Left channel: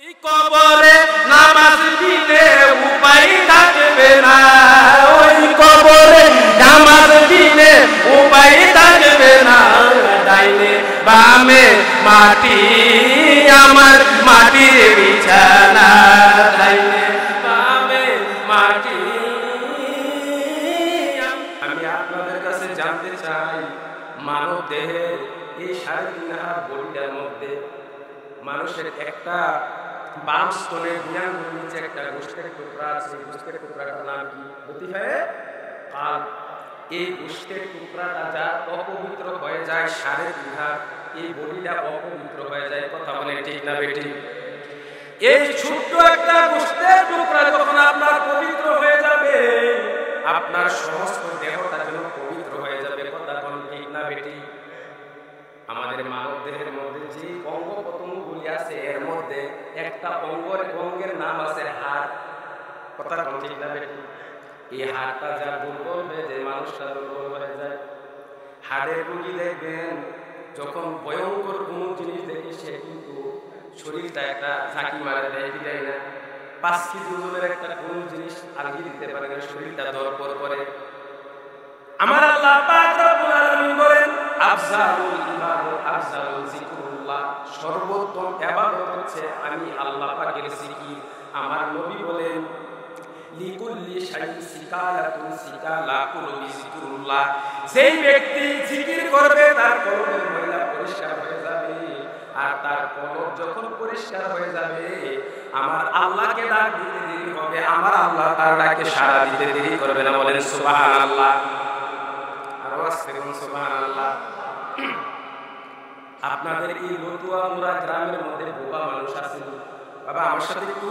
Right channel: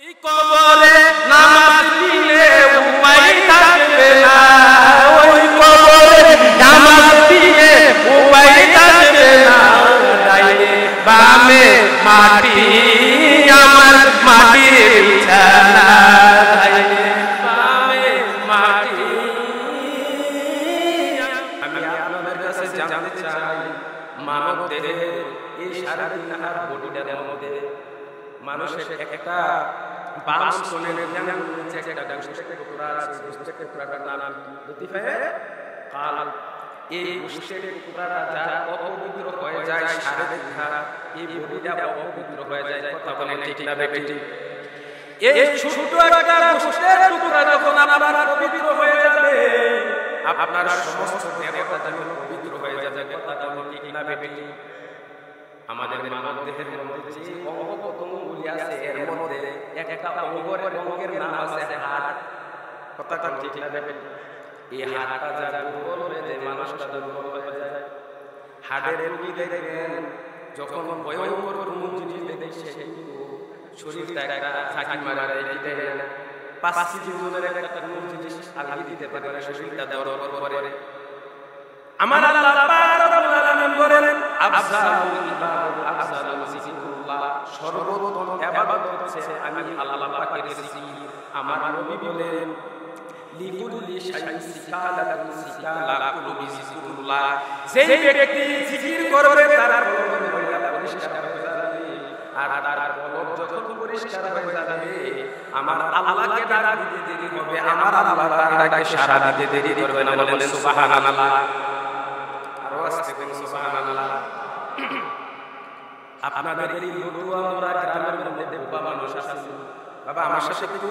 ওই কবরে নামাজ দিলে উপায় থাকবে না, ওই কবরে নামাজ দিলে উপায় থাকবে না। ডাইনে বামে মাটি আমার মাটির বিছানা, ডাইনে বামে মাটি। আমি আপনাদের কাছে জানতে চাই, মানব দেহের এই 3.5 হাত বডিটার মধ্যে মানুষের একটা বাম স্তনের দুই নিচে একটা গোস্তের টুকরা আছে। এই গোস্তের টুকরাটার নাম কি? লতিফায়ে কাল। এই গোস্তের টুকরাটা যা অপবিত্র হয়ে যায় 3.5 হাত, এই বডিটা অপবিত্র হয়ে যায়। কথা বলেন ঠিক না বেটি? এই ছোট্ট একটা গোস্তের টুকরা যখন আপনার পবিত্র হয়ে যাবে, আপনার সমস্ত দেহটা যেন পবিত্র হয়ে যাবে। কথা বলেন ঠিক না বেটি? আমাদের মানব দেহের মধ্যে যে অঙ্গ প্রত্যঙ্গগুলি আছে, এর মধ্যে একটা অঙ্গের নাম আছে হাড়। কথা কোন ঠিক না বেটি? এই হাড়টা যা দুর্বল হয়ে যায়, মানুষটা দুর্বল হয়ে যায়। হাড়ের রোগী দেখবেন যখন ভয়ঙ্কর কোনো জিনিস দেখে সে কিন্তু শরীরটা একটা ঝাঁকি মারা দেয়, কি দেয় না? 5 কেজি ওজনের একটা কোনো জিনিস আলগি দিতে পারে না, শরীরটা দরপর করে। আমার আল্লাহ পাক রব্বুল আলামিন বলেন, আফজালুল ইবাদত আফজালুল যিকরুল্লাহ, সর্বোত্তম ইবাদত হচ্ছে আমি আল্লাহ পাকের জিকির। আমার নবী বলেন, লিকুল্লি শাইইন সিকালাতুন সিকালা কুলুবি যিকরুল্লাহ, যেই ব্যক্তি জিকির করবে তার কলবের ময়লা পরিষ্কার হয়ে যাবে। আর তার কলব যখন পরিষ্কার হয়ে যাবে, আমার আল্লাহকে ডাক দিতে দেরি হবে, আমার আল্লাহ তার ডাকে সাড়া দিতে দেরি করবে না। বলেন সুবহানাল্লাহ। আরো আসতে কোন সুবহানাল্লাহ। আপনাদের এই লতুয়া মোড়া গ্রামের মধ্যে বোবা মানুষ আছে? বাবা আমার সাথে একটু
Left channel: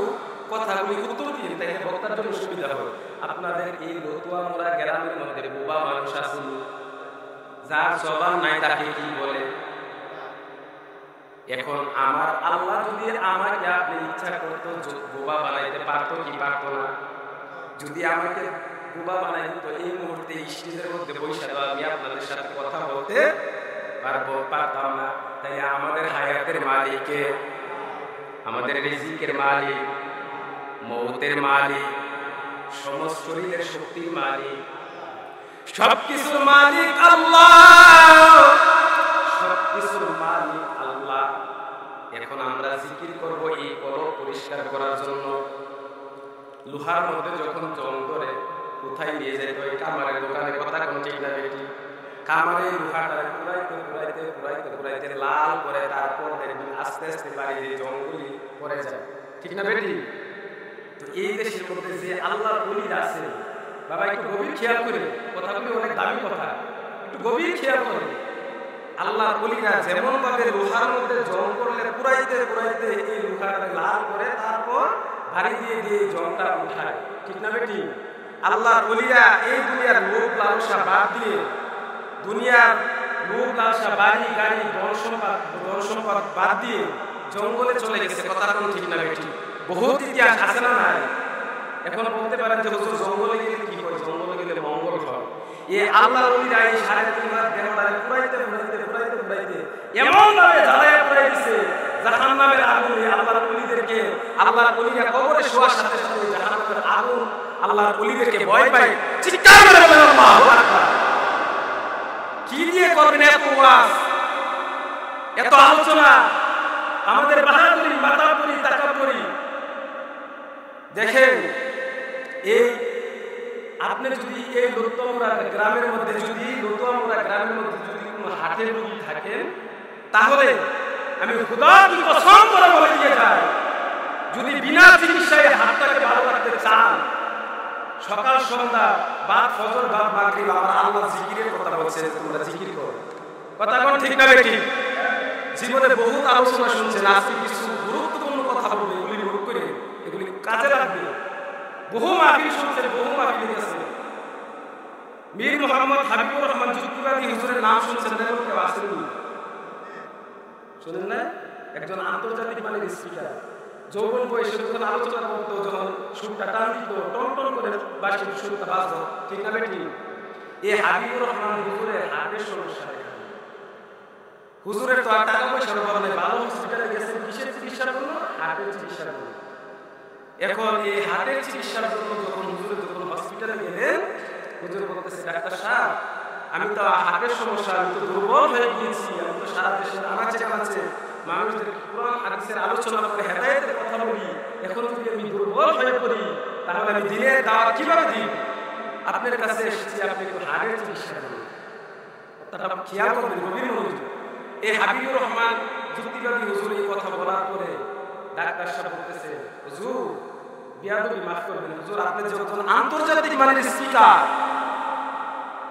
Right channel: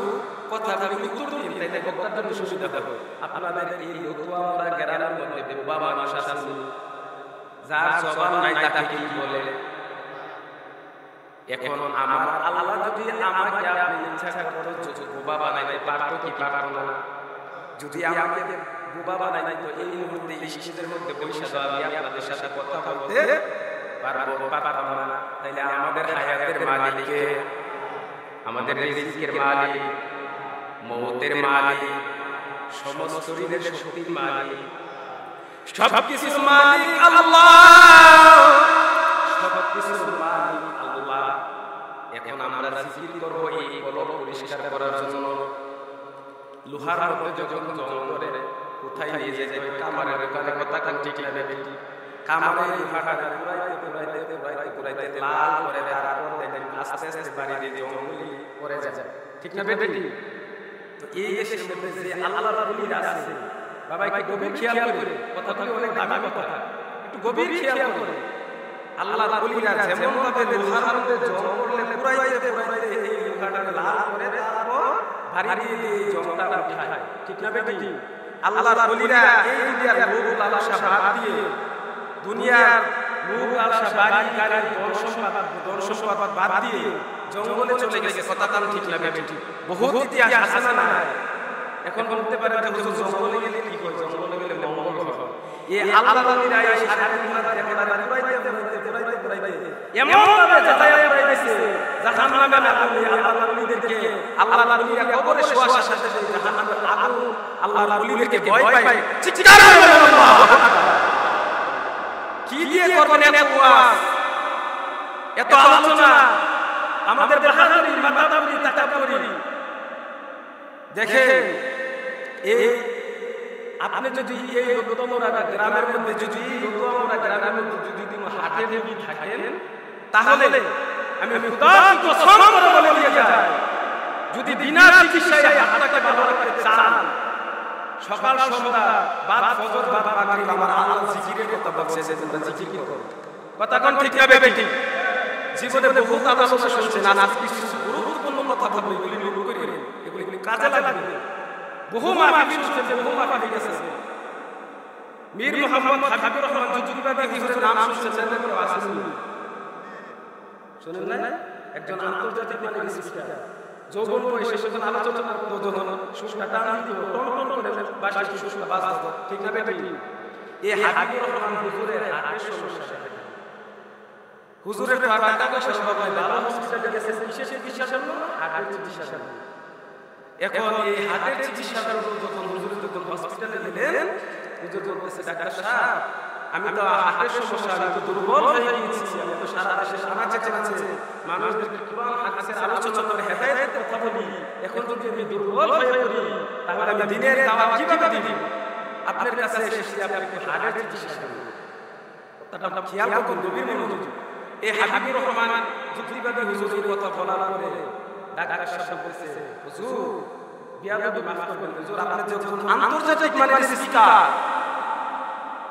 কথাগুলি উত্তর দিন, তাইলে বক্তার জন্য সুবিধা হয়। আপনাদের এই লতুয়া মোড়া গ্রামের মধ্যে বোবা মানুষ আছে? যার জবান নাই তাকে কি বলে? এখন আমার আল্লাহ যদি আমাকে আপনি ইচ্ছা করতো বোবা বানাইতে পারতো কি পারতো না? যদি আমাকে বোবা বানাই দিত, এই মুহূর্তে স্টেজের মধ্যে বৈশা দেওয়া আমি আপনাদের সাথে কথা বলতে পারতাম না। তাইলে আমাদের হায়াতের মালিককে, আমাদের রিজিকের মালিক, মৌতের মালিক, সমস্ত শরীরের শক্তির মালিক, সবকিছুর মালিক আল্লাহ, সবকিছুর মালিক আল্লাহ। এখন আমরা জিকির করব এই কলব পরিষ্কার করার জন্য। লোহার মধ্যে যখন জং ধরে কোথায় নিয়ে যেতে হয়? কামারের দোকানে। কথা কোন ঠিক না বেটি? কামারে লোহাটারে পুরাইতে পুরাইতে পুরাইতে পুরাইতে লাল করে, তারপর দেখবেন আস্তে আস্তে বাড়ি দিয়ে জঙ্গলি পরে যায়। ঠিক না বেটি? তো এই দেশের মধ্যে যে আল্লাহর ওলির আছে, বাবা একটু গভীর খেয়াল করে, কথাগুলি অনেক দামি কথা, একটু গভীর খেয়াল করে। আল্লাহর ওলিরা যেমন ভাবে লোহার মধ্যে জং করলে পুরাইতে পুরাইতে এই লোহাটারে লাল করে, তারপর ভারী দিয়ে দিয়ে জংটা উঠায়। ঠিক না বেটি? আল্লাহর ওলিরা এই দুনিয়ার লোভ লালসা বাদ দিয়ে, দুনিয়ার লোভ লালসা, বাড়ি গাড়ি ধন সম্পদ বাদ দিয়ে জঙ্গলে চলে গেছে। কথা কোন ঠিক না বেটি? বহুত ইতিহাস আছে না নাই? এখন বলতে পারেন যে হুজুর জঙ্গলে গেলে কি হয়? জঙ্গলে গেলে মঙ্গল হয়। এই আল্লাহর ওলিরা এই 3.5 হাত দেহটারে পুরাইতে পুরাইতে পুরাইতে পুরাইতে এমন ভাবে জ্বালাইয়া পুরাই দিছে, জাহান্নামের আগুন এই আল্লাহর ওলিদেরকে, আল্লাহর ওলিরা কবরে শোয়ার সাথে সাথে জাহান্নামের আগুন আল্লাহর ওলিদেরকে ভয় পায়। চিৎকার করে বলেন আল্লাহু আকবার। কি দিয়ে করবেন এত ওয়াজ, এত আলোচনা? আমাদের বাহাদুরি, মাতাবুরি, তাকাব্বুরি দেখেন। এই আপনি যদি এই লতুয়ামোড়া গ্রামের মধ্যে, যদি লতুয়ামোড়া গ্রামের মধ্যে যদি কোনো হার্টের রোগী থাকেন, তাহলে আমি খোদা কি কসম করে বলে দিয়ে যাই, যদি বিনা চিকিৎসায় হাতটাকে ভালো রাখতে চান, সকাল সন্ধ্যা বাদ ফজর বাদ মাগরিব আমার আল্লাহ জিকিরের কথা বলছে যে তোমরা জিকির করো। কথা কোন ঠিক না বেটি? জীবনে বহুত আলোচনা শুনছেন, আজকে কিছু গুরুত্বপূর্ণ কথা বলবো, এগুলি নোট করে, এগুলি কাজে লাগবে। বহু মাহফিল শুনছেন, বহু মাহফিলে গেছেন। মীর মোহাম্মদ হাবিবুর রহমান যুক্তিবাদী হুজুরের নাম শুনছেন না? এমন কেউ আসেননি? শোনেন না? একজন আন্তর্জাতিক মানের স্পিকার, যৌবন বয়সে যখন আলোচনা করতো, যখন সুরটা টান দিত, টন টন করে বাসের সুরটা বাজত। ঠিক না বেটি? এই হাবিবুর রহমান হুজুরের হার্টের সমস্যা দেখা দিল। হুজুরের তো আর টাকা পয়সার অভাব নাই, ভালো হসপিটালে গেছেন কিসের চিকিৎসার জন্য? হার্টের চিকিৎসার জন্য। এখন এই হার্টের চিকিৎসার জন্য যখন হসপিটালে গেলেন, হুজুর বলতেছে, ডাক্তার সাহেব, আমি তো হার্টের সমস্যা, আমি তো দুর্বল হয়ে গিয়েছি, আমি তো সারা দেশের আনাচে কানাচে মানুষদেরকে কোরআন হাদিসের আলোচনা করে হেদায়েতের কথা বলি, এখন যদি আমি দুর্বল হয়ে পড়ি তাহলে আমি দিনের দাওয়াত কিভাবে দিব? আপনার কাছে এসেছি আপনি একটু হার্টের চিকিৎসার জন্য। কথাটা খেয়াল করবেন, গভীর মনোযোগ। এই হাবিবুর রহমান যুক্তিবাদী হুজুর এই কথা বলার পরে ডাক্তার সাহেব বলতেছে, হুজুর বিয়াদবি মাফ করবেন হুজুর, আপনি যে একজন আন্তর্জাতিক মানের স্পিকার,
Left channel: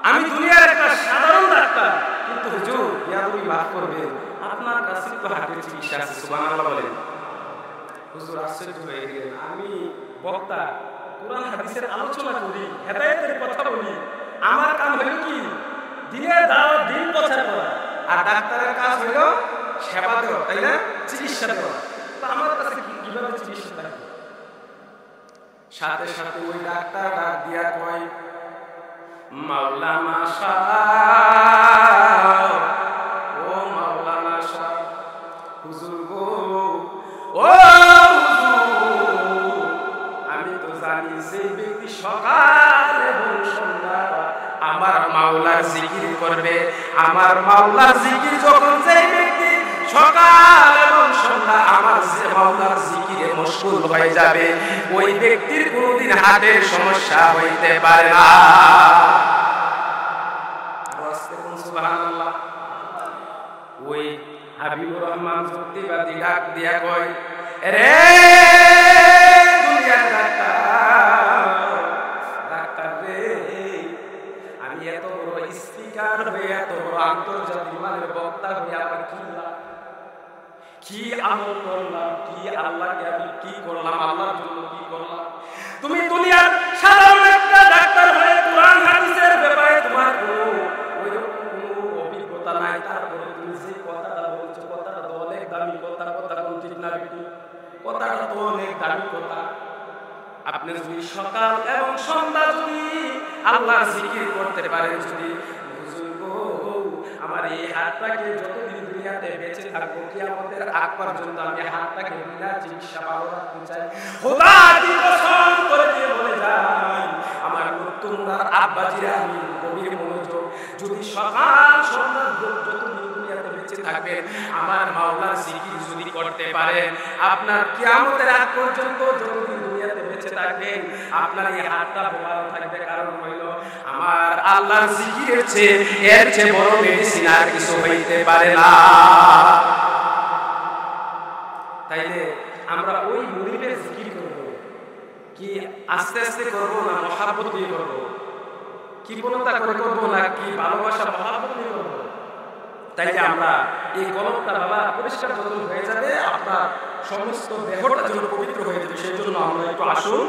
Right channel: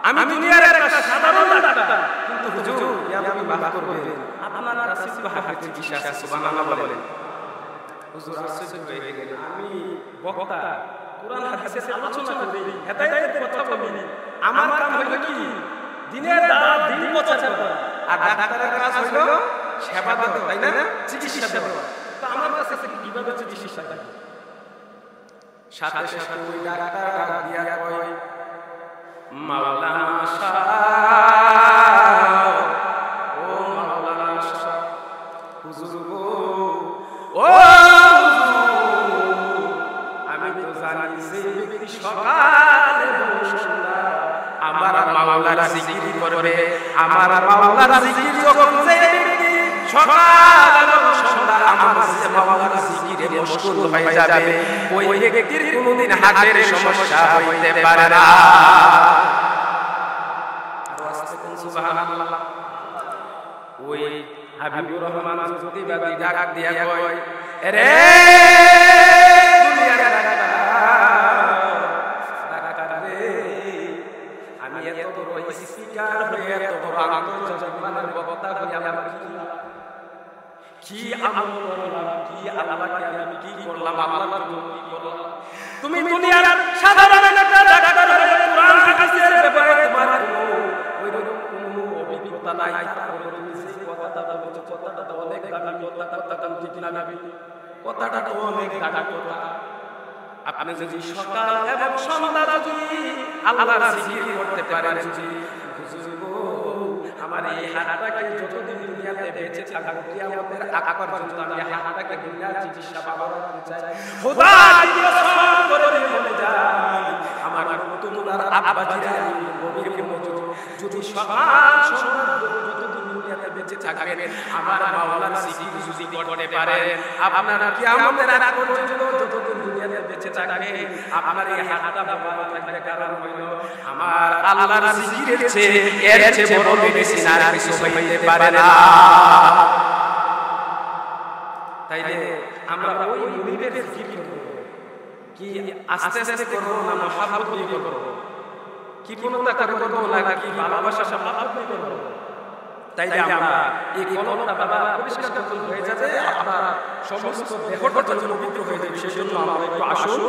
আমি দুনিয়ার একটা সাধারণ ডাক্তার, কিন্তু হুজুর বিয়াদবি মাফ করবেন, আপনার কাছে তো হার্টের চিকিৎসা আছে। সুবহানাল্লাহ বলেন। হুজুর আশ্চর্য হয়ে গেলেন, আমি বক্তা, কোরআন হাদিসের আলোচনা করি, হেদায়েতের কথা বলি, আমার কাম হইল কি দিনের দাওয়াত, দিন প্রচার করা, আর ডাক্তারের কাজ হইল সেবা দেওয়া, তাই না, চিকিৎসা দেওয়া। তো আমার কাছে কিভাবে চিকিৎসা থাকে? সাথে সাথে ওই ডাক্তার ডাক দিয়া কয়, মাওলানা শাহ, ও মাওলানা শাহ, হুজুর গো, ও হুজুর, আমি তো জানি সেই ব্যক্তি সকাল এবং সন্ধ্যা আমার মাওলার জিকির করবে, আমার মাওলার জিকির যখন সেই ব্যক্তি সকাল এবং সন্ধ্যা আমার মাওলার জিকিরে মশগুল হয়ে যাবে, ওই ব্যক্তির কোনোদিন হার্টের সমস্যা হইতে পারে না। আর আস্তে কোন সুবহানাল্লাহ। ওই হাবিবুর রহমান যুক্তিবাদী ডাক দিয়া কয়, রে দুনিয়ার ডাক্তার রে, আমি এত বড় স্পিকার হয়ে, এত বড় আন্তর্জাতিক মানের বক্তা হয়ে আমার কি লাভ? কি আমল করলাম? কি আল্লাহকে আমি কি করলাম? আল্লাহর জন্য কি করলাম? তুমি দুনিয়ার সাধারণ একটা ডাক্তার হয়ে কোরআন হাদিসের ব্যাপারে তোমার ওইরকম কোনো অভিজ্ঞতা নাই, তারপরে তুমি যে কথাটা বলেছো, কথাটা তো অনেক দামি কথা, কথা কোন ঠিক না বেটি? কথাটা তো অনেক দামি কথা। আপনি যদি সকাল এবং সন্ধ্যা যদি আল্লাহর জিকির করতে পারেন, যদি হুজুর গো, আমার এই হাতটাকে যতদিন দুনিয়াতে বেঁচে থাকবো, কিয়ামতের আগ পর্যন্ত আমি হাতটাকে বিনা চিকিৎসা ভালো রাখতে চাই, খোদা কি কসম করে দিয়ে বলে যাই, আমার তোমরার আব্বাজিরা, আমি গভীর মনোযোগ, যদি সকাল সন্ধ্যা যতদিন দুনিয়াতে বেঁচে থাকবেন আমার মাওলার জিকির যদি করতে পারেন, আপনার কিয়ামতের আগ পর্যন্ত যতদিন দুনিয়াতে বেঁচে থাকবেন আপনার এই হাতটা ভালো থাকবে। কারণ হইল আমার আল্লাহর জিকিরের চেয়ে, এর চেয়ে বড় মেডিসিন আর কিছু হইতে পারে না। তাইলে আমরা ওই মুনিবের জিকির করব, কি আস্তে আস্তে করব না মহাব্বত দিয়ে করব? কৃপণতা করে করব না কি ভালোবাসা মহাব্বত নিয়ে করব? তাইলে আমরা এই কলবটা বাবা পরিষ্কার যখন হয়ে যাবে, আপনার সমস্ত দেহটা যেন পবিত্র হয়ে যাবে। সেই জন্য আমরা একটু আসুন,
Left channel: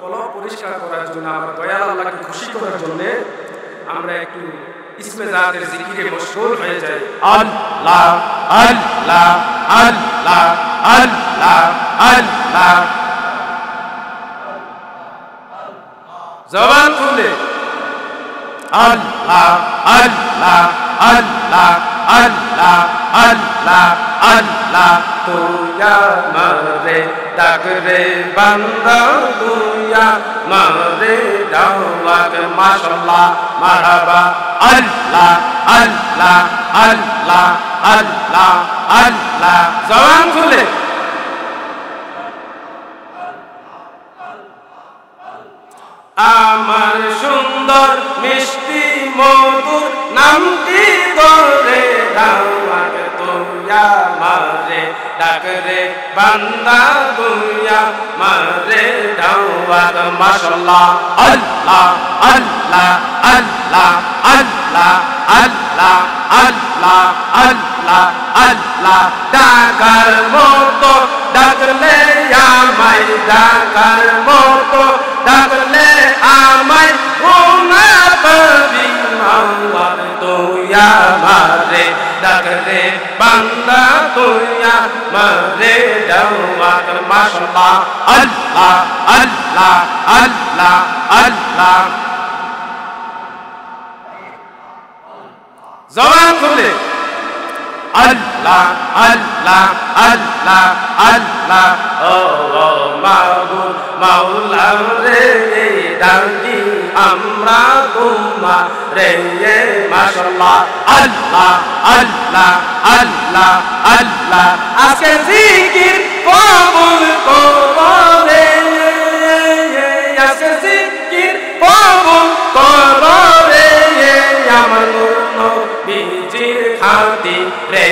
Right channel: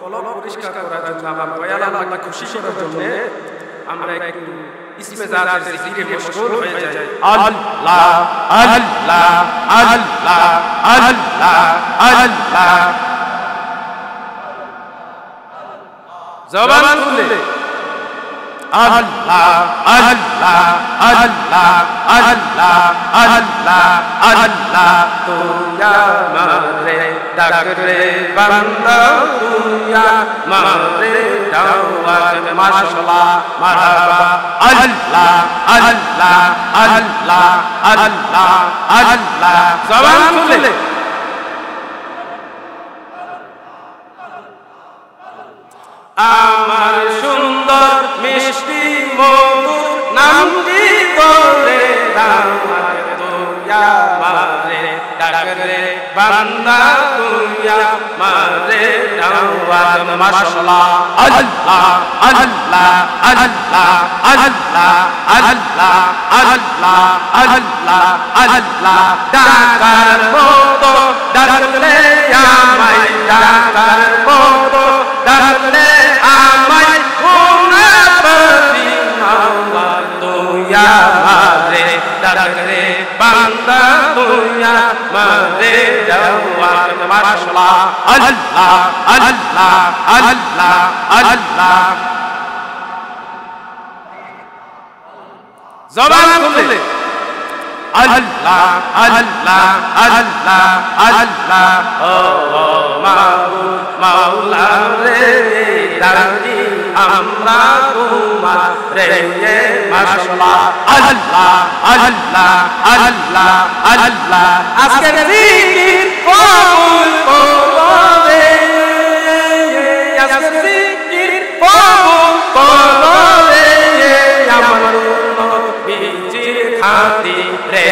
কলব পরিষ্কার করার জন্য, আমার দয়াল আল্লাহকে খুশি করার জন্যে আমরা একটু ইসমে জাতের জিকিরে মশগুল হয়ে যাই। আল্লাহ আল্লাহ আল্লাহ আল্লাহ আল্লাহ, জবান খুলে আল্লাহ আল্লাহ আল্লাহ আল্লাহ আল্লাহ আল্লাহ, তুইয়া মারে ডাক রে বান্দা, তুইয়া মারে দাওয়াত, মাশাআল্লাহ মারহাবা, আল্লাহ আল্লাহ আল্লাহ আল্লাহ আল্লাহ, জবান খুলে আমার সুন্দর মিষ্টি মধুর নামটি ধরে দাওয়াত, তুইয়া মারে ডাক রে বান্দা, তুইয়া মারে দাওয়াত, মাশাআল্লাহ আল্লাহ আল্লাহ আল্লাহ আল্লাহ আল্লাহ আল্লাহ আল্লাহ আল্লাহ, ডাকার মতো ডাকলে আমায়, ডাকার মতো ডাকলে আমায় গুনা পাবি মাওয়াব, তুইয়া মারে ডাক রে বান্দা, তুইয়া মারে দাওয়াত, মাশাআল্লাহ আল্লাহ আল্লাহ আল্লাহ আল্লাহ, জবান খুলে আল্লাহ আল্লাহ আল্লাহ আল্লাহ ও মাবুদ মাওলা রে ডাকি আমরা তোমারে মাশাআল্লাহ আল্লাহ আল্লাহ আল্লাহ আল্লাহ আজকের জিকির কবুল করবে আজকের জিকির কবুল করবে আমার নবীজির খাতিরে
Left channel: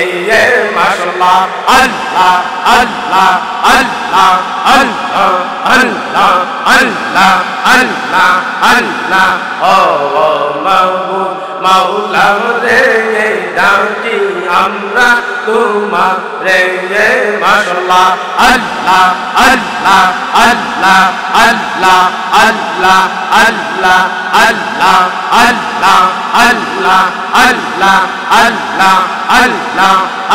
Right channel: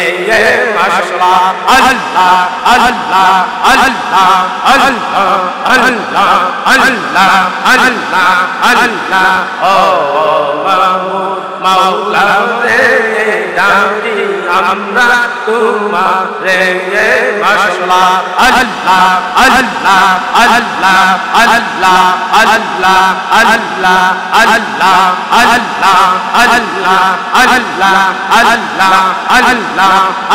মাশাআল্লাহ আল্লাহ আল্লাহ আল্লাহ আল্লাহ আল্লাহ আল্লাহ আল্লাহ আল্লাহ ও মাবুদ মাওলা রে ডাকি আমরা তোমারে মাশাআল্লাহ আল্লাহ আল্লাহ আল্লাহ আল্লাহ আল্লাহ আল্লাহ আল্লাহ আল্লাহ আল্লাহ আল্লাহ আল্লাহ আল্লাহ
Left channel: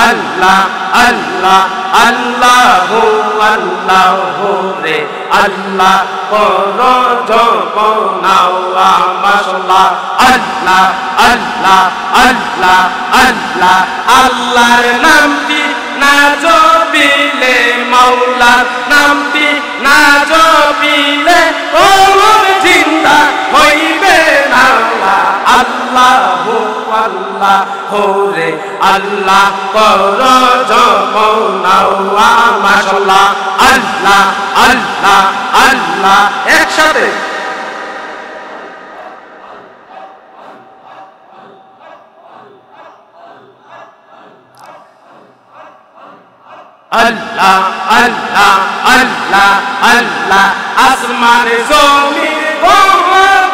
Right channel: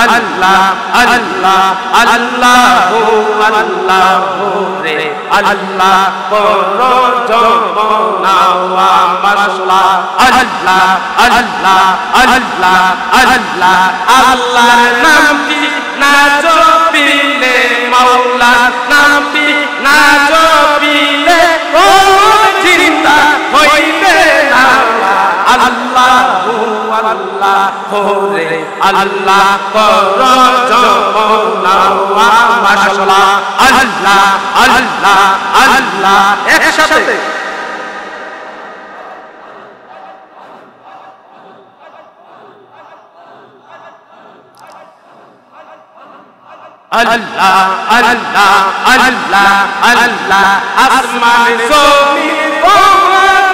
আল্লাহ আল্লাহ আল্লাহু আল্লাহু রে আল্লাহ করো জপনাওয়া মাশাআল্লাহ আল্লাহ আল্লাহ আল্লাহ আল্লাহ আল্লাহর নামটি না জপিলে মাওলার নামটি না জপিলে কলব জিন্দা হইবে না আল্লাহু আল্লাহু রে আল্লাহ করো জপনাওয়া মাশাআল্লাহ আল্লাহ আল্লাহ আল্লাহ একসাথে আল্লাহ আল্লাহ আল্লাহ আল্লাহ আসমান জমিন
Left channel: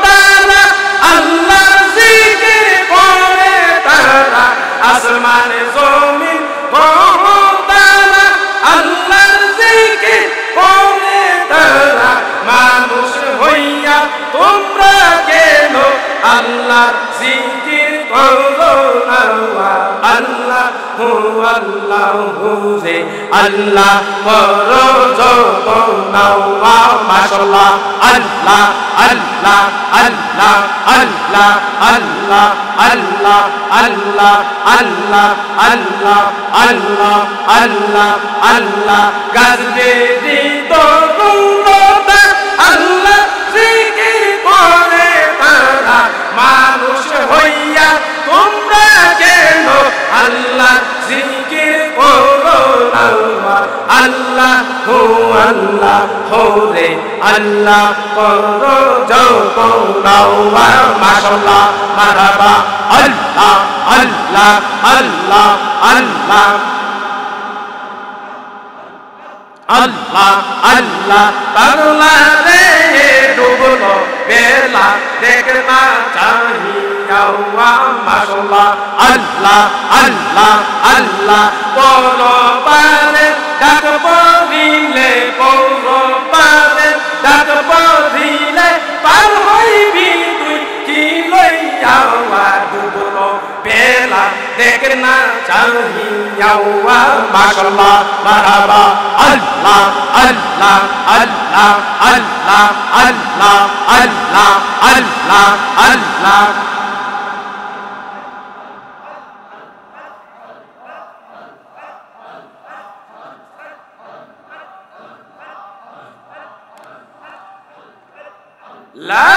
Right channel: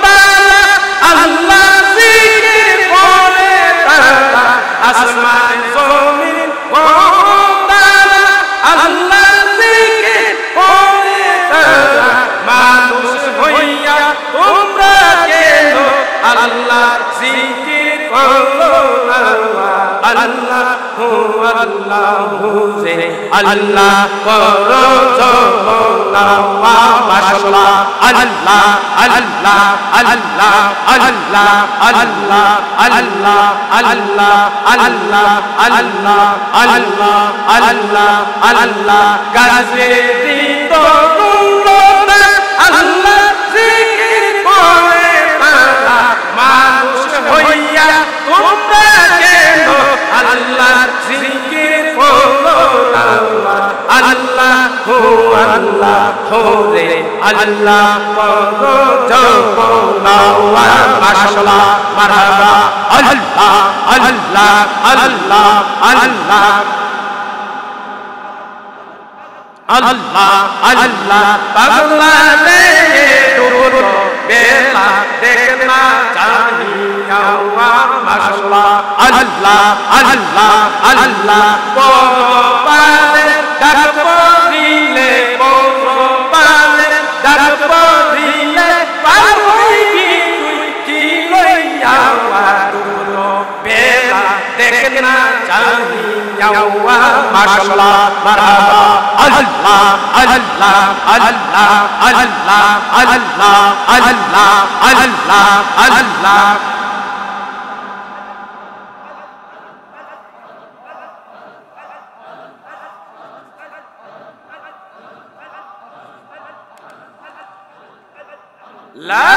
তারা আল্লাহর জিকির করে তারা আসমান জমিন তারা আল্লাহর জিকির করে তারা মানুষ হইয়া তোমরা কেন আল্লাহর জিকির করো না আল্লাহ আল্লাহু রে আল্লাহ করো জপনাওয়া মাশাআল্লাহ আল্লাহ আল্লাহ আল্লাহ আল্লাহ আল্লাহ আল্লাহ আল্লাহ আল্লাহ আল্লাহ আল্লাহ আল্লাহ আল্লাহ গাছবেরি তরুণতা আল্লাহ জিকির করে তারা মানুষ হইয়া তোমরা কেন আল্লাহ জিকির করো না আল্লাহু আল্লাহু রে আল্লাহ করো জপনাওয়া মাশাআল্লাহ মারহাবা আল্লাহ আল্লাহ আল্লাহ আল্লাহ আল্লাহ আল্লাহ পাগলা রে ডুবলো বেলা দেখনা চাহিয়া মাশাআল্লাহ আল্লাহ আল্লাহ আল্লাহ পর পারে ডাক পড়িলে পর পারে ডাক পড়িলে পার হইবি তুই কি লইয়া ডুবলো বেলা দেখনা চাহিয়া মাশাআল্লাহ মারহাবা আল্লাহ আল্লাহ আল্লাহ আল্লাহ আল্লাহ আল্লাহ আল্লাহ আল্লাহ লা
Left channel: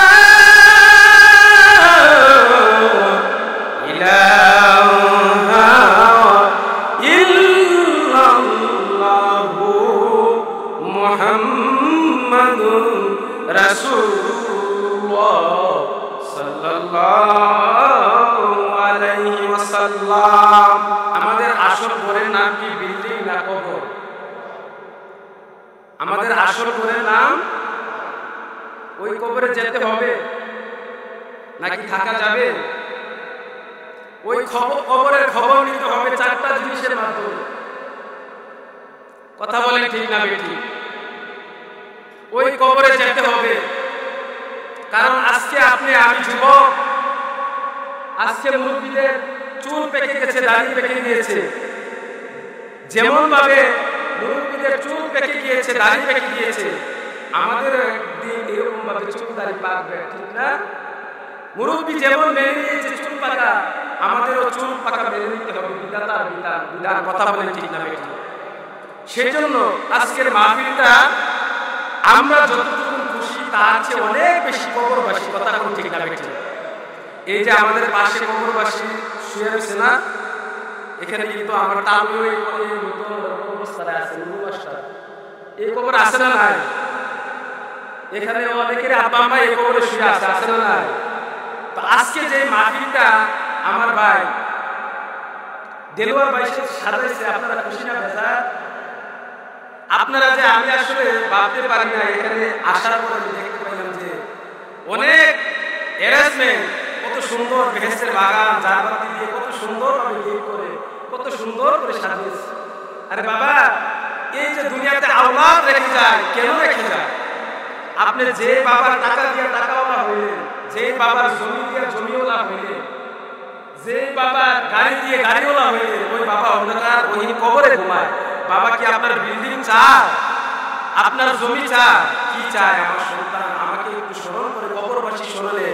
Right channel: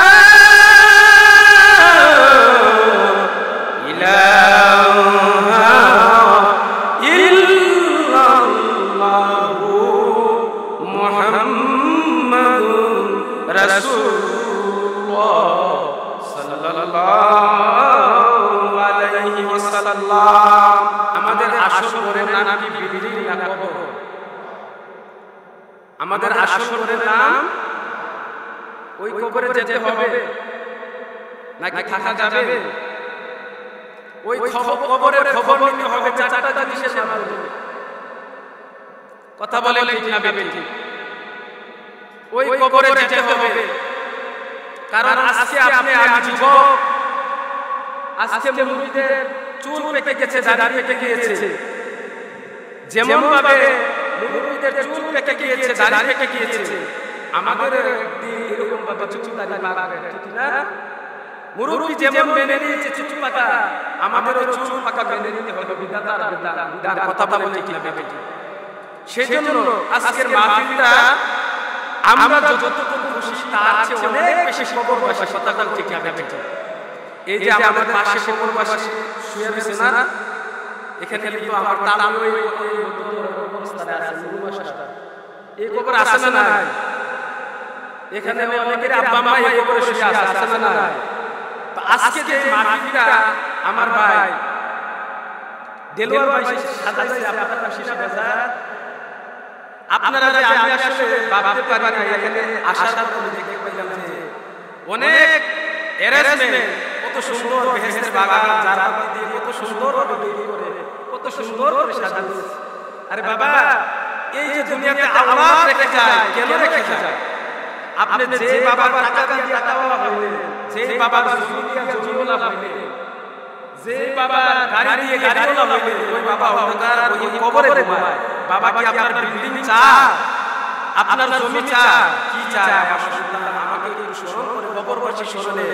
ইলাহা ইল্লাল্লাহু মুহাম্মাদুর রাসূলুল্লাহ সাল্লাল্লাহু আলাইহি ওয়াসাল্লাম। আমাদের আসল ঘরের নাম কি বিল্ডিং না কবর? আমাদের আসল ঘরের নাম ওই কবরে যেতে হবে নাকি থাকা যাবে? ওই কবরের খবর নিতে হবে চারটা জিনিসের মাধ্যমে। কথা বলেন ঠিক না বেটি? ওই কবরে যেতে হবে, কারণ আজকে আপনি আমি যুবক, আজকে মুরব্বীদের চুল পেকে গেছে, দাড়ি পেকে গিয়েছে। যেমন ভাবে মুরব্বীদের চুল পেকে গিয়েছে, দাড়ি পেকে গিয়েছে, আমাদের একদিন এরকম ভাবে চুল দাড়ি পাকবে, ঠিক না? মুরব্বী যেমন মেনে নিয়েছে চুল পাকা, আমাদেরও চুল পাকা মেনে নিতে হবে, বিধাতার বিধান। কথা বলেন ঠিক না বেটি? সেই জন্য আজকের মাহফিলটা আমরা যতটুকু খুশি তার চেয়ে অনেক বেশি কবরবাসী। কথা কোন ঠিক না বেটি? এই যে আমাদের পাশে কবরবাসী শুয়ে রয়েছে না, এখানে কিন্তু আমার তালুও এই মতো কবরস্থানে আছে, নুরু মাস্টার এই কবর আছে না নাই? এখানে অনেকের আব্বা আম্মা এই কবরে শুয়ে আছে না নাই? তো আজকে যে মাহফিলটা আমার ভাই দেলোয়ার ভাই সাজাইছে, আপনারা খুশি না বেজার? আপনারা যে, আমি আসলে ভাবতে পারি না, এখানে আসার পর আমি দেখতে পাইলাম যে অনেক অ্যারেঞ্জমেন্ট, কত সুন্দর বেহেশতের বাগান জারবাতি দিয়ে কত সুন্দরভাবে গেট করে কত সুন্দর করে সাজিয়েছে। আরে বাবা, এই যে দুনিয়াতে আওলাদ রেখে যায়, কেন রেখে যায়? আপনি যে বাবার টাকা দিয়ে টাকাওয়ালা হইলেন, যে বাবার জমি দিয়ে জমিওয়ালা হইলেন, যে বাবার গাড়ি দিয়ে গাড়িওয়ালা হইলেন, ওই বাবা অন্ধকার গহীন কবরে ঘুমায়। বাবা কি আপনার বিল্ডিং চায়? আপনার জমি চায়? কি চায়? আমার সন্তান আমাকে একটু স্মরণ করে কবরবাসী স্মরণে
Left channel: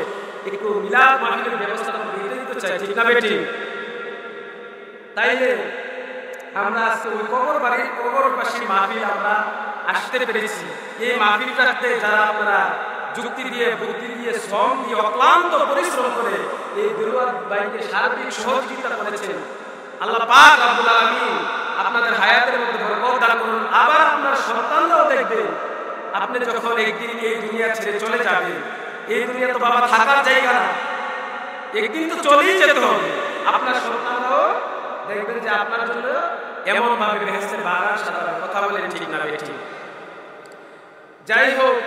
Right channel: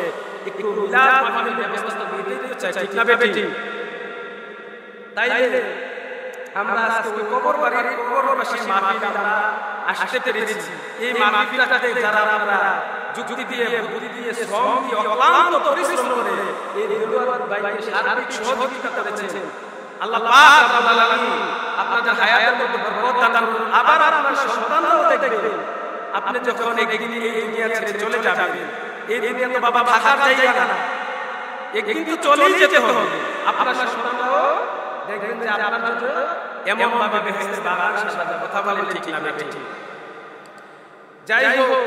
একটু মিলাদ মাহফিলের ব্যবস্থা করবে, এটাই তো চাই, ঠিক না বেটি? তাইলে আমরা আজকে ওই কবরবাসীর মাহফিল আমরা আসতে পেরেছি। এই মাহফিলটাতে যারা আপনারা যুক্তি দিয়ে, বুদ্ধি দিয়ে, শ্রম দিয়ে, অক্লান্ত পরিশ্রম করে এই দেলোয়ার ভাইকে সার্বিক সহযোগিতা করেছেন, আল্লাহ পাক রব্বুল আলামিন আপনাদের হায়াতের মধ্যে বরকত দান করুন। আবার আপনার সন্তানরাও দেখবেন, আপনি যখন একদিন এই দুনিয়া ছেড়ে চলে যাবেন, এই দুনিয়া তো বাবা থাকার জায়গা না, একদিন তো চলেই যেতে হবে। আপনার সন্তানরাও দেখবেন যে আপনার জন্য এমন ভাবে বেহেশতের বাগান সাজাবে। কথা বলেন ঠিক না বেটি? যাই হোক,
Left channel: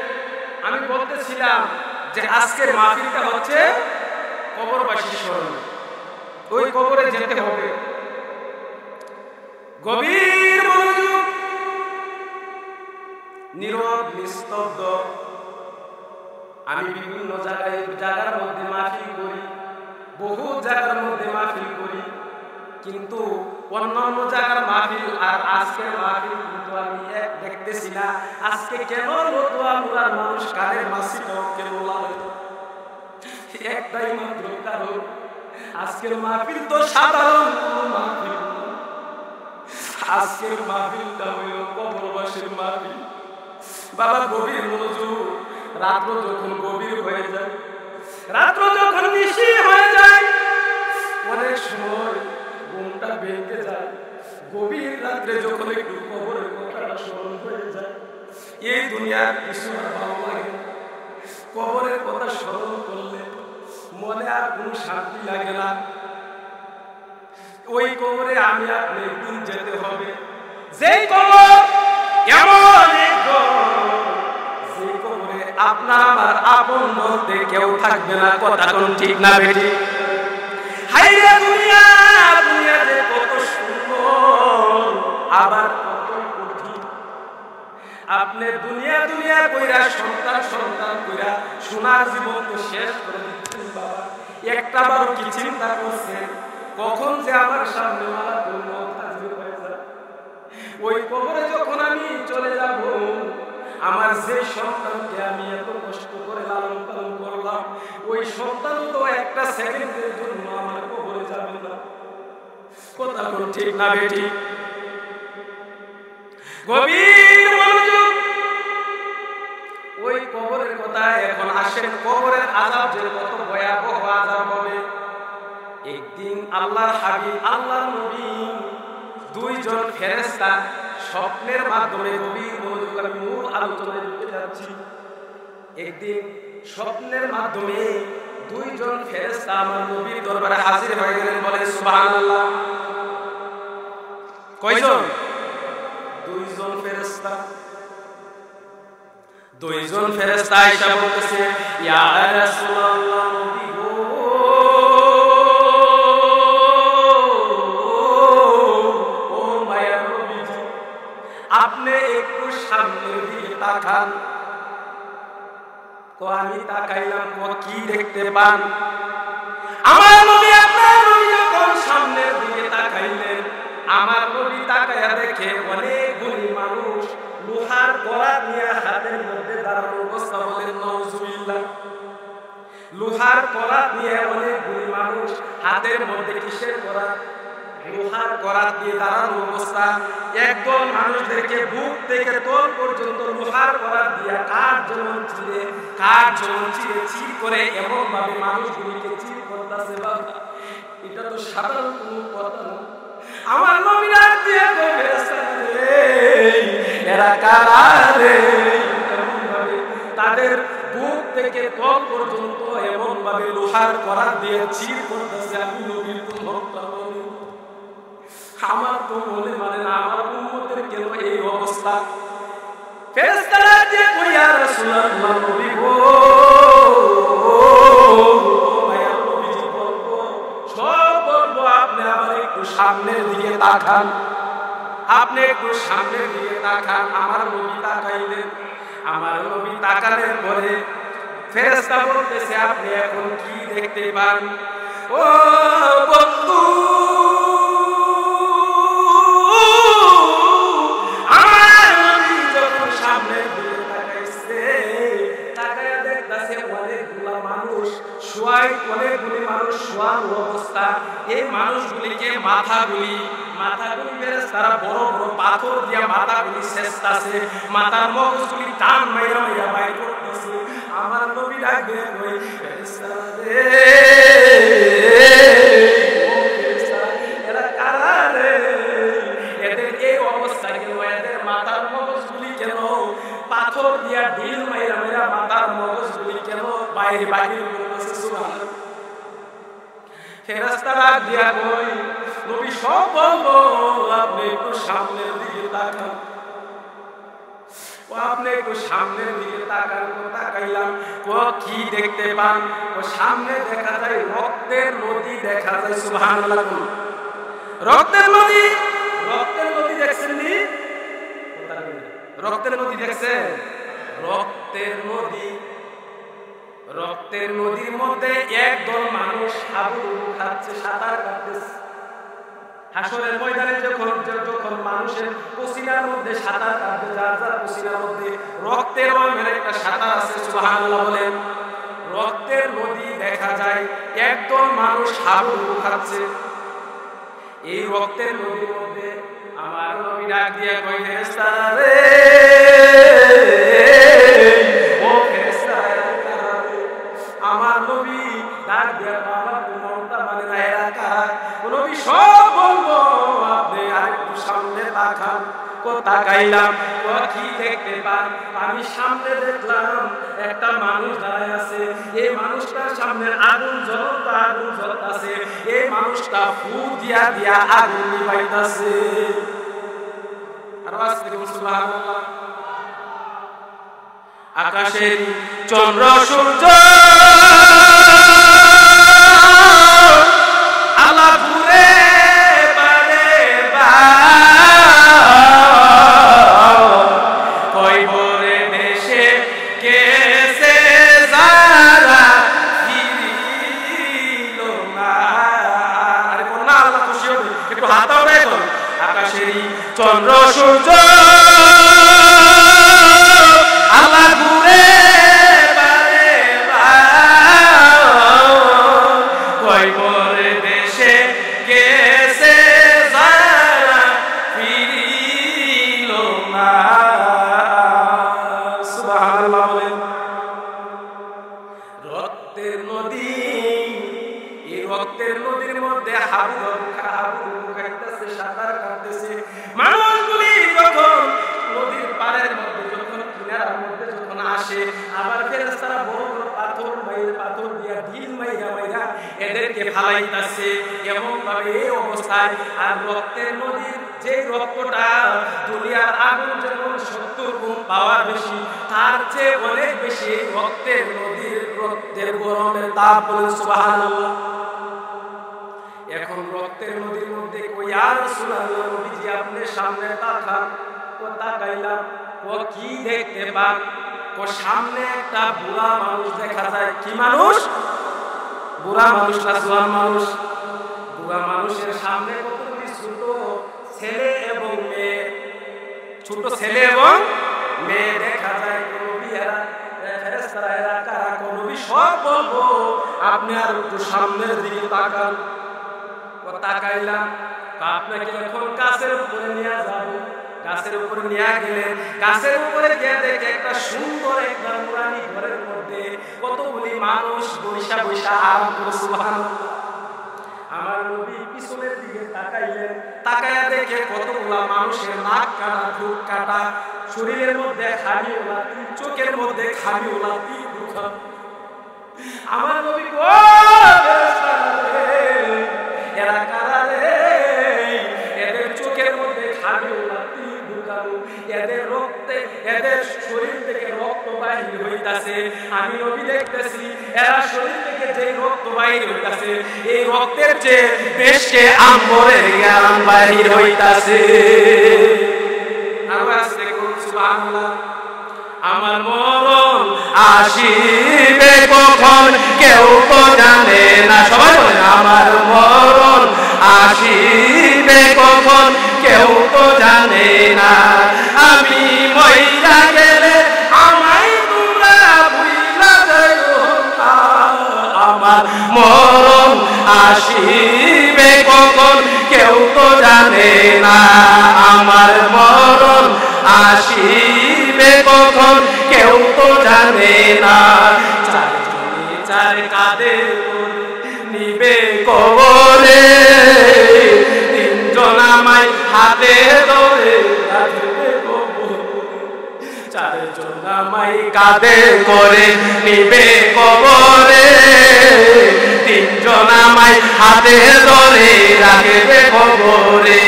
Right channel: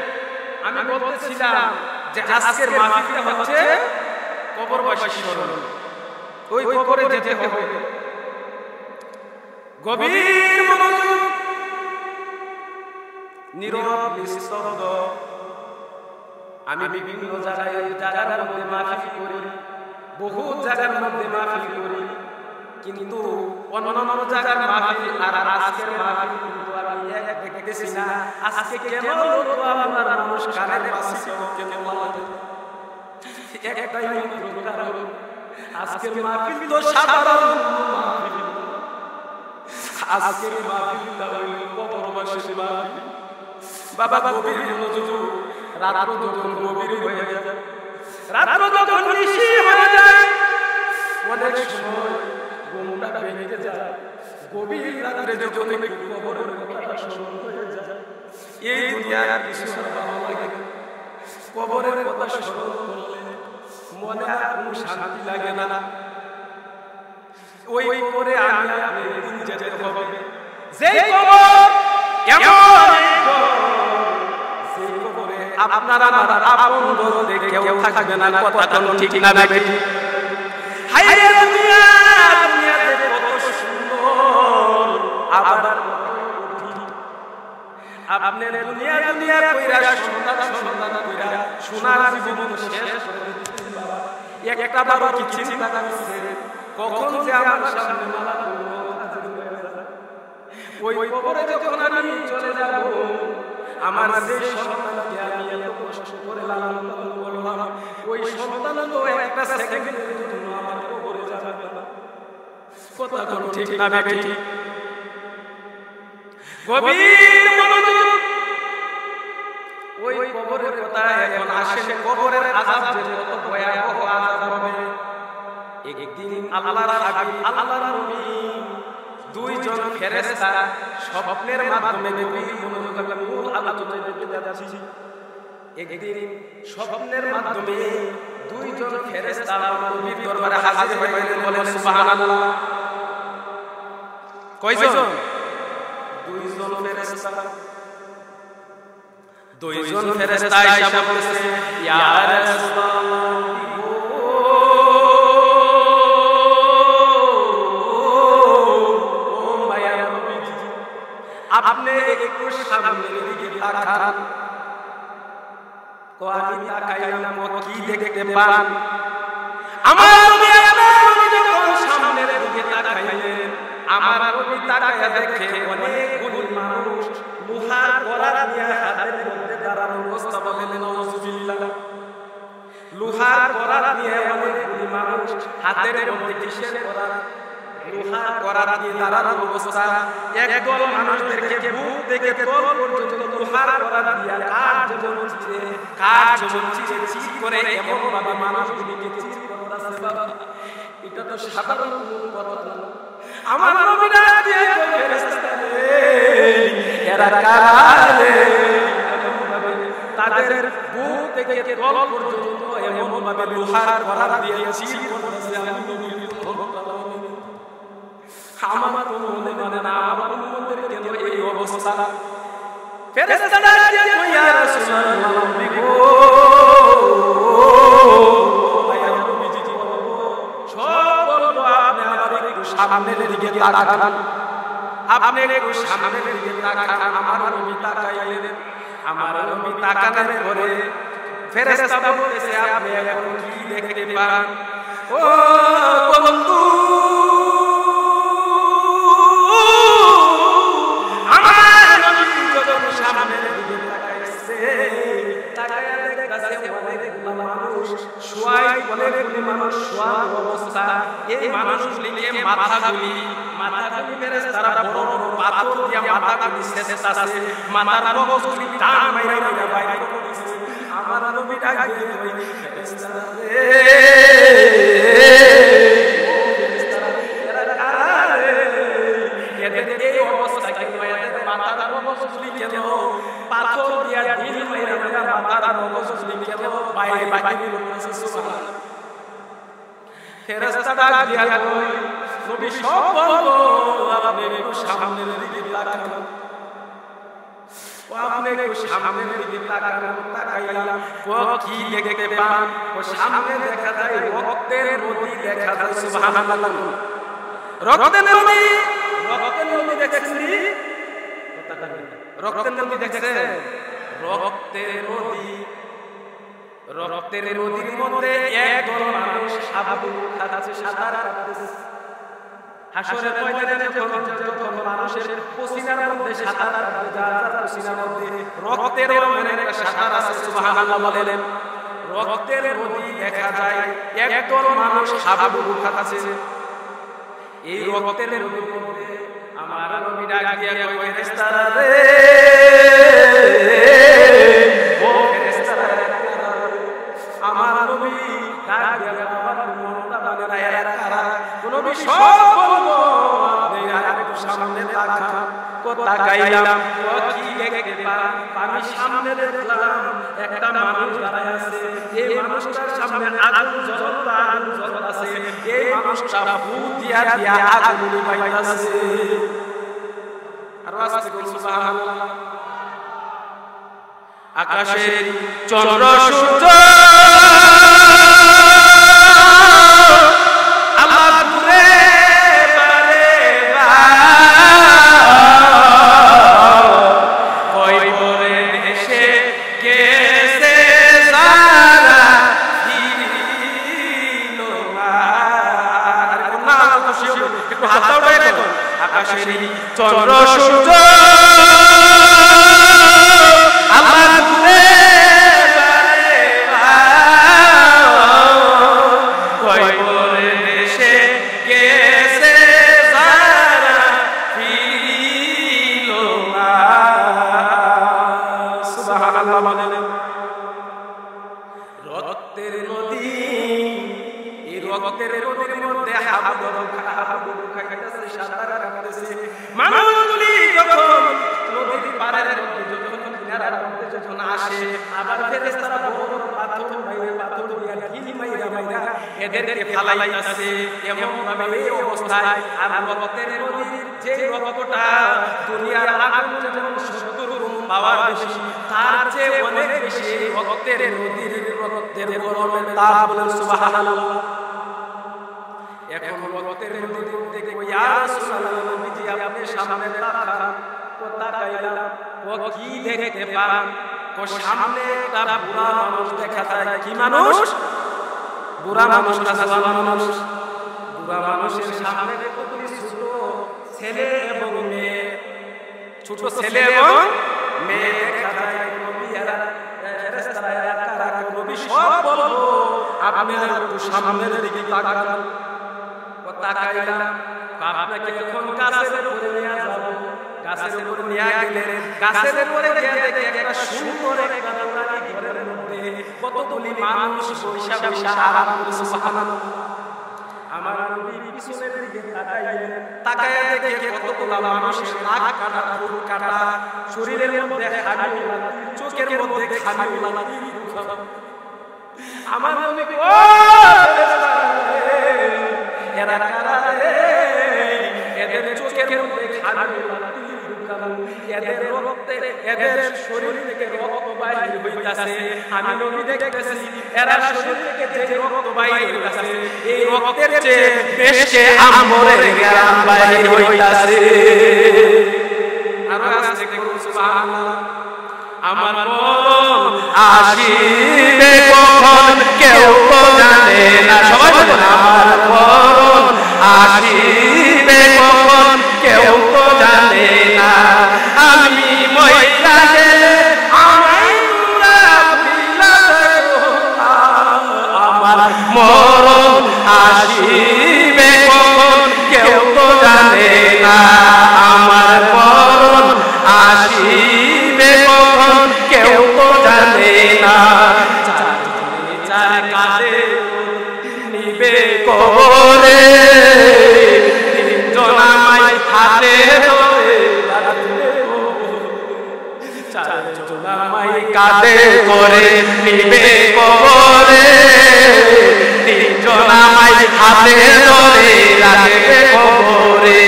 আমি বলতেছিলাম যে আজকের মাহফিলটা হচ্ছে কবরবাসীর স্মরণে। ওই কবরে যেতে হবে, গভীর মনোযোগ, নীরব নিস্তব্ধ। আমি বিভিন্ন জায়গার মধ্যে মাহফিল করি, বহু জায়গার মধ্যে মাহফিল করি, কিন্তু অন্যান্য জায়গার মাহফিল আর আজকের মাহফিল কিন্তু আমি এক দেখতেছি না। আজকে কেন লতুয়া মুরার মানুষ কানের মাসিটাও কেন লাগে? একটাই মাত্র কারণ, আজকের মাহফিল তো সাধারণ কোনো মাহফিল না। আজকের মাহফিলটা হইল কবরবাসীর মাহফিল। বাবা গভীর মনোযোগ। রাত্র যখন গভীর হয়ে যায়, রাত্র যখন নিশি হয়ে যায়, অনেক সময় ঘুমটা ভেঙে যায়। গভীর রাত্রে যখন একটু কবরের কথাটা স্মরণ হয়ে যায়, এই দুনিয়ার কিছু আর ভালো লাগে। কবরের কথা স্মরণ করলে মনে আর কোনো শান্তি লাগে না। ওই কবরে আমি আপনি একদিন যেতে হবে। যেই কবর এমন এক ঘর, যে কবরে আপনার আমার আপন বলতে কেউ থাকবে না। কথা কোন ঠিক না বেটি? হায়রে দুনিয়া, দুনিয়া যে কত সুন্দর আবার কতই কঠিন। আপনি দুনিয়া দুনিয়া কইরা, সন্তান সন্তান কইরা সোনার জীবন তো শেষ করে দিচ্ছেন। বাবা একটা বারও কি চিন্তা করছেন কখন যে আমার সামনে মালাকুল মউত হাজির হয়ে যায়? ওই কবরে যখন আমি চলে যাব, আমার যে সন্তানকে আমি এত কষ্ট করে লালন পালন করলাম, ওই সন্তানও তো একটা সেকেন্ডের জন্য আমার কবরে যাবে না। কথা কোন ঠিক না বেটি? গভীর মনোযোগ। ওই কবরের কথা এখন আসেন। কবরের আযাব যে কত ভয়াবহ আযাব হবে। একদিন আল্লাহর হাবিব, আল্লাহর নবী, দুইজন ফেরেশতা স্বপ্নের মাধ্যমে, গভীর মনোযোগ, আমি মূল আলোচনায় ঢুকে যাচ্ছি। একদিন স্বপ্নের মাধ্যমে দুইজন ফেরেশতা আমার নবীর দরবারে হাজির হয়ে গেলেন। বলেন সুবহানাল্লাহ। কয়জন? দুইজন ফেরেশতা। দুইজন ফেরেশতা আয়েশা বলতেছে, ইয়া রাসূলুল্লাহ, নবী গো, ও মায়ার নবীজি, আপনি একটু সামনের দিকে তাকান। আমি তাকাইলাম, কি দেখতে পান? আমার নবী, আপনার নবী যখন সামনের দিকে তাকাইলেন, আমার নবী তাকাইয়া দেখে অনেকগুলি মানুষ লোহার করাত নিয়ে হাতের মধ্যে দাঁড়ানো অবস্থা। বলেন নাউজুবিল্লাহ। লোহার করাত নিয়ে অনেকগুলি মানুষ হাতের মধ্যে কিসের করাত? লোহার করাত দিয়ে দাঁড়ানো অবস্থা। একদল মানুষদেরকে বুক থেকে তল পর্যন্ত লোহার করাত দিয়া কাঠ যেমন চিরে চির করে এমন ভাবে মানুষগুলিকে চির করতেছে। বাবা, এটা তো সাধারণ কোনো কথা না। আমার নবী ডাক দিয়ে কই, ফেরেশতারা রে, এরা কারা রে? এমন ভাবে তাদের বুক থেকে তল পর্যন্ত এমন ভাবে লোহার করাত দিয়ে চির করতেছে। আমি নবীর তো মনটা মানে, আমার তো মনে মানে না, আমার উম্মতের কেন এই অবস্থা? ফেরেশতারা দিয়ে কই, ইয়া রাসূলুল্লাহ, নবী গো, মায়ার নবীজি বলবো, সব বলবো, আপনি আবার একটু সামনের দিকে তাকান, আপনি একটু সামনের দিকে তাকান। আমার নবী তাকাইলেন। আমার নবী তাকানোর পরে ফেরেশতা বলতেছে, আপনি এখন কি দেখতে পান? ও বন্ধু, আমার নবী যখন সামনের দিকে তাকাইছে, তাকায়া দেখতাছে অনেকগুলা মানুষ শোয়াই, অনেকগুলি মানুষ শোয়ানো অবস্থা। এই মানুষগুলিকে মাথাগুলি ফেরেশতারা বড় বড় পাথর দিয়া মাথাগুলি ছেঁচতাছে, মাথার মগজগুলি টান মাইরা মাইরা বাইর করতেছে। আমার নবী ডাক দিয়ে কই, ফেরেশতারা রে, ও ফেরেশতারা, এরা কারা রে? এদের এই অবস্থা কেন? এদের মাথার মগজগুলি কেন পাথর দিয়া ঢিল মাইরা মাইরা মাথার মগজগুলি কেন বাইরে বাহির করতেছে? সুবহানাল্লাহ। ফেরেশতা ডাক দিয়া কই, নবী সব বলবো, আপনি একটু সামনের দিকে তাকান। ও আপনি একটু সামনের দিকে তাকান। ও তাকাইলাম। ও কি দেখতে পান? ও সামনে দেখা যায় রক্তের নদী দেখা যায়। সুবহানাল্লাহ। কোন রক্তের নদী? রক্তের নদী দেখছেন নি? রক্তের নদী দেখছেন? রক্তের নদীর মধ্যে একদল মানুষ হাবুডুবু খাচ্ছে, সাঁতার কাটতেছে। হাসরের ময়দানে যখন মানুষের পসিনার মধ্যে সাঁতার কাটবে, যার যার পসিনার মধ্যে রক্তের এমন একটা সাঁতার আছে। সুবহানাল্লাহ বলেন। রক্তের নদী দেখা যায়, একদল মানুষ হাবুডুবু খাচ্ছে। এই রক্তের নদীর মধ্যে আমার নবী ডাক দিয়া কই, ফেরেশতারা রে, ও ফেরেশতারা, এরা কারা রে? আমার নবী ডাক দিয়া, আমার মনটা মানে না, এরা কারা? নবী সব বলবো, আপনি আরেকটু সামনে তাকান। তাকাইলাম। কি দেখতে পান? আমি সামনে দেখলাম একটা মানুষ দাঁড়ায় আছে। এই মানুষটার সামনে আগুন জ্বলতাছে। এই মানুষটা ফু দিয়া দিয়া আগুন নিভাইতাছে। আর আস্তে কোন সুবহানাল্লাহ। আকাশের চন্দ্র সূর্য আল্লাহ ঘুরে বারে কয়বরে দেশে গেছে যারা ফিরিল না। আরে কোন না, আল্লাহ খুশি হবে, একটু হাত দাও দেখো। আকাশেরই চন্দ্র সূর্য আল্লাহ ঘুরে বারে কয়বরে দেশে গেছে যারা ফিরিল না। সুবহানাল্লাহ বলেন। রক্তের নদী, এই রক্তের নদীর মধ্যে হাবুডুবু খাইতেছে, সাঁতার কাটতেছে মানুষগুলি। যখন নদীর পাড়ের মধ্যে, যখন কিনারার মধ্যে যখন আসে, আবার ফেরেশতারা বড় বড় পাথর দিয়া ঢিল মাইরা এদেরকে ফালাইতাছে এমন ভাবে এই অবস্থায়। আর রক্তের নদীর যে রক্তটা দুনিয়ার আগুন যেমন 70 গুণ পাওয়ার বেশি, তার চেয়ে অনেক বেশি এই রক্তের নদীর রক্তের গরমের তাপ। বলেন সুবহানাল্লাহ। এখন রক্তের নদীর মধ্যে কই, ইয়া রাসূলুল্লাহ, নবীজি আপনি সামনে তাকান। ও তাকাইলাম। ও কি দেখতে পান? ও সামনে একটা বুড়া মানুষ দেখা যায়। কি মানুষ? বুড়া মানুষ না জওয়ান মানুষ? বুড়া মানুষের সামনে কতগুলি ছোট ছেলে এবং মেয়ে, ছোট ছেলে এবং মেয়ে দেখা যায়। নবী এরা ফেরেশতারা, এরা কারা? নবী সব বলবো, আপনি আর একটু সামনের দিকে তাকান। ও তাকাইলাম, আপনাকে এখন গাছের উপরে নিয়ে যাব। গাছের উপরে নিয়ে গেলেন, গাছের উপরে গিয়ে দেখে একটা সুন্দর একটা নুরানি ঘরের মধ্যে কতগুলি মানুষ বৈশা বৈশা আরাম করে। সুবহানাল্লাহ। আমার নবী পিছনের দিকে তাকাইলেন, তাকাইয়া দেখে কতগুলা মানুষের নাক কাটা, ঠোঁট কাটা, শরীরের মধ্যে খামিওলা তীর, চোখের মধ্যে খামিওলা তীর ঢুকা। আমার নবী ও ফেরেশতারা রে, এরা কারা রে? এদের চোখের মধ্যে খামিওলা তীর ঢুকানো, এদের রক্তে, এদের শরীর থেকে রক্ত বাহির হইতাছে। আমি নবী দেখতেছি এরা শরীর থেকে যেই রক্ত বাহির হইতাছে, এই রক্তের চেয়ে বেশকে আম্বরের জ্ঞান বাহির হইতাছে। আরো আসছে কোন সুবহানাল্লাহ। আমার মরণ আসিবে কখন কেউ তো জানে না। সবাই বলেন আমার মরণ আসিবে কখন কেউ তো জানে না। আমি মইরা গেলে আমায় তোমরা ভুইলা যাইও না। আমার মরণ আসিবে কখন কেউ তো জানে না। আমার মরণ আসিবে কখন কেউ তো জানে না। চারজনে চার কাঁধে নিবে কবরে, তিনজন আমায় হাতে ধরে রাখবে কবরে। চারজন আমায় কাঁধে করে নিবে কবরে, তিনজন আমায় হাতে ধরে রাখবে কবরে।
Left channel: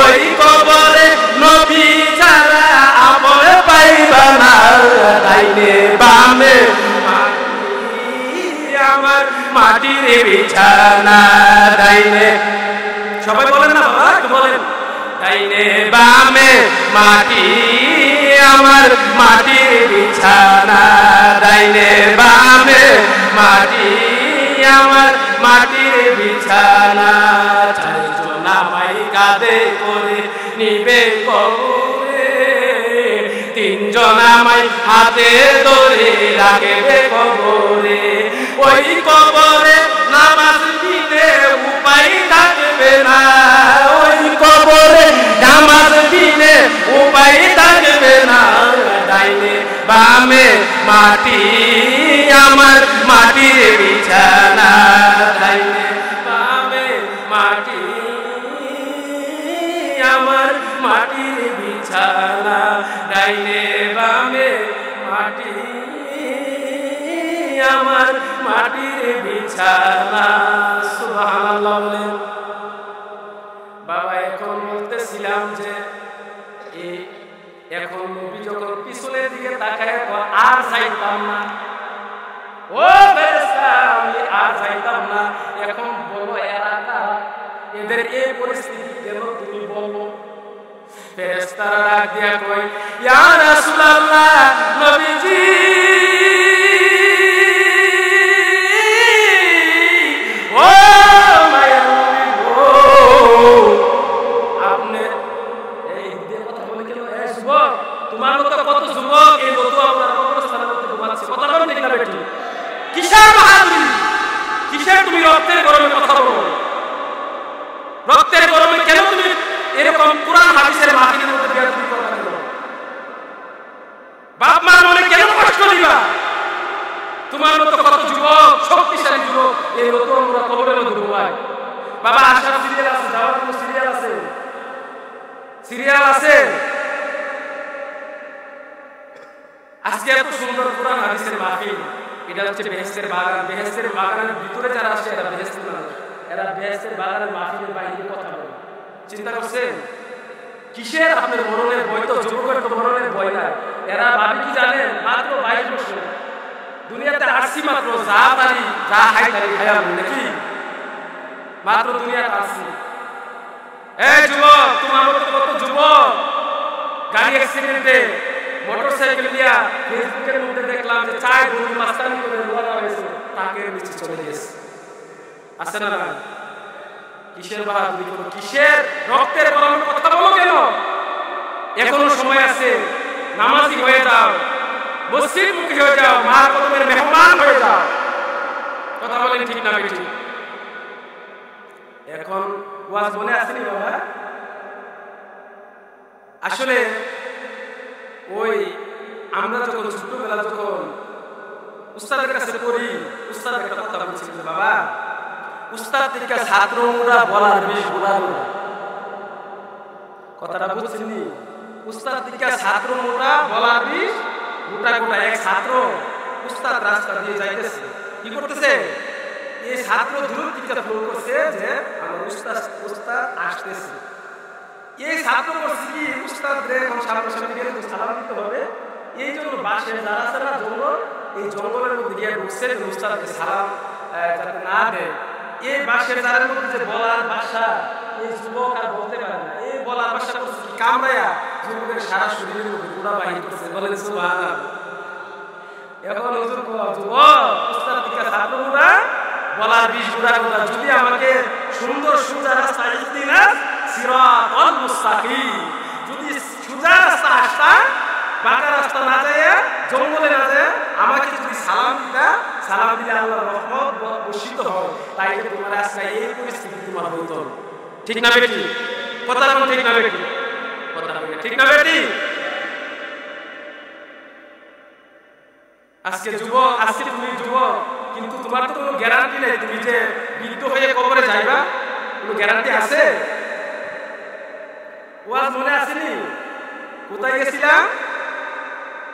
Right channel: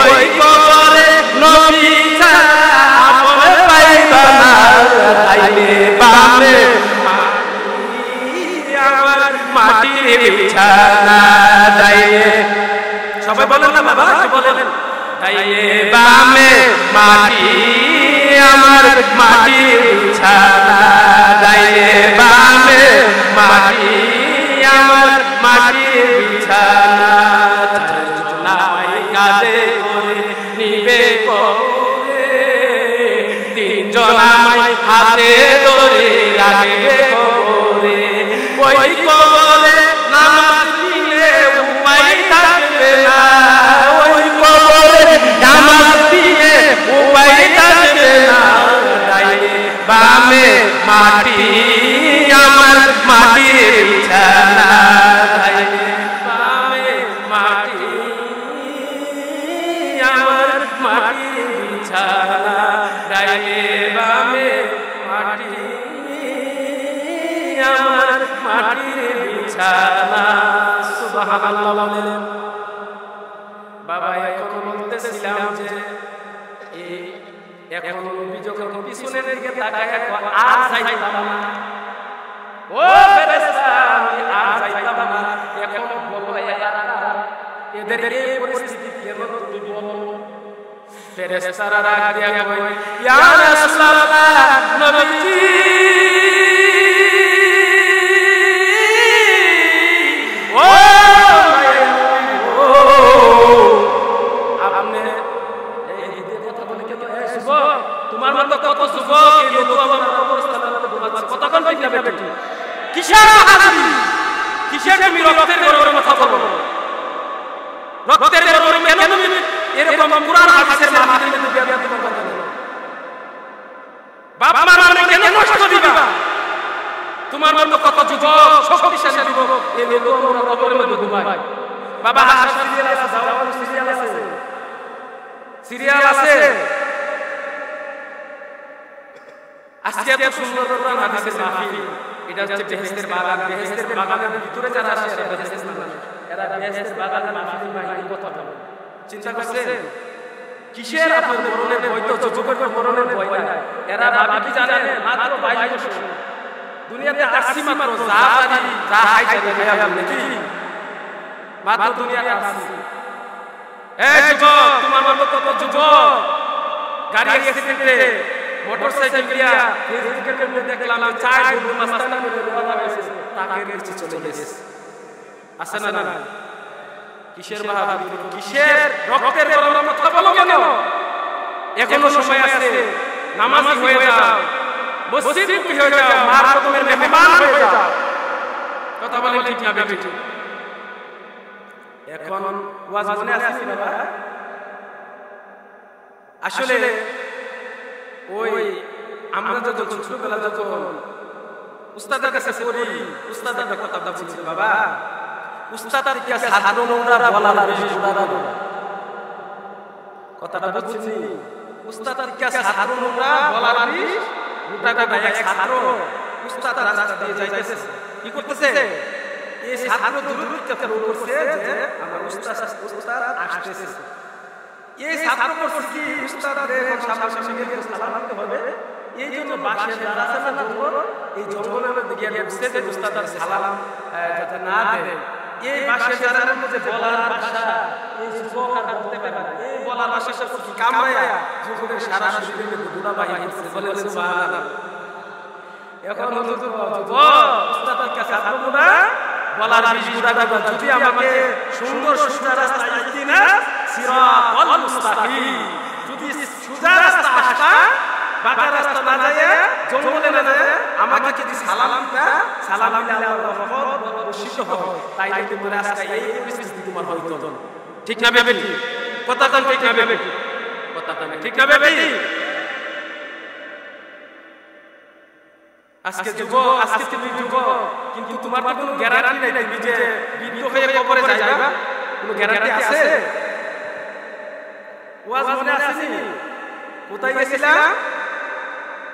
ওই কবরে নবী ছাড়া আপন পাইবা না। ডাইনে বামে আমার মাটির বিছানা। ডাইনে, সবাই বলেন না বাবা, একটু বলেন। ডাইনে বামে মাটি আমার মাটির বিছানা। ডাইনে বামে মাটি আমার মাটির বিছানা। চারজন আমায় কাঁধে করে নিবে কবরে, তিনজন আমায় হাতে ধরে রাখবে কবরে। ওই কবরে নামাজ বিনে উপায় থাকবে না। ওই কবরে নামাজ বিনে উপায় থাকবে না। ডাইনে বামে মাটি আমার মাটির বিছানা। ডাইনে বামে মাটি আমার মাটির বিছানা। ডাইনে বামে মাটি আমার মাটির বিছানা। সুবহানাল্লাহ বলেন। বাবা এখন বলতেছিলাম যে এখন নবী যখন পিছনের দিকে তাকায় আর যাইতাম না। ও ফেরেশতা আমি আর যাইতাম না। এখন বলো এরা কারা? এদের এই পরিস্থিতি কেন তুমি বলো? ফেরেশতারা ডাক দিয়া কই ইয়া রাসূলুল্লাহ, নবীজি ও মায়ের নবী গো, আপনি এই দিয়ে কথা বলে কেন? এই যুবক, তোমার মতো কত যুবক এই নতুন আমরা কবরস্থানের মধ্যে ঘুমাচ্ছে। কথা কোন ঠিক না বেটি? কিসের বাহাদুরি, কিসের তুমি রক্তের গরমে কথা বলো? রক্তের গরমে কেন তুমি এরকম কোরআন হাদিসের মাহফিলের মধ্যে বেয়াদবি করবা কেন? বাপ মার মনে কেন কষ্ট দিবা? তোমার মতো কত যুবক, শক্তিশালী যুবক এই নতুন আমরা কবরের মধ্যে ঘুমায়। বাবা আসার সিরিয়াল আছে, যাওয়ার কোনো সিরিয়াল আছে? সিরিয়াল আছে? আজকে এত সুন্দর কোরআন হাদিসের মাহফিল, এটা হচ্ছে বেহেশতের বাগান। বেহেশতের বাগানের ভিতরে যারা আসে এরা বেহেশতের মানুষ। এরা বেহেশতের বাগানের মাহফিলের বাইরে কথা বলে। চিন্তা করছেন কিসের আপনার মরণের ভয়? তো যুবকের তো মরণের ভয় নাই। এরা ভাবি কি জানেন? মাত্র 22 বছর দুনিয়াতে আসছি, মাত্র যা পারি যা হাই পারি খায়াল নাকি মাত্র দুনিয়াতে আসছি। যুবক, তোমার মতো কত যুবক গাড়ি অ্যাক্সিডেন্টে মোটর সাইকেল দিয়া ফেসবুকের মধ্যে দেখলাম যে 4 বন্ধু মাস্তানি করে রওনা হয়েছে, তাকের নিচে চলে গেছে। আছে না না? কিসের বাহাদুরি করো? কিসের রক্তের গরমে কথা বলো কেন? এখনো সময় আছে। নামাজি হয়ে যাও, মসজিদ মুখী হয়ে যাও, মার কদমের মেহমান হয়ে যাও। কথা বলেন ঠিক না বেঠিক? এখন ওয়াজ মনে আসেনি বাবা? আসলে ওই আমরা যখন ছোটবেলা যখন উস্তাদের কাছে পড়ি, উস্তাদ একটা কথা বলছিল যে বাবা, উস্তাদ থেকে ছাত্র মুড়া বলার বেশ গোড়া গোড়া। কথাটা বুঝছেন নি? উস্তাদ থেকে ছাত্র মোটা বলার বিষ গোটা গোটা। এক ছাত্র উস্তাদ রাস্তা দিয়ে যাইতেছে, কি করতেছে? এই ছাত্র দূর থেকে ফ্লো করছে যে আমার উস্তাদ আসতেছে। এই ছাত্র করছে কি, উস্তাদ রে এখন সামনাসামনি গেলে তো সালাম দিতে হবে, এই জন্য বাসে যারা আছে না জঙ্গল, এই জঙ্গলের মধ্যে গিয়ে ঢুকছে যে উস্তাদকে সালাম যাতে না দেয়। এই বাসের জারের মধ্যে যে বলার ভাষা, এই যুবক আর বলতে পারে না। এই বলার ভাষা করছে কি, কামড়াইয়া যুবকের সারা শরীরের মধ্যে গুড়া বাহির করছে। বলেন সুবহানাল্লাহ। এখন হুজুর যুবক, উস্তাদ থেকে ছাত্র গুড়া বলার বিষ গুড়া কথা, যদি আমাকে সুন্দর সোজা রাস্তা আসতি না, সিরাতাল মুস্তাকিম, যদি সোজা রাস্তা আসতা, বাঁকা রাস্তা না যায়, জঙ্গলে না যায়, আমাকে যদি সালাম দিতা, সালাম দিলে আল্লাহর রহমত বর্ষিত হয়, তাইলে তোমার আজকে এই পরিস্থিতি তোমার হইতো না। ঠিক না বেটি? কথা কোন ঠিক না বেটি? কথা কই না ঠিক না বেটি? আজকে যুবক, আজকে তুমি যুবক, কিন্তু তোমার তো কোনো গ্যারান্টি নাই তুমি যে বৃদ্ধ হয়ে কবরে যাইবা, কোনো গ্যারান্টি আছে? ওয়াজ মনে আসেনি? কোথায় গেছিলাম?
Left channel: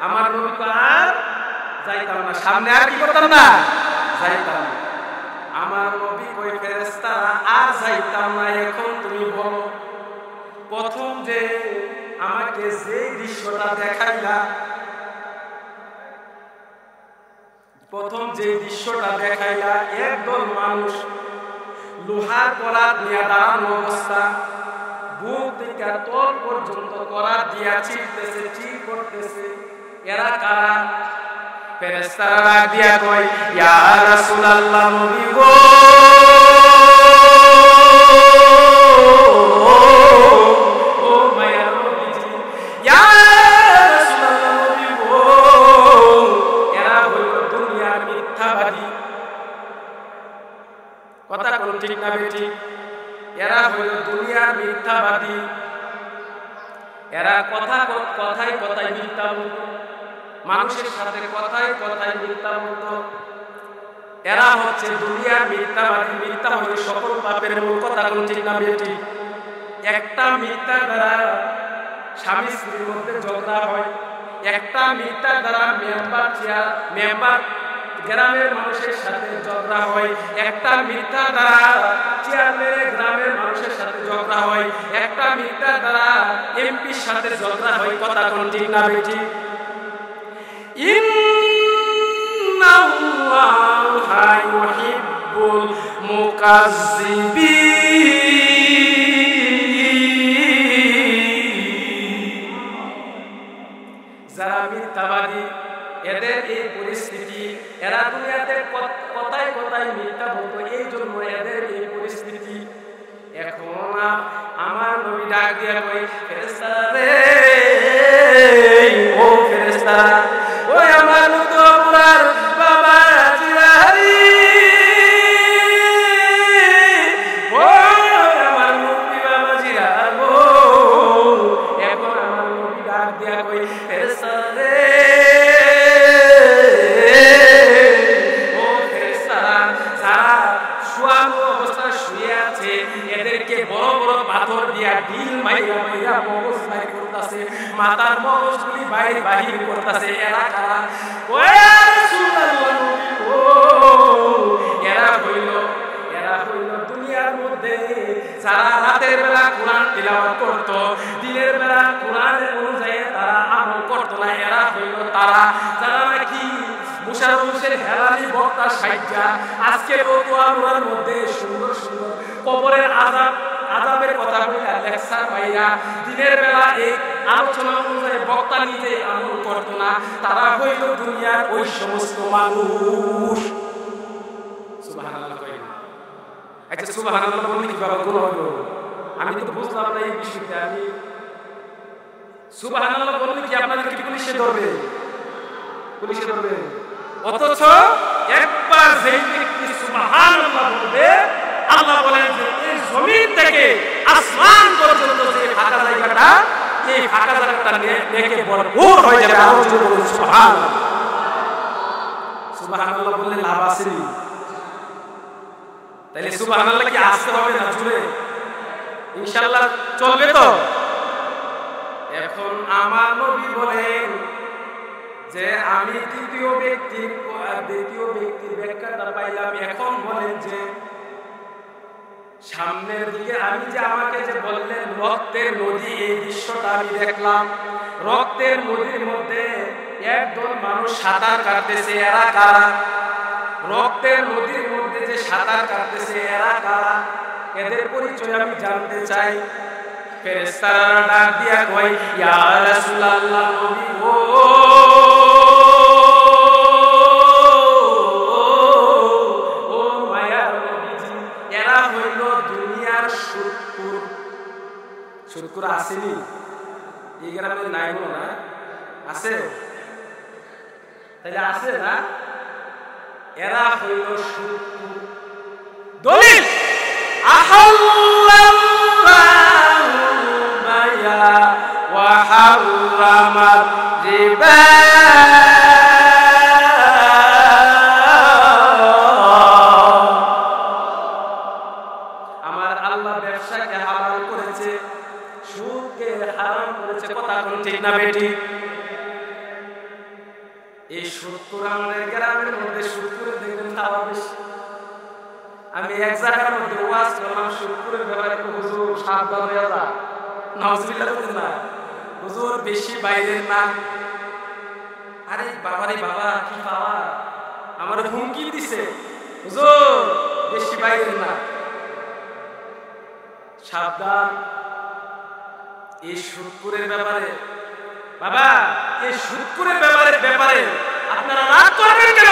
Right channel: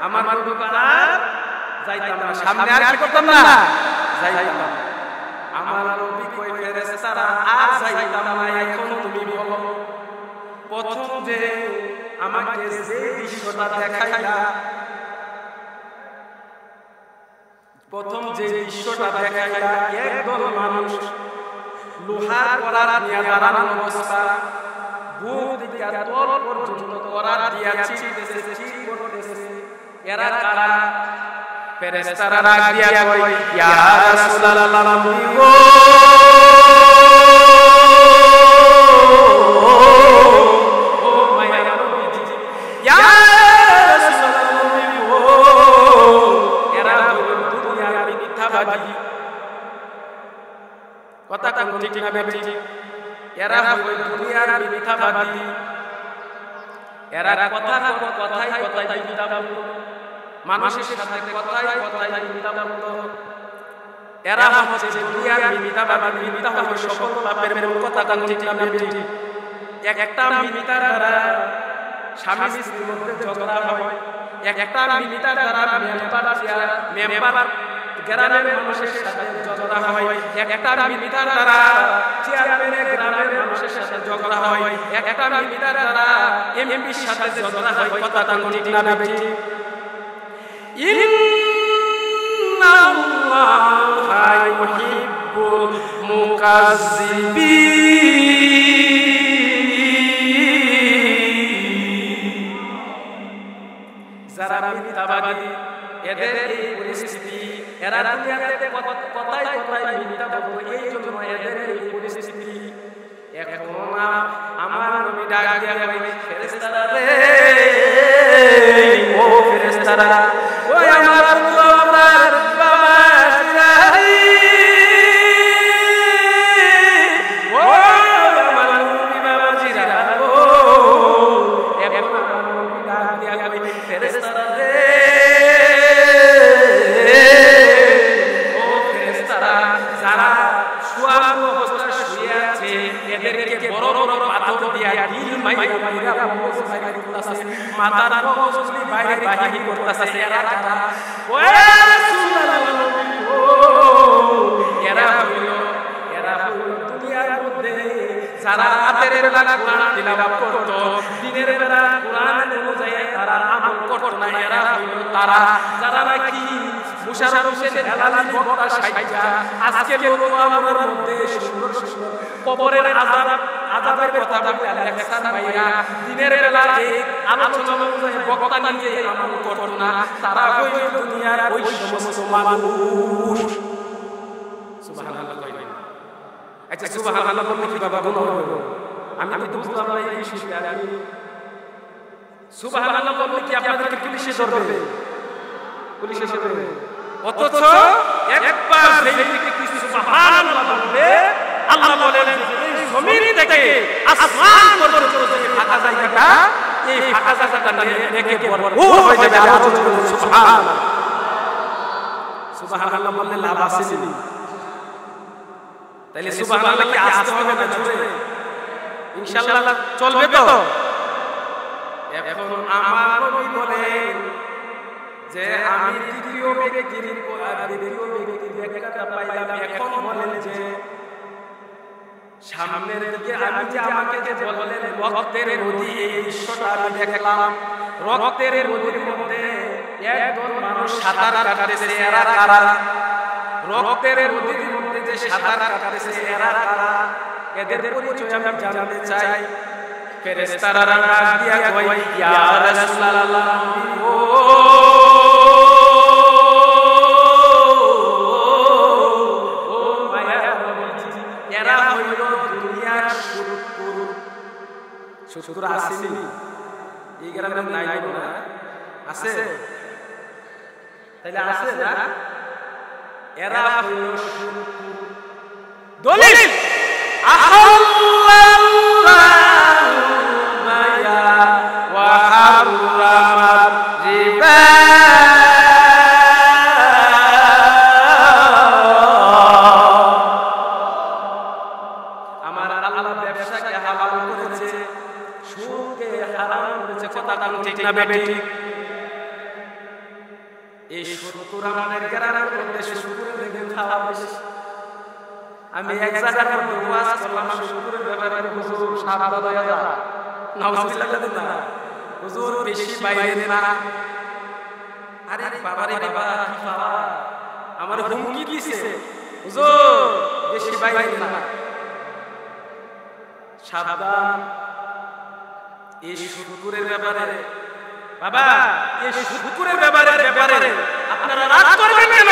আমার নবী আর যাইতাম না, সামনে আর কি করতাম না, যাইতাম না। আমার নবী কই ফেরেশতারা আর যাইতাম না। এখন তুমি বলো, প্রথম যে আমাকে যে দৃশ্যটা দেখাইলা, প্রথম যে দৃশ্যটা দেখাইলা, একদল মানুষ লোহার করাত নিয়ে দাঁড়ানো অবস্থা, বুক থেকে তল পর্যন্ত করাত দিয়া চিরতেছে, চির করতেছে। এরা কারা? ফেরেশতারা ডাক দিয়া কয়, ইয়া রাসূলুল্লাহ, নবী গো, ও মায়ার নবীজি, ইয়া রাসূলুল্লাহ, নবী গো, এরা হইল দুনিয়ার মিথ্যাবাদী। কথা কোন ঠিক না বেটি? এরা হইল দুনিয়ার মিথ্যাবাদী। এরা কথায় কথায় মিথ্যা বলতো, মানুষের সাথে কথায় কথায় মিথ্যা বলতো। এরা হচ্ছে দুনিয়ার মিথ্যাবাদী। মিথ্যা হইল সকল পাপের মূল। কথা কোন ঠিক না বেটি? একটা মিথ্যার দ্বারা স্বামী স্ত্রীর মধ্যে ঝগড়া হয়, একটা মিথ্যার দ্বারা মেম্বার গ্রামের মানুষের সাথে ঝগড়া হয়, একটা মিথ্যার দ্বারা চেয়ারম্যানে গ্রামের মানুষের সাথে ঝগড়া হয়, একটা মিথ্যার দ্বারা এমপির সাথে ঝগড়া হয়। কথা কোন ঠিক না বেটি? ইন্নাল্লাহা ইউহিব্বুল মুকাজ্জিবিন। যারা মিথ্যাবাদী, এদের এই পরিস্থিতি। এরা দুনিয়াতে কথায় কথায় মিথ্যা বলতো, এই জন্য এদের এই পরিস্থিতি। এখন আমার নবী ডাক দিয়া কই, ফেরেশতারা রে, ও ফেরেশতারা, ওই আমার তো আপনার বাবা জিরারি, ও আমার নবী বাবা জিরার, ও এখন আমার নবী ডাক দিয়া কই, ফেরেশতারা রে, ও ফেরেশতারা, যারা শুয়ানো অবস্থায় শুয়ে আছে, এদেরকে বড় বড় পাথর দিয়া ঢিল মাইরা মাইরা মগজ বাইর করতেছে, মাথার মগজগুলি বাহির করতেছে। এরা কারা? ও রাসূলুল্লাহ, নবী গো, এরা হইল দুনিয়ার মধ্যে যারা রাতের বেলা কোরআন তিলাওয়াত করত, দিনের বেলা কোরআন অনুযায়ী তারা আমল করত না। এরা হইল তারা যারা নাকি মুশারফ হোসেন হেলালি বক্তা সাইজা আজকে লতুয়া মোড়ার মধ্যে সুন্দর সুন্দর কবরের আযাবের কথা বললে লেকচার মাইরা দিনের বেলা এই আলোচনা অনুযায়ী বক্তা নিজেই আমল করত না। তারা হইল দুনিয়ার ওই সমস্ত মানুষ। সুবহানাল্লাহ কইল। আচ্ছা, সুবহানাল্লাহ বললে কি বাবা গুনাহ হইব? আমি তো বুঝলাম না এই বিষয়টা। আমি সুবহানাল্লাহ বললে কি আপনাদেরকে পুলিশে ধরবে? পুলিশে ধরবে? অথচ একবার যেই ব্যক্তি সুবহানাল্লাহ বলবে, আল্লাহ বলেন যে এই জমিন থেকে আসমান পর্যন্ত যে ফাঁকা জায়গাটা, এই ফাঁকা জায়গাটা নেকে ভরপুর হয়ে যাবে। আরো জোরে বলেন সুবহানাল্লাহ। সুবহানাল্লাহ বললে লাভ আসেনি? তাইলে সুবহানাল্লাহ কি আসতে হবে না জোরে? ইনশাআল্লাহ চলবে তো? এখন আমার নবী বলেন যে আমি দ্বিতীয় ব্যক্তির ব্যাখ্যাটা পাইলাম। এখন বলেন যে সামনের দিকে আমি যে আমাকে যে বললেন রক্তের নদী, এই দৃশ্যটা আমি দেখলাম। রক্তের নদীর মধ্যে একদল মানুষ সাঁতার কাটতেছে, এরা কারা? রক্তের নদীর মধ্যে যে সাঁতার কাটতেছে এরা কারা? এদের পরিচয় আমি জানতে চাই। ফেরেশতারা ডাক দিয়া কয়, ইয়া রাসূলুল্লাহ, নবী গো, ও মায়ার নবীজি, এরা হইল দুনিয়ার সুদখোর। সুদখোর আসেনি? এই গ্রামে নাই বলো না? আছে? তাইলে আছে না? এরা হইল সুদখোর। দলিল আহাল্লাল্লাহু বায়া ওয়া হারামার রিবা। আমার আল্লাহ ব্যবসাকে হালাল করেছে, সুদকে হারাম করেছে। কথা কোন ঠিক না বেটি? এই সুদখোর আমাদের গ্রামের মধ্যে সুদখোরের দেখবেন খাওয়া বেশি। আমি এক জায়গার মধ্যে ওয়াজ করলাম সুদখোরের ব্যাপারে, হুজুর সাবধান হয়ে যা। নাউজুবিল্লাহ বলেন না, হুজুর বেশি বাইরেন না। আরে বাবারে বাবা, কি পাওয়া, আমার হুমকি দিছে, হুজুর বেশি বাইরেন না, সাবধান। এই সুদখোরের ব্যাপারে বাবা, এই সুদখোরের ব্যাপারে আপনারা রাগ করবেন কেন,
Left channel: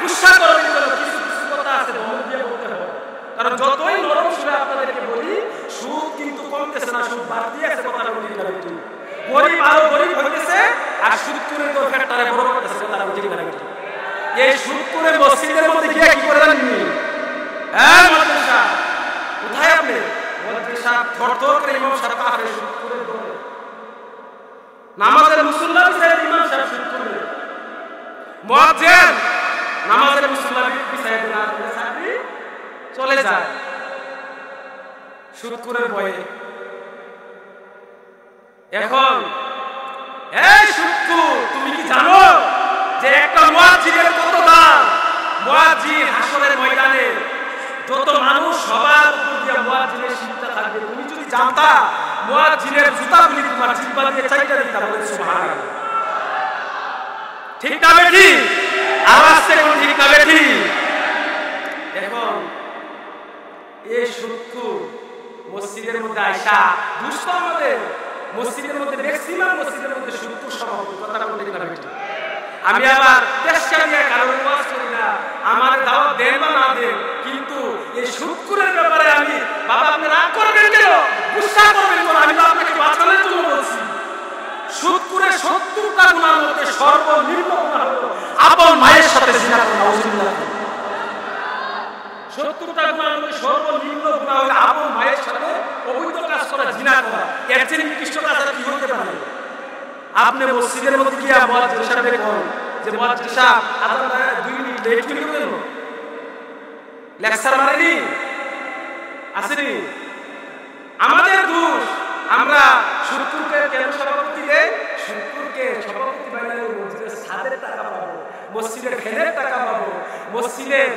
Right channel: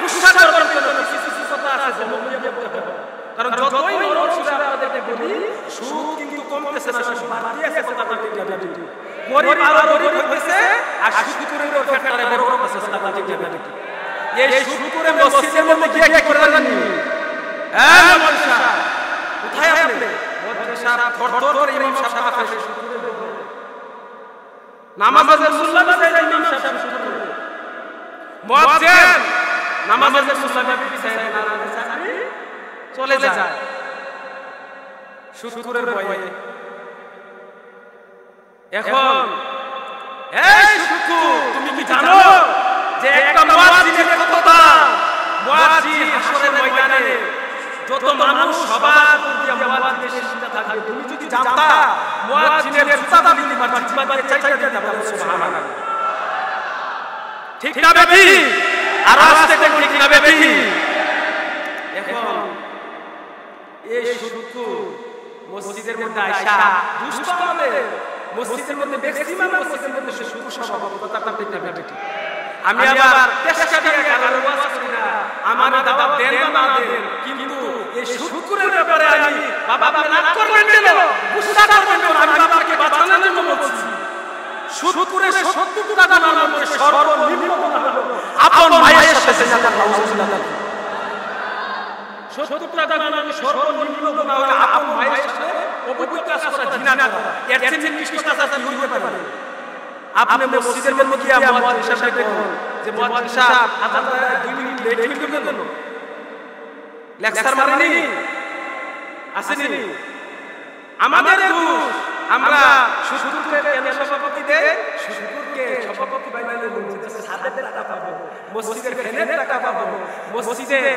গুসা করবেন কেন? কিছু কিছু কথা আছে দমক দিয়ে বলতে হবে। কারণ যতই নরম সুরে আপনাদেরকে বলি, সুদ কিন্তু কমতেছে না, সুদ বাড়তি আছে। কথা বলতে ঠিক না বেটি? গরিব আরো গরিব হইতেছে, আর সুদখোরের দর ফেরটারে বড় করতেছে। কথা বলতে ঠিক না বেটি? এই সুদখোরে মসজিদের মধ্যে গিয়ে কি করে জানেননি? হ্যাঁ মন্ত্রী সাহেব, কোথায় আপনি? মন্ত্রী সাহেব থরথর করে ইমাম সাহেব কাফে সুদখোরের দরে। নামাজের মুসল্লা বিছাইতে ইমাম সাহেব সুদখোরে। মুয়াজ্জিন নামাজের মুসল্লা বিছাইতে না দিলে চাকরি চলে যায় সুদখোরের ভয়ে। এখন এই সুদখোর, তুমি কি জানো যে একটা মুয়াজ্জিনের কত দাম? মুয়াজ্জিন হাসরের ময়দানে যত মানুষ সবার উপর দিয়ে মুয়াজ্জিনের শিক্ষা থাকবে, তুমি যদি জানতা মুয়াজ্জিনের জুতাগুলি তোমার জিহ্বা দিয়ে চাইটা দিতা। বলেন সুবহানাল্লাহ। ঠিক না বেঠি? আর আসতে কোন ঠিক না বেঠি? এখন এই সুদখোর মসজিদের মধ্যে আইসা দুষ্ট, আমাদের মসজিদের মধ্যে ম্যাক্সিমাম মসজিদের মধ্যে সুদখোর সভাপতি। কথা কোন ঠিক না বেঠি? আমি আবার চেষ্টা দিয়ে কারণ ওয়াজ করি না, আমার দাওয়াত দেন বা না দেন, কিন্তু এই সুদখোরের ব্যাপারে আমি, বাবা আপনি রাগ করবেন কেন, গুসা করবেন কেন? আমি তো আপনাকে বাঁচানোর জন্য বলছি। সুদখোরের 70টা গুনার মধ্যে সর্বনিম্ন গুনাহ হলো আপন মায়ের সাথে জিনা করা। নাউজুবিল্লাহ। 70টা গুনার মধ্যে সর্বনিম্ন গুনাহ হলো আপন মায়ের সাথে অবৈধ কাজ করা, জিনা করা। এর চেয়ে নিকৃষ্ট কাজ আর কি হইতে পারে? আপনি মসজিদের মধ্যে গিয়া মুয়াজ্জিন সাহেবকে কোন যে মুয়াজ্জিন সাহেব আজান 2 মিনিট লেট হইল কেন? লেকচার মারেনি? আসেনি? আমাদের দোষ। আমরা সুদখোরকে কেন সভাপতি দেই? সুদখোরকে সভাপতি বানালে মসজিদের ছাদের টাকা পাবো, মসজিদের ফ্যানের টাকা পাবো, মসজিদের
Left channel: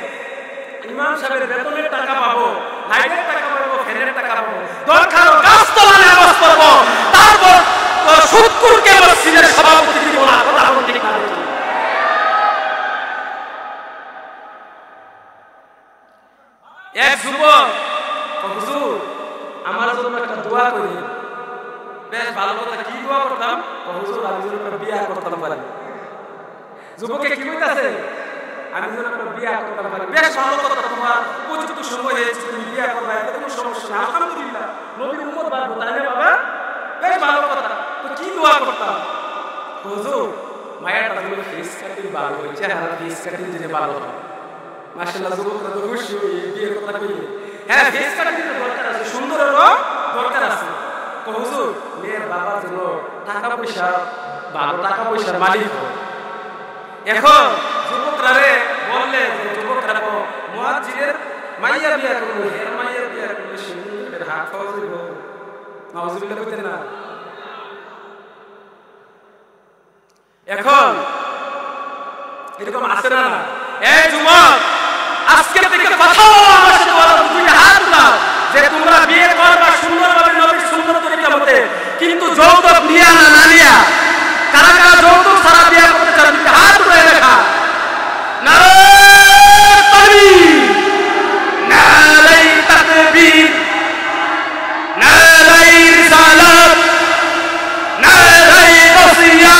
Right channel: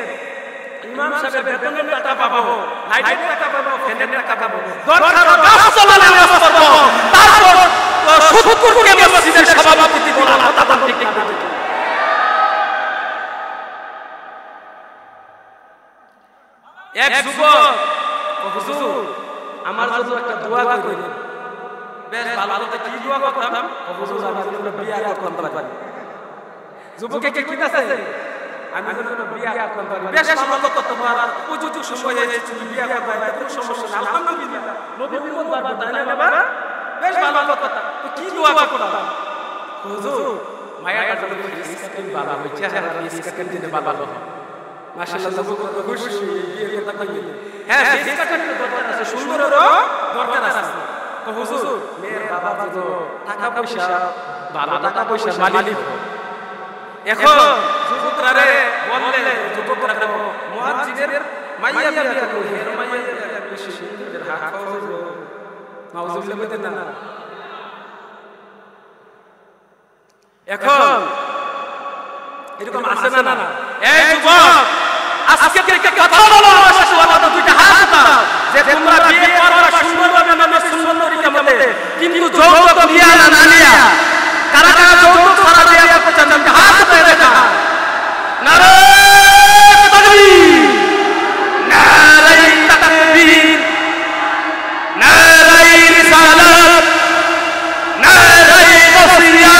ইমাম সাহেবের বেতনের টাকা পাবো, লাইটের টাকা পাবো, ফ্যানের টাকা পাবো। দরকার গাছ তলায় নামাজ পড়বো, তারপর সুদখোরকে মসজিদের সভাপতি দিব না। কথা কোন ঠিক না বেটি? এক যুবক, হুজুর আমার জন্য একটা দোয়া করেন। বেশ ভালো কথা, কি দোয়া করতাম? হুজুর আমি যেন একটা বিয়া করতাম পারি। যুবকে কি কইতাছে? আমি যেন একটা বিয়া করতাম পারি। বেশ ভালো কথা, তোমার উপযুক্ত সময় হয়েছে, তুমি বিয়া করবা, এতে কোনো সমস্যা নেই। আলহামদুলিল্লাহ, নবীর উম্মত বাড়বো, তাই না বাবা? বেশ ভালো কথা। তো কি দোয়া করতাম? হুজুর মায়াটা যেন ফেস কাটিং ভালো হয়, চেহারা ফেস কাটিং যেন ভালো হয়। মাশাআল্লাহ, যুবকরা তো খুশি হয়ে বিয়ের কথা কইলে। হ্যাঁ, ফেস কাটিং এর দরকার আছে, সুন্দরেরও দরকার আছে। তো হুজুর, মেয়ের বাবার জন্য টাকা পয়সা, ভালো টাকা পয়সার মালিক হয়। এখন যুবকরা রে বললে, যুবকরা তো মুয়াজ্জিনের মাইয়া বিয়া করবো, হের মাইয়া বিয়া করলে সেদিন হাত খাওয়া যাইব, নাউজুবিল্লাহ কইতেন না। এখন এরকম আছে না? না, এই যুবক, আজকে থেকে কথা বলো আমার সাথে, দুইটা হাত উঠাও যে তোমরা বিয়ে করবা সুন্দরভাবে নবীর সুন্দর তরিকা মতে, কিন্তু যৌতুক নিয়া না না নিয়া। কারা কারা যৌতুক ছাড়া বিয়ে করতে চান? দুইটা হাত উঠায় দেখা। নারায়ে তাকবীর, নারায়ে তাকবীর, নারায়ে রিসালাত, নারায়ে গাউসিয়া।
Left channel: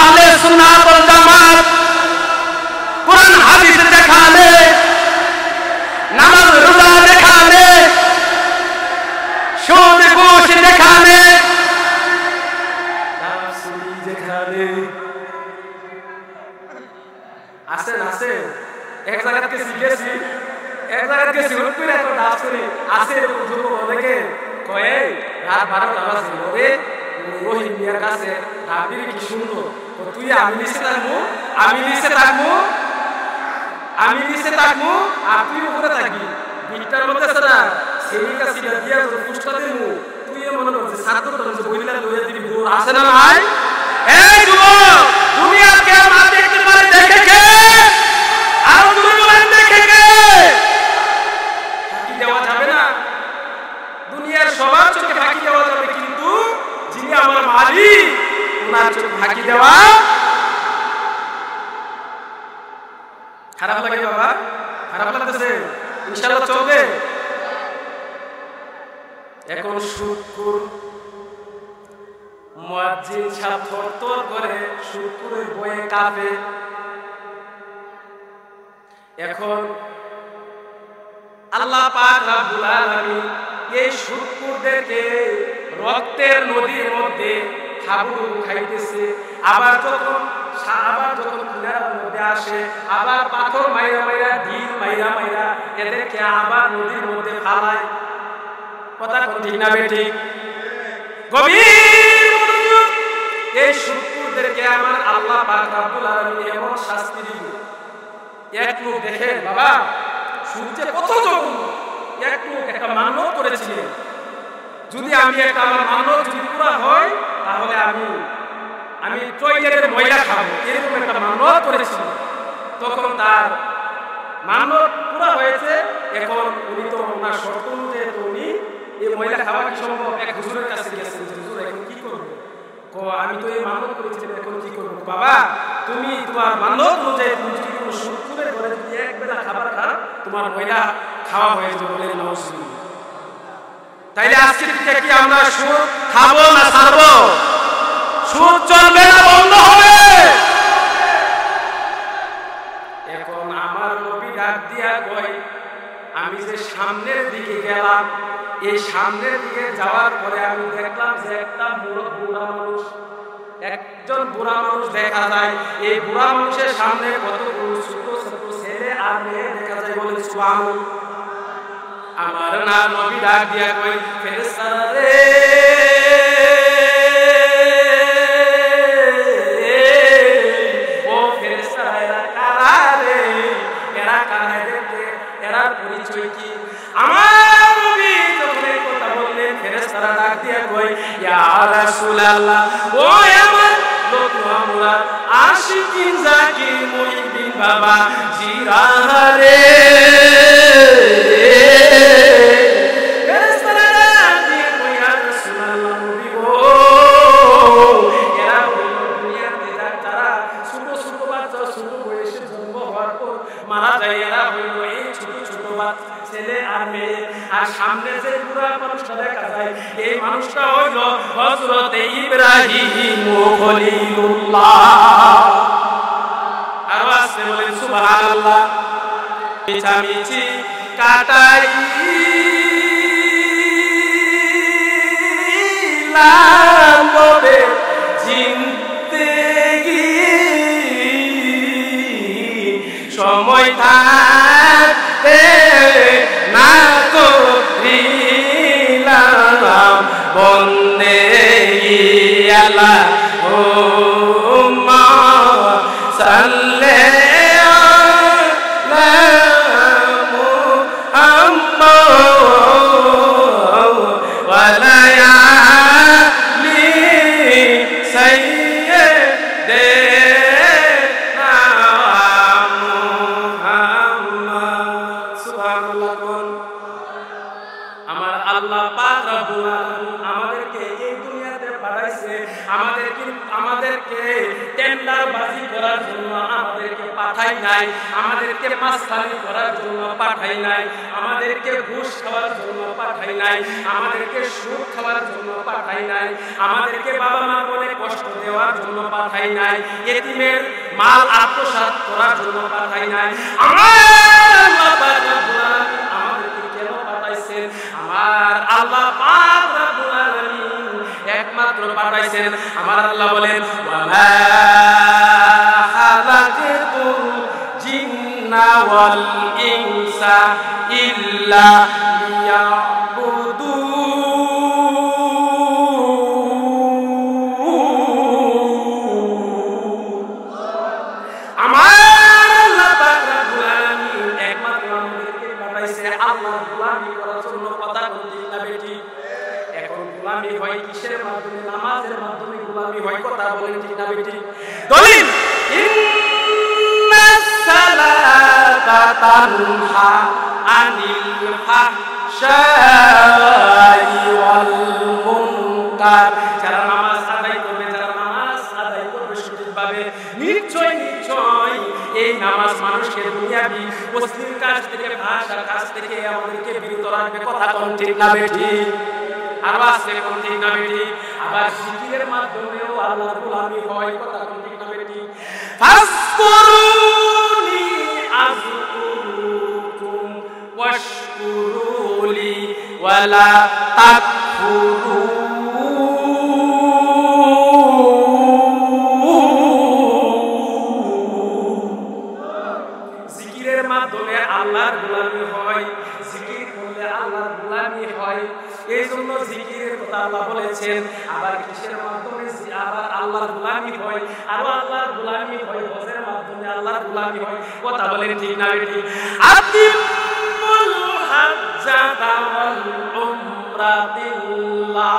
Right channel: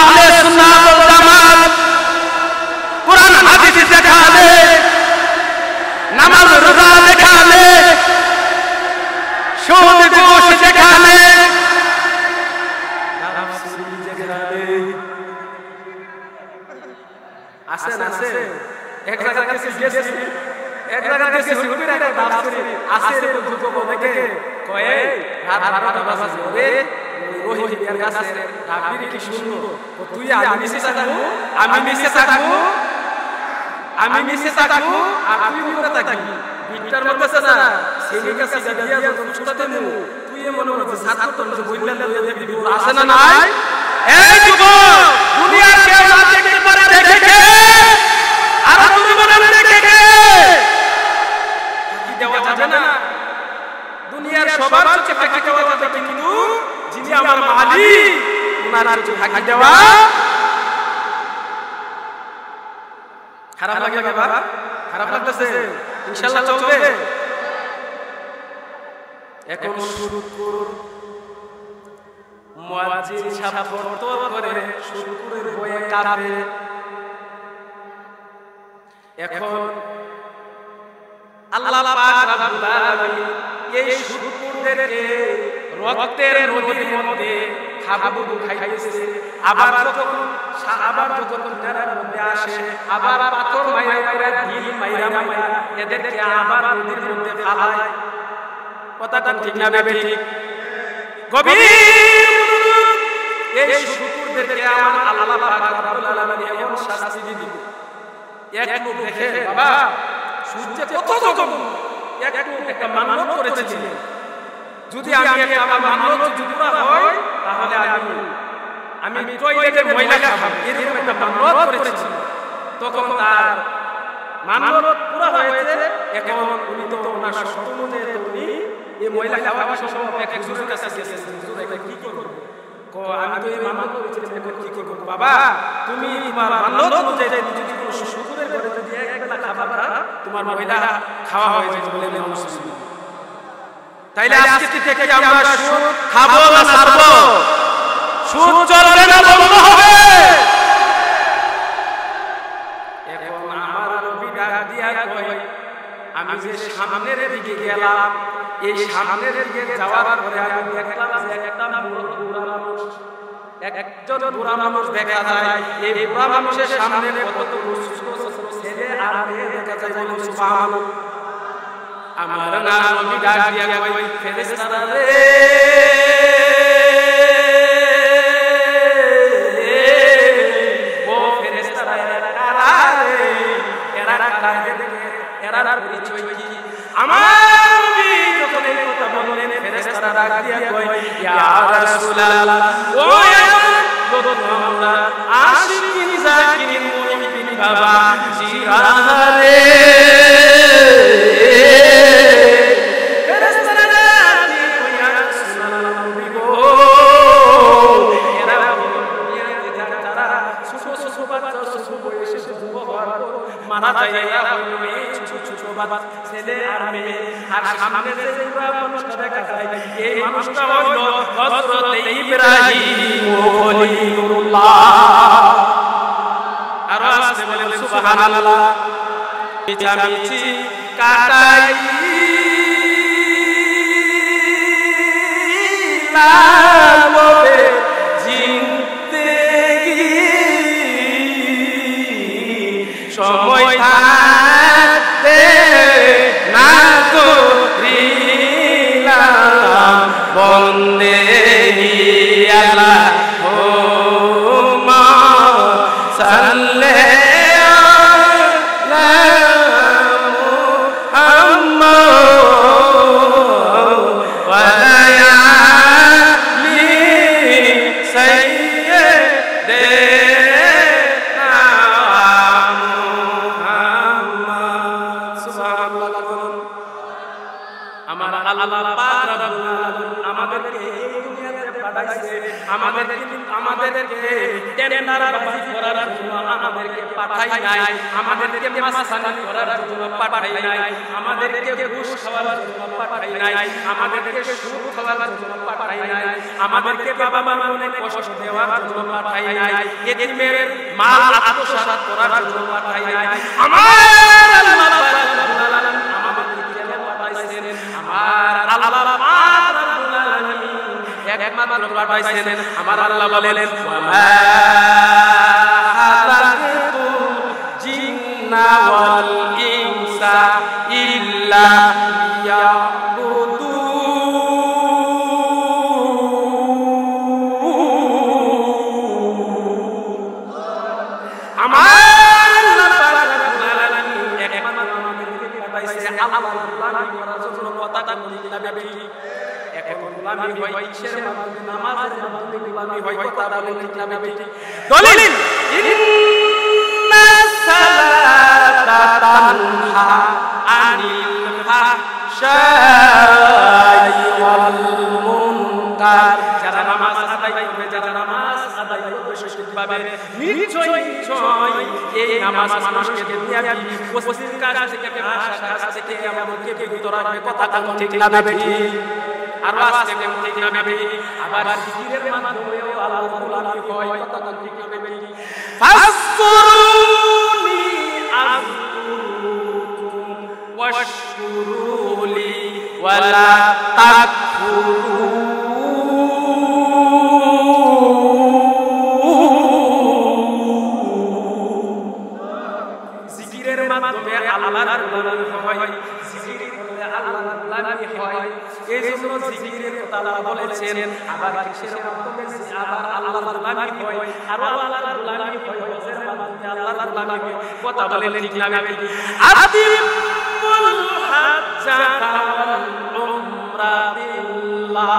আহলে সুন্নাত ওয়াল জামাত কুরআন হাদিস দেখালে, নামাজ রোজা দেখালে, সুদ ঘুষ দেখালে, ডাব চুরি দেখালে। আছেন আছেন, এক জায়গাত গেছি হুট করে একটা ডাব চুরি আছে। এরকম যুবক অনেকে কয়ে রাত 12টা বাজে, মরে রহিম মিয়ার গাছের ডাববিরি কি সুন্দর, তুই আমি নিচে থাকবো, আমি নিচে থাকবো, আমি নিচে থাকবো আর তুই উপরে থাকবি। বিটটার মধ্যে আছে না সেমিকা সিগা দিয়া যখন ফুসটা দেবো, তুই মনে করছে ছাত্রটা যে বইলা লইয়া দিবি, দৌড় আসে না নাই? এই যুবক, দুনিয়ার কেউ না দেখতে পারে, দেখে কে? আরো দূরে বলেন, দেখে কে? ফাঁকি দেওয়া যাবে না। দুনিয়ার সবার চোখে ফাঁকি দেওয়া যাবে, কিন্তু যিনি আমার মালিক ওনার চোখে ফাঁকি দেওয়া খারাপ লাগে। বাবা, খারাপ লাগতেছে? ইনশাল্লাহ চলবে। এখন শুক্র মুয়াজ্জিন সাহেব থরথর করে শুক্রের বয়ে কাঁপে। এখন আল্লাহ পাক রব্বুল আলামিন এই শুক্রদেরকে রক্তের নদীর মধ্যে হাবুডুবু খাইতেছে। আবার যখন কিনারার মধ্যে আসে, আবার পাথর মাইরা মাইরা, ঢিল মাইরা মাইরা এদেরকে আবার নদীর মধ্যে ফালায়। কথা কোন ঠিক না বেঠিক? গভীর মনোযোগ। এই শুক্রদেরকে আমার আল্লাহ পাক রব্বুল আলামিন এমন শাস্তি দিবে। এক লোক দেখেন বাবা, সূর্যে কত জঘন্য। এক লোক একটা মান্যত করেছিলেন, যদি আমি আমার মান্যত যদি পুরা হয় তাহলে আমি টয়লেটের ময়লা খাবো, এরকম একটা মান্যত করেছিল। তখন তার মান্যত পুরা হয়েছে। এখন উনি তো ওনার শর্ত অনুযায়ী তো উনি এই ময়লা খাওয়া কি সম্ভব? এক হুজুরের কাছে গেছেন যে হুজুর এখন কি করবো? আমি তো এই মান্যত করেছিলাম, এখন কি করবো? বাবা, তুমি তোমার মান্যত অনুযায়ী তুমি যদি কোনো শুক্রের ঘরে যদি এক বেলা খাবার খাও, তোমার ময়লা খাওয়া হয়ে যাবে। বলেন নাউজুবিল্লাহ। তাইলে আজকে থেকে কি আমরা সুদ খাবো না ছাড়বো? সুদ চলবে না বন্ধ হবে? এখন আমার নবী ডাক দিয়া কয়, আমি যে সামনের দিকে গেলাম, এই সামনের দিকে যাওয়ার পরে আমি দেখলাম যে একজন বুড়া মানুষ দেখা যায়। এই বুড়া মানুষের সামনে কতগুলো ছোট ছোট ছেলে আর মেয়ে দেখা যায়। বলেন সুবহানাল্লাহ। আমার না নবী ডাক দিয়া কই, ফেরেশতারা রে, ও ফেরেশতারা, এরা কারা রে? এরা কারা? এরার পরিচয় কি? আমার নবী যখন এই কথা বললেন, ফেরেশতারা ডাক দিয়া কই, ইয়া রাসূলুল্লাহ, ও আমার লতুয়া মুরাদ আশিকিন জাকিরিন মুহিবিন বাবা জিরাহারে। ফেরেশতারা ডাক দিয়া কই, ইয়া রাসূলুল্লাহ, নবী গো, এরা হইল দুনিয়াতে যারা ছোট ছোট বাচ্চা, ছোট বয়সে জন্ম হওয়ার পর মারা যায়, এরা হইল এই ছোট ছোট বাচ্চা ছেলে আর মেয়ে। আর সামনে যে বুড়া মানুষটা দেখা যায়, এই মানুষটা হইল হযরতে ইব্রাহিম খলিলুল্লাহ। আরো আসতে বলেন সুবহানাল্লাহ। মিছামিছি কাটাইলাম ববে জিনতে সময় থাকতে না করিলাম বন্দেগি আল্লাহ হুম্মা সাল্লি আলা মুহাম্মাদ ওয়া আলা আলি সাইয়্যিদিনা মুহাম্মদ। সুবহানাল্লাহ। কোন আমার আল্লাহ পাক রব্বুল আলামিন আমাদেরকে এই দুনিয়াতে পাঠাইছে, আমাদেরকে টেন্ডারবাজি করার জন্য আমাদেরকে পাঠাই নাই, আমাদেরকে মাস্তানি করার জন্য পাঠাই নাই, আমাদেরকে ঘুষ খাওয়ার জন্য পাঠাই নাই, আমাদেরকে সুদ খাওয়ার জন্য পাঠাই নাই, আমাদেরকে বাবা মার মনে কষ্ট দেওয়ার জন্য পাঠাই নাই, এতিমের মাল আত্মসাৎ করার জন্য পাঠাই নাই। আমার আল্লাহ পাক রব্বুল আলামিন আমাদেরকে কেন পাঠাইছেন? আমার আল্লাহ পাক রব্বুল আলামিন একমাত্র পাঠাইছেন। আমার আল্লাহ বলেন ওয়া মা খালাকতুল জিন্না ওয়াল ইনসা ইল্লা লিয়াবুদুন। আমার আল্লাহ পাক রব্বুল আলামিন একমাত্র আমাদেরকে পাঠাইছে আল্লাহর গোলামি করার জন্য। কথা কোন ঠিক না বেটি? এখন গোলামি হয় কিসের মাধ্যমে? নামাজের মাধ্যমে গোলামি হয়। কথা বলেন ঠিক না বেটি? দলিল ইন্নাস সালাতা তানহা আনিল ফাহশাই ওয়াল মুনকার। যারা নামাজ আদায় করবে, যারা নামাজ আদায় করবে সঠিকভাবে, নিশ্চয় এই নামাজ মানুষকে দুনিয়াবি অশ্লীল কাজ থেকে, ভাষা কাজ থেকে আমাদেরকে বিরত রাখবে। কথা কোন ঠিক না বেটি? আরো আসতে কোন ঠিক না বেটি? আবার জিকিরের মাধ্যমেও আল্লাহর গোলামি হয়। কথা কোন ঠিক না বেটি? ফাসকুরুনি আযকুরুকুম ওয়াশকুরুলি ওয়ালা তাকফুরুন। জিকিরের মাধ্যমে আল্লাহর গোলামি হয়, জিকির করলে আল্লাহর গোলামি হয়। এই জন্য জিকিরের কথা আল্লাহ বলেছেন। আবার কিসের মাধ্যমে আবার আল্লাহর গোলামি হয়? আরো আল্লাহর গোলামি হয় হজের মাধ্যমে, আল্লাহর গোলামি হয়। কথা বলেন ঠিক না বেটি? আতিমুল হাজ্জাতা ওয়াল উমরাতিল্লাহ।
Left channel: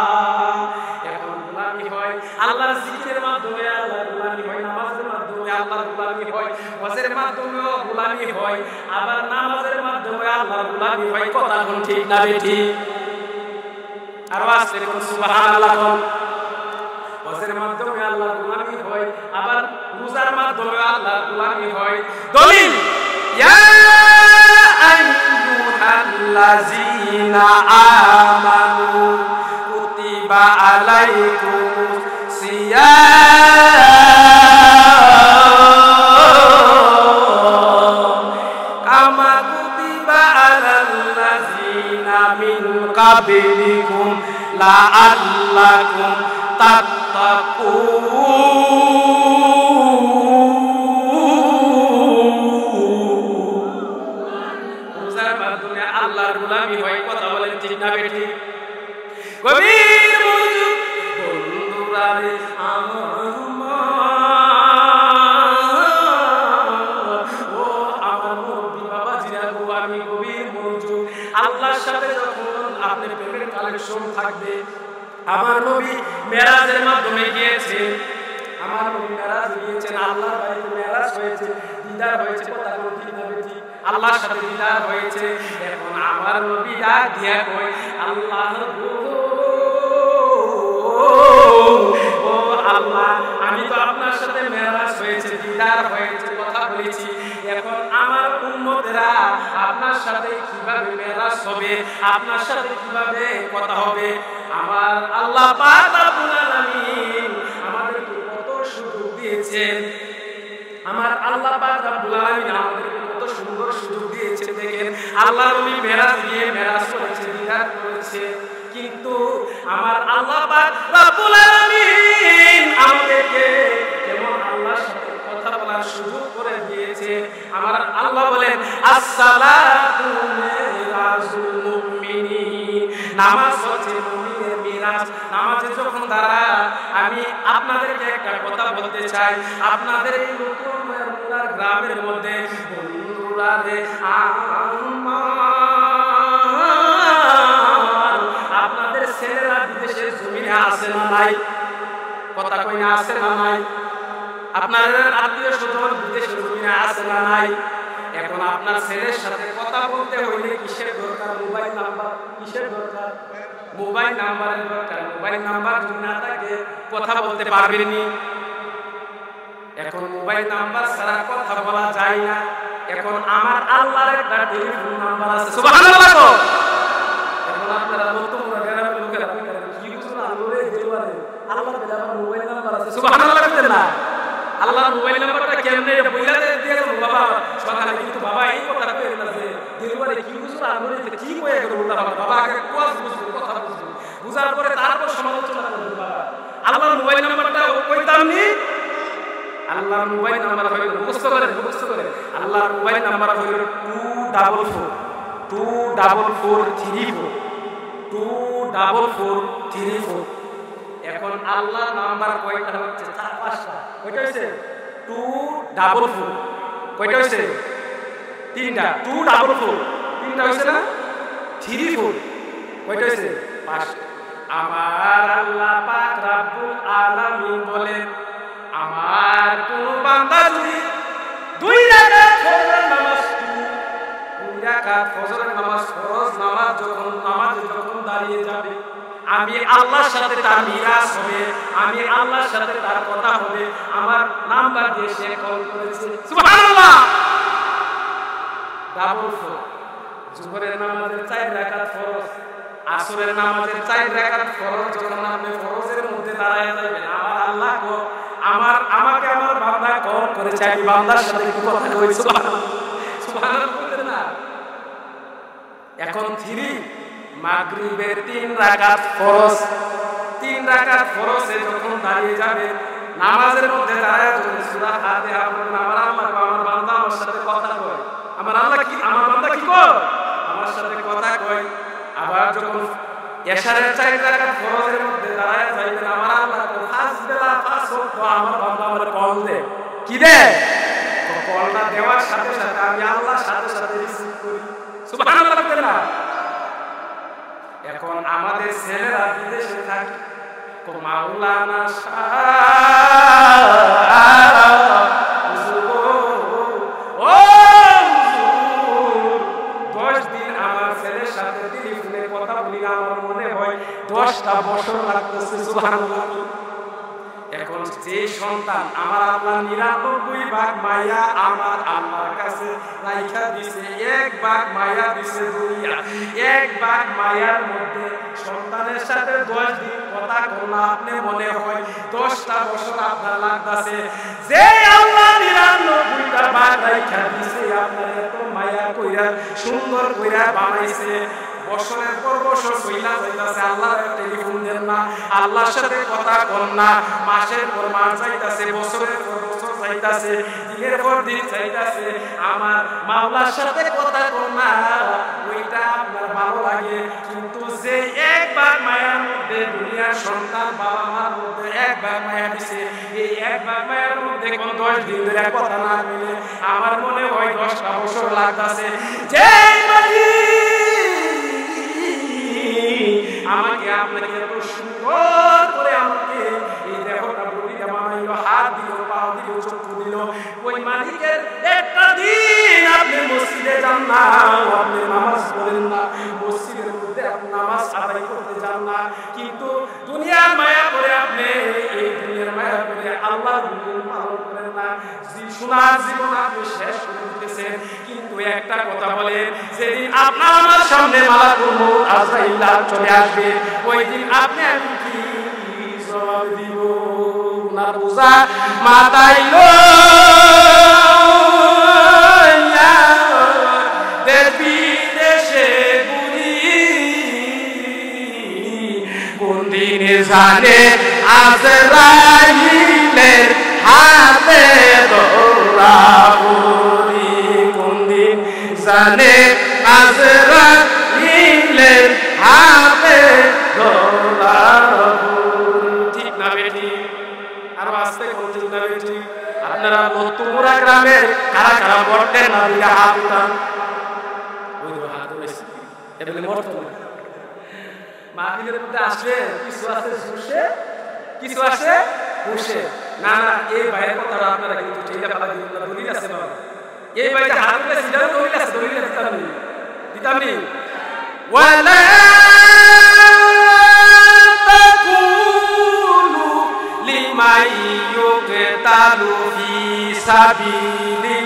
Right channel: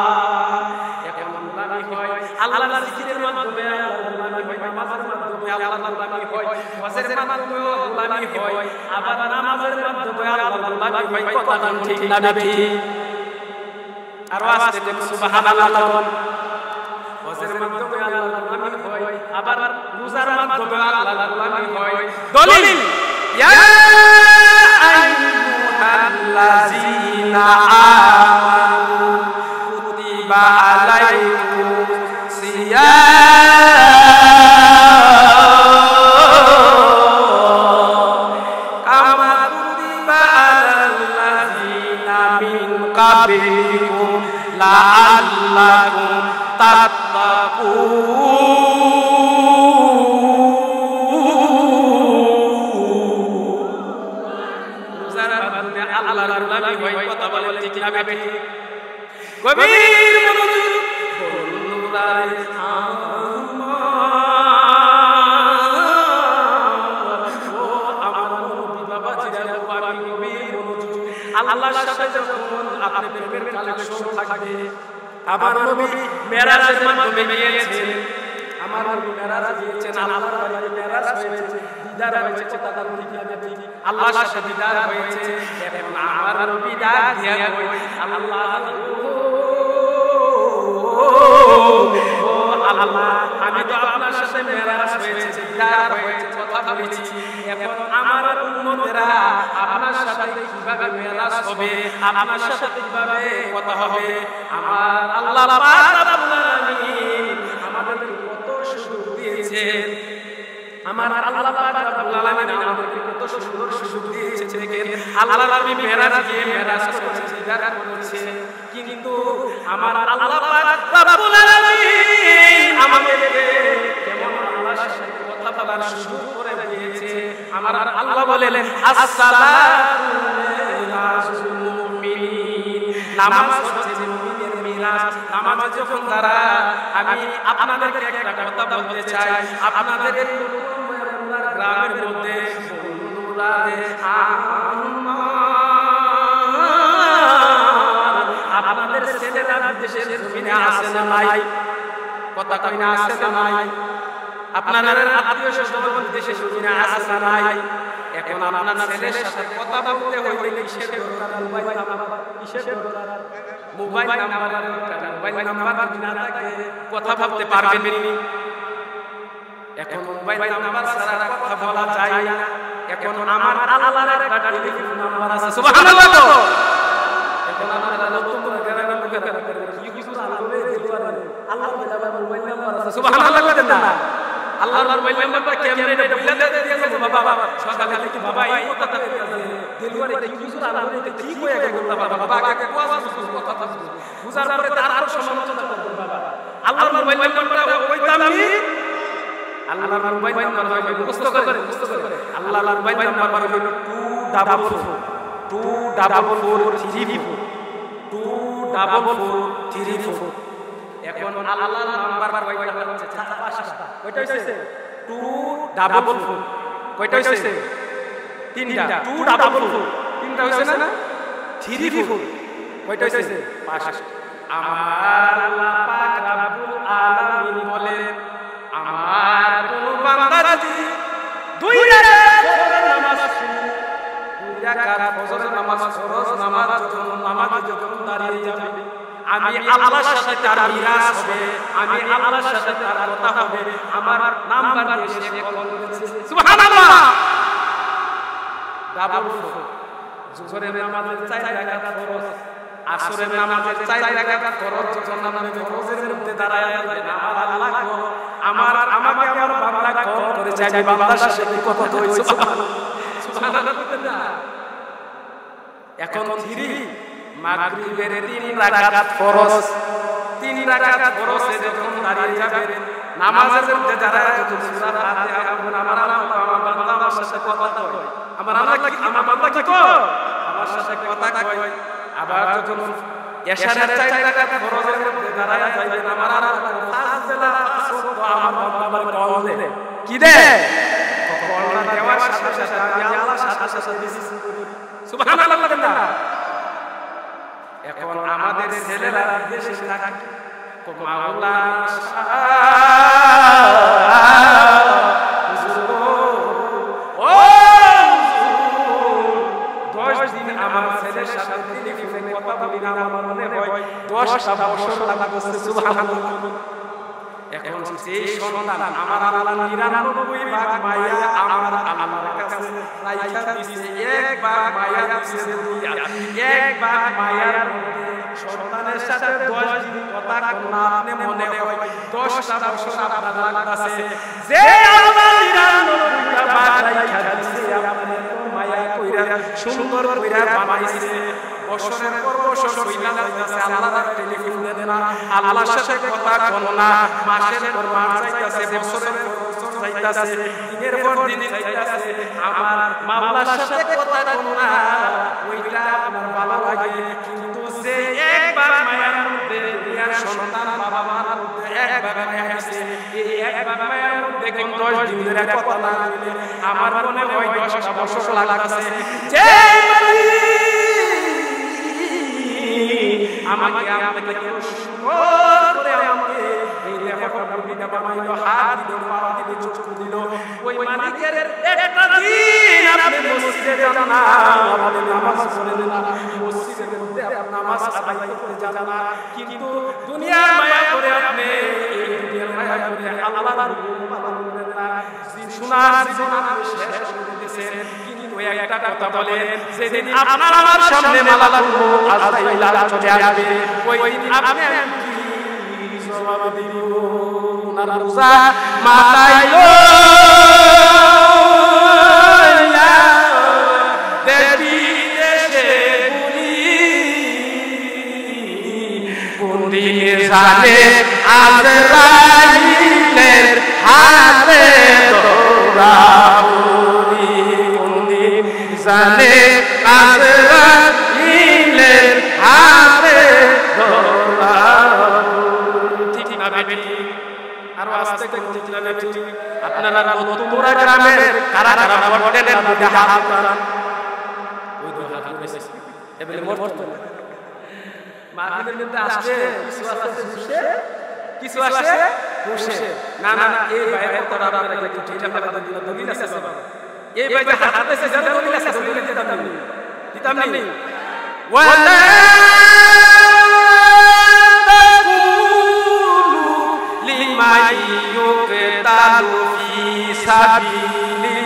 এখন গোলামি হয় আল্লাহর জিকিরের মাধ্যমে, আল্লাহর গোলামি হয় নামাজের মাধ্যমে, আল্লাহর গোলামি হয় হজের মাধ্যমেও গোলামি হয়, আবার নামাজের মাধ্যমে আল্লাহর গোলামি হয়। কথা কোন ঠিক না বেটি? আরো আসতে কোন সুবহানাল্লাহ কোন? হজের মাধ্যমে আল্লাহর গোলামি হয়, আবার রোজার মাধ্যমে আল্লাহর গোলামি হয়। দলিল ইয়া আইয়ুহাল্লাযীনা আমানু কুতিবা আলাইকুমুস সিয়াম কামা কুতিবা আলাল্লাযীনা মিন কাবলিকুম লাআল্লাকুম তাত্তাকুন। রোজার মাধ্যমে আল্লাহর গোলামি হয়। কথা বলেন ঠিক না বেটি? গভীর মনোযোগ বন্ধুরা রে ও আমার মুরব্বী বাবাজিরা গো, আমি গভীর মনোযোগ। আল্লাহর সাথে যখন আপনি প্রেমের কালেকশন থাকবে, আমার নবী মেরাজের মাধ্যমে গিয়েছেন, আমার নবী মেরাজে গিয়েছেন, আল্লাহর বাড়িতে মেরাজ হয়েছে, দিদার হয়েছে। কথা কোন ঠিক না বেটি? আল্লাহর সাথে দিদার হয়েছে। এখন আমার নবী ডাক দিয়া কই, আল্লাহ ও আল্লাহ, আমি তো আপনার সাথে মেরাজ হয়েছে, দিদার হয়েছে, কথা বলেছি। এখন আমার উম্মতেরা আপনার সাথে কিভাবে মেরাজ হবে, আপনার সাথে কিভাবে কথা হবে? আমার আল্লাহ পাক রব্বুল আলামিন আমাদেরকে কত সুযোগ দিয়েছেন। আমার আল্লাহ পাক রব্বুল আলামিন আমাদেরকে কত সুন্দর সুযোগ দিয়েছেন। দেখেন, আল্লাহ নবী মেরাজ গিয়ে মেরাজ করেছে, দিদার করেছে, কিন্তু আমার আল্লাহ পাক রব্বুল আলামিন আমাদেরকে কেমন আল্লাহর সাথে কথা বলার সুযোগ করে দিয়েছে। আমার আল্লাহ বলেন আসসালাতু মিরাজুল মুমিনিন, নামাজ হচ্ছে মুমিনের মিরাজ। নামাজে যখন দাঁড়ান, আমি আপনাদেরকে একটা কথা বলতে চাই, আপনাদের এই নতুন মুরার গ্রামের মধ্যে বন্ধুরা রে আপনাদের ছেলেরা বিদেশের জমিনে আছে না নাই? কথা কই না, আছে না নাই? আপনাদের আত্মীয় স্বজন বিদেশে জমিনে আছে না নাই? এখন আপনার ছেলের সাথে কথা বলতে হইলে কিসের দরকার? Mobile number. কিসের দরকার? মোবাইল নাম্বারের দরকার। মোবাইল নাম্বার যদি না থাকে কথা বলতে পারবেননি। এখন মোবাইল নাম্বার ছাড়া কথা বলা যায় না। এখন আমার আল্লাহর একটা টেলিফোন নাম্বার আছে, সুবহানাল্লাহ। তো এখন আপনারা লত্তমুরা গ্রামের লোকেরা কইতারেন কি হুজুর আল্লাহরে দেলওয়ারে, আল্লাহর বেলা আবার মোবাইল নাম্বার আছে, সুবহানাল্লাহ কইতেন না? আল্লাহর মোবাইল নাম্বারটা কেমনে এটা বইলা দিয়ে যাবো বাবা আবার সকালে, কিন্তু বাবা এই কথা কইেন না যে দেলওয়ারে কি হুজুর আল্লাহরে কি কইয়া গেল উল্টা পাল্টা। বাবা আগে কোয়াজ বুঝবো, কথা বুঝবো, বুঝার পরে তারপর সমালোচনা করবেন। বাবা আল্লাহর মোবাইল নাম্বারটা কইতাম নি। আল্লাহর মোবাইল নাম্বার হইল, মুখস্থ করেন, মুখস্থ করেন। আল্লাহর মোবাইল নাম্বার হইল 244 244 এখন আল্লাহর নাম্বার কয়টা হচ্ছে? 4-5টা। কয়টা হয়েছে? 244। কয়টা হয়েছে? 3টা। 244 3টা হয়েছে না? 34 কয়টা হয়েছে? 5। আমার আল্লাহ পাক রাব্বুল আলামিন বলেন, আমার কোন বান্দা যদি 2 রাকাত ফজরের নামাজ, 2 রাকাত ফজরের নামাজ ফরজ নামাজ নামাজে যখন দাঁড়িয়ে যাবে, আমি আল্লাহর সাথে তার মিরাজ হবে, আমি আল্লাহর সাথে তার কথা হবে। আমার নাম্বার দিয়ে সে কল করেছে, সুবহানাল্লাহ। 44 জোহরের নামাজের 4 রাকাত ফরজ, আসরের নামাজের 4 রাকাত ফরজ যখন আপনি ফরজের মধ্যে দাঁড়ায় যাবেন, আমার আল্লাহ আমাকে আমার বান্দা কল করেছে, আমি বান্দার সাথে একটু কথা কই, সুবহানাল্লাহ। সুবহানাল্লাহ কইতেন না? এখন 3 মাগরিবের 3 রাকাত ফরজ, 3 রাকাত ফরজে যখন দাঁড়িয়ে যাবেন, নামাজের মধ্যে দাঁড়ায় যখন সূরা ফাতিহা পড়বেন, আমার আল্লাহ আমার বান্দা আমার সাথে কথা কয়। আমার আল্লাহ কি, আমার বান্দা কি কয়? আমার সাথে কথা কয়। আবার যখন এশারের 4 রাকাত ফরজের মধ্যে দাঁড়ায় যাইবেন, আমার আল্লাহ 5 বেলা 5 ওয়াক্ত আমার বান্দা আমার কল দেয়। কি দেয়? কলটা দেওয়ার সাথে সাথে আমি আল্লাহর সাথে সাথে রিসিভ করি, সুবহানাল্লাহ বলেন না? এখন আমাদের ছেলেরা বিদেশে থাকে, মাওলানা হুজুর, ও হুজুর, 10 দিন আমার ছেলের সাথে টেলিফোনে কথা বলি না, আমার মনে হয় 10টা বছর লাগতেছে, সুবহানাল্লাহ। এখন যে সন্তান আমার আল্লাহ 99 ভাগ মায়া আমার আল্লাহর কাছে রাইখা দিছে, 1 ভাগ মায়া দিছে দুনিয়া, 1 ভাগ মায়ার মধ্যে সন্তানের সাথে 10 দিন কথা কন্যা, আপনি মনে হয় 10টা বছর আপনার লাগতেছে। যে আল্লাহ 99টা ভাগ রাইখা দিছে, আপনার এত মায়া কইরা সুন্দর কইরা বানাইছে, বছরের পর বছর চইলা যাইতাছে, আল্লাহর টেলিফোন দেন না, আল্লাহর সাথে কথা কন না, মাসের পর মাস যাইতাছে, বছরের পর বছর যাইতাছে, দিনের পর দিন যাইতাছে, আমার মাওলার সাথে কথা কন না, ওইটা আপনার ভালো লাগে। কিন্তু যে 1 ভাগ মায়ার মধ্যে দুনিয়ার সন্তান বাবা মার মধ্যে 1 ভাগ মায়া দিছে, এই 1 ভাগ মায়ার মধ্যে কোন 10 দিন ধরে কথা না কইলে আমার মনে হয় 10টা বছর লাগতাছে। যে আমাকে আপনাকে এত সুন্দর করে আমাকে এই দেহটা বডিটা বানাইলো, হাত দিল, পা দিল, চক্ষু দিল, ওই মালিকের একটা দিন আপনি মসজিদে যান না, আপনি নামাজ পড়েন না, মসজিদের মধ্যে আপনি নামাজ আদায় করতে যান না, কিন্তু দুনিয়ার মায়া করে আপনি এই দুনিয়ার মায়া করে আল্লাহর হুকুম পালন করেন না, সোনার জীবন আপনি শেষ করে দিতেছেন। কিন্তু একটা কথা বলেন, যেদিন আপনার আমার সামনে মালাকুল মউত আজরাইল চলে আসবে, ওই দিন আপনি আমি কি জবাব দিব? ওনার বোঝা মাথায় লইয়া দেশ বিদেশে ঘুরি, কোন দিনে জানে আজরাইলের হাতে ধরা পড়ি। মিজানে আজরাইলের হাতে ধরাবুরি। ঠিক না বেটি? আরো আসতে কোন ঠিক না বেটি? আপনারা নতুমুরা গ্রামের কারা কারা মরতেন না? দুইটা হাত উঠান। ওই তো হাত উঠেছে, এবেলে মরতো না। মাহফিলের মধ্যে আসলে কিছু আছে ঝুসে, কিছু আছে হুসে। না না, এই ভাইয়ের কথাটা আপনারা কিন্তু ঠেলে ফেলা দিন না। দলিল আছে বাবা, এই ভাই যে হাত উঠেছে যারও দলিল আছে, দলিলটা দিতাম নি, দিতাম নি। ওয়ালা তাকুলু লিমান ইউকতালু ফি সাবিলিল্লাহি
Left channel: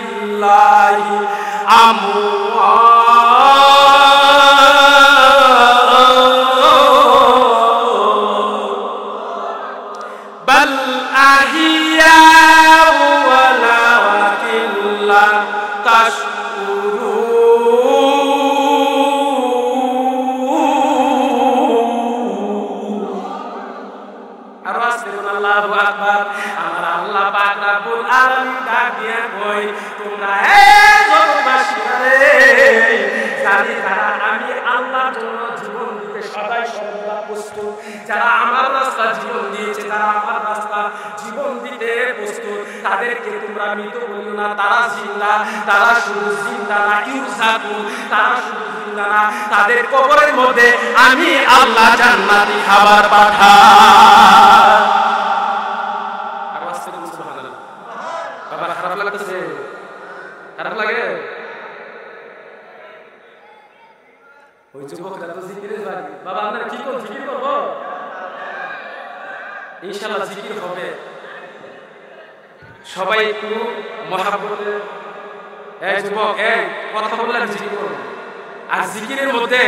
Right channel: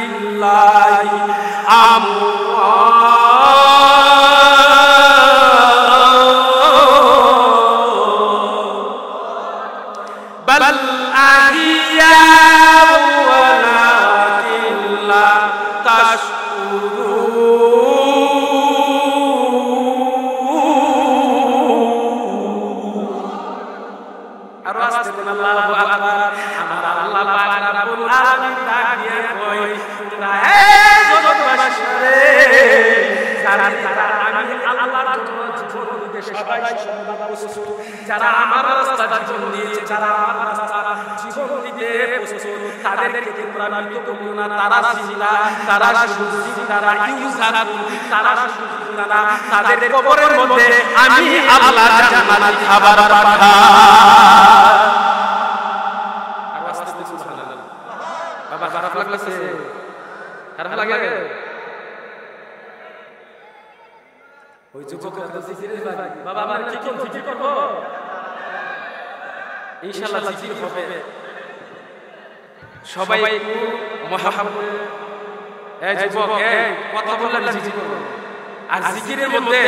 বাল আহিয়া ওয়ালাকিন লা তাশকুরুন। আরো আসতে কোন আল্লাহু আকবার। আমার আল্লাহ পাক রব্বুল আলামিন ডাক দিয়া কই, তোমরা এই জগৎবাসীরা রে, যারা আমি আল্লাহর জন্য জীবন দিতে সদাই সর্বদা প্রস্তুত, যারা আমার রাস্তা জীবন দিয়েছে, যারা আমার রাস্তা জীবন দিতে প্রস্তুত, তাদেরকে তোমরা মৃত বলিও না। তারা জিন্দা, তারা শুধু জিন্দা না, ইউজাকুন, তারা শুধু জিন্দা না, তাদের কবরের মধ্যে আমি আল্লাহ জান্নাতি খাবার পাঠাই। আর আসতে বল সুবহানাল্লাহ। বাবা খারাপ লাগতেছে? খারাপ লাগে? ওই যুবকরা তো জিকিরের বাড়ি। বাবা আপনার কি কোন জিকির করব? ইনশাআল্লাহ জিকির হবে। সবাই একটু মহাব্বতে, এই যুবক, এই কথা বললে আমি জিকির করবো। আর জিকিরের মধ্যে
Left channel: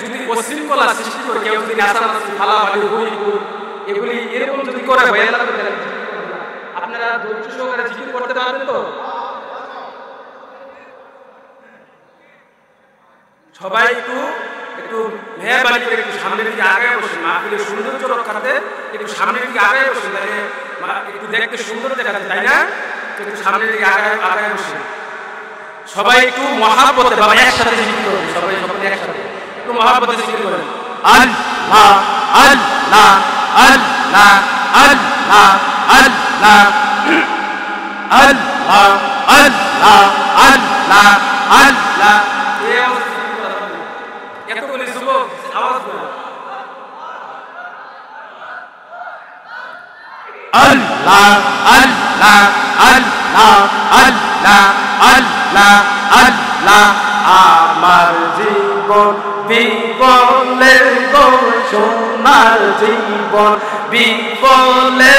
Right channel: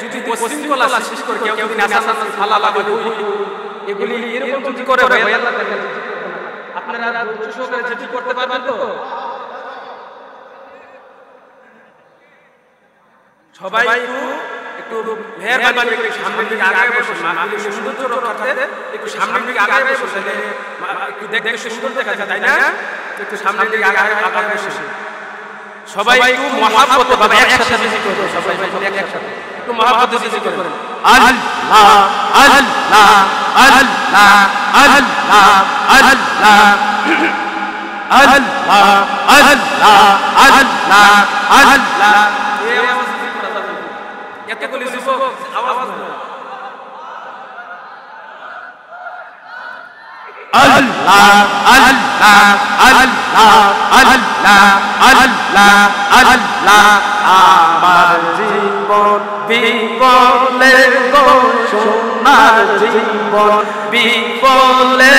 যদি বিশৃঙ্খলা সৃষ্টি করে কেউ যদি নাচানাচি, ফালাফালি, হুই হুই এগুলি এরকম যদি করে ভয় আল্লাহ করে, তাহলে জিকির করবো না। আপনারা ধৈর্য সহকারে জিকির করতে পারবেন তো? সবাই একটু একটু মেহরবানি করে একটু সামনের দিকে আগায় বসেন। মাহফিলের সৌন্দর্য রক্ষার্থে একটু সামনের দিকে আগায় বসেন, তাহলে একটু দেখতে সুন্দর দেখা যায়, তাই না? একটু সামনের দিকে আগায় বসেন। সবাই একটু মহাব্বতে বাবা একসাথে জিকির করবে। সবাই সকলে একসাথে একটু মহাব্বতে জিকির করেন। আল্লাহ আল্লাহ আল্লাহ আল্লাহ আল্লাহ আল্লাহ আল্লাহ আল্লাহ আল্লাহ। এই আওয়াজে জিকির করা যাবে না। এতগুলি যুবক আওয়াজ নয়। আল্লাহ আল্লাহ আল্লাহ আল্লাহ আল্লাহ আল্লাহ। আমার জীবন বিফলে গো, সোনার জীবন বিফলে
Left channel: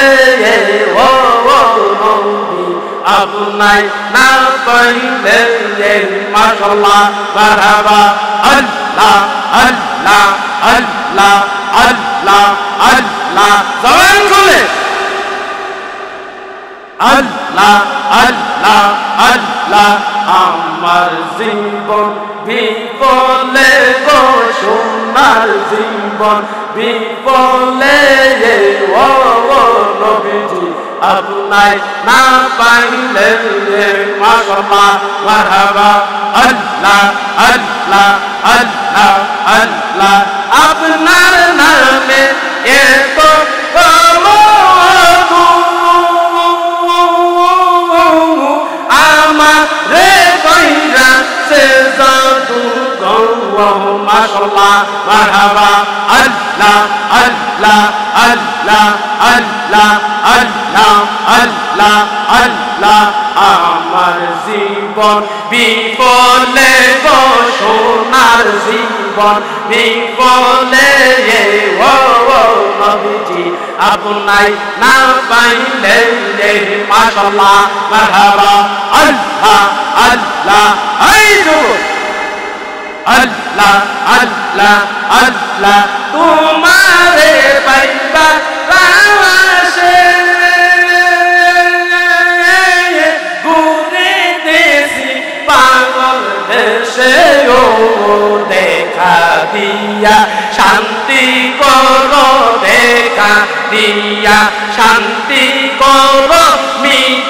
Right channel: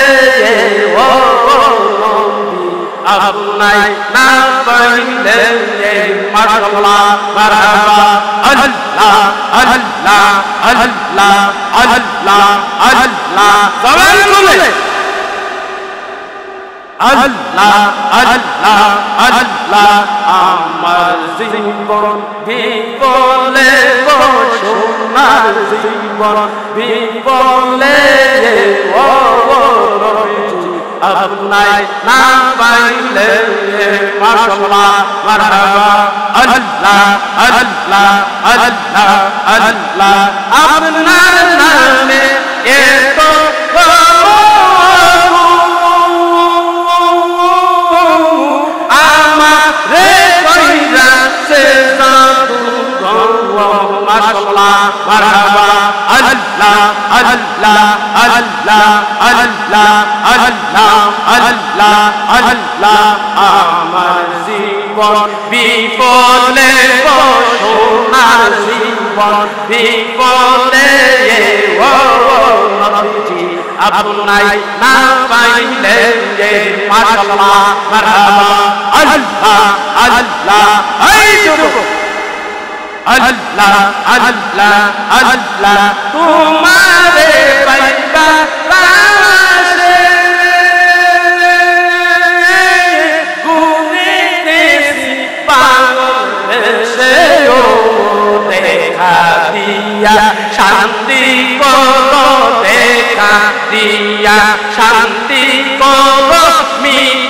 ও নবী, আপনাই না পাইলে মাশাআল্লাহ মারহাবা। আল্লাহ আল্লাহ আল্লাহ আল্লাহ আল্লাহ। জবান খুলে আল্লাহ আল্লাহ আল্লাহ। আমার জীবন বিফলে গো, সোনার জীবন বিফলে ও নবীজি, আপনাই না পাইলে মাশাআল্লাহ মারহাবা। আল্লাহ আল্লাহ আল্লাহ আল্লাহ। আপনার নামে এত মাশাআল্লাহ মারহাবা। আল্লাহ আল্লাহ আল্লাহ আল্লাহ আল্লাহ আল্লাহ আল্লাহ। আমার জীবন বিফলে গো, সোনার জীবন বিফলে ও নবীজি, আপনাই না পাইলে মাশাআল্লাহ মারহাবা। আল্লাহ আল্লাহ। এই যুবক আল্লাহ আল্লাহ আল্লাহ। তোমারে পাইবা রাশে ঘুরে দেশি পাগল দেশে ও দেখা দিয়া শান্তি করো, দেখা দিয়া শান্তি করো, মিট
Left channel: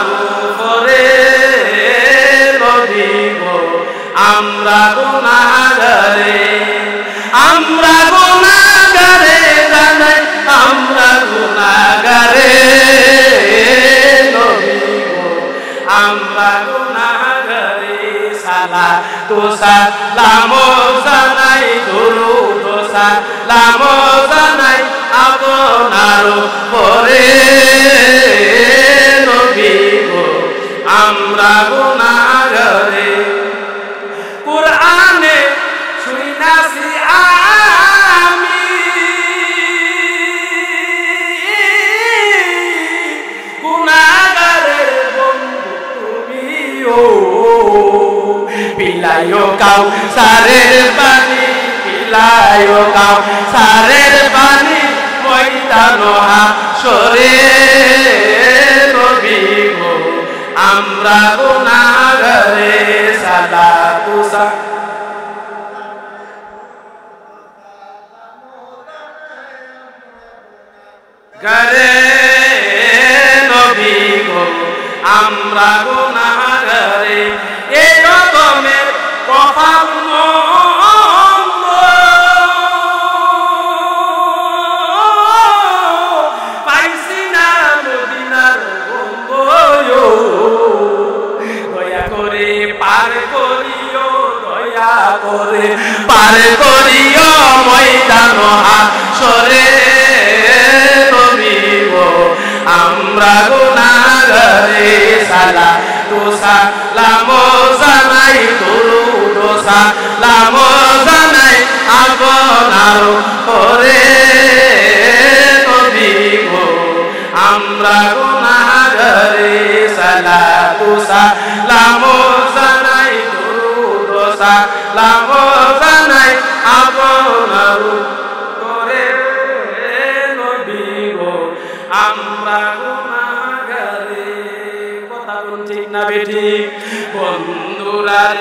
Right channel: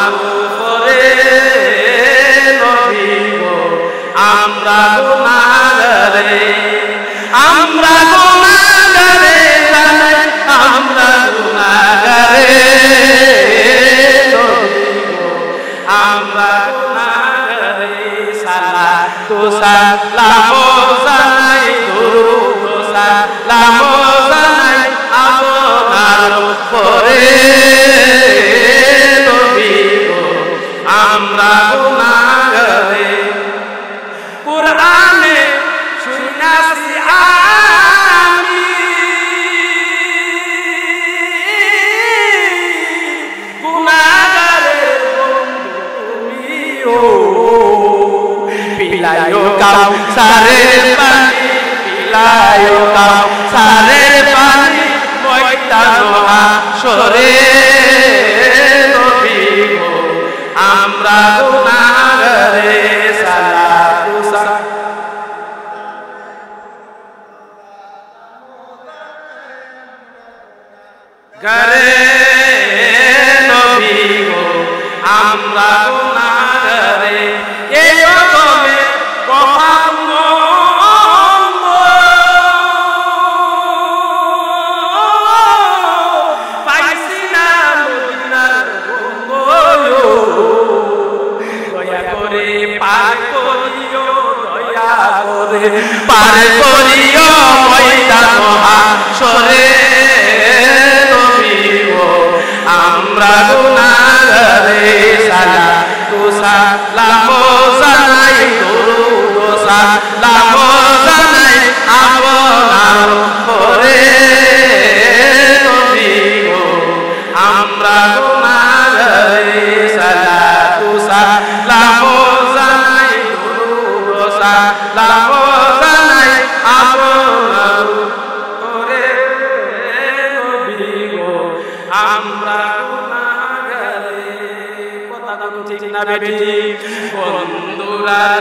আমরা গুনাহগারে সালাতু সালাম জানাই দুরূদ সালাম জানাই আপনার পরে নবী গো আমরা গুনাহগারে কুরআনে শুনাছি আমি গুনাহগারের বন্ধু তুমিও পিলায়ো কাউসারের পানি পিলায়ো কাউসারের পানি ময়দান হাশরে নবী গো আমরা গুনাহগারে সালাতু গরে নবী গো আমরা গুনাহগারে এই রকমের কফার মন্দ পাইছি না মদিনার গন্ধ দয়া করে পার করিও দয়া করে পার করিও ময়দান হাশরে নবী গো আমরা গুনাহগারে সালাতু সালাম জানাই দুরূদ সালাম জানাই আপনার পরে নবী গো আমরা গুনাহগারে সালাতু সালাম জানাই দুরূদ সালাম জানাই আপনার পরে নবী গো আমরা গুনাহগারে কথা কোন ঠিক না বেটি বন্ধুরার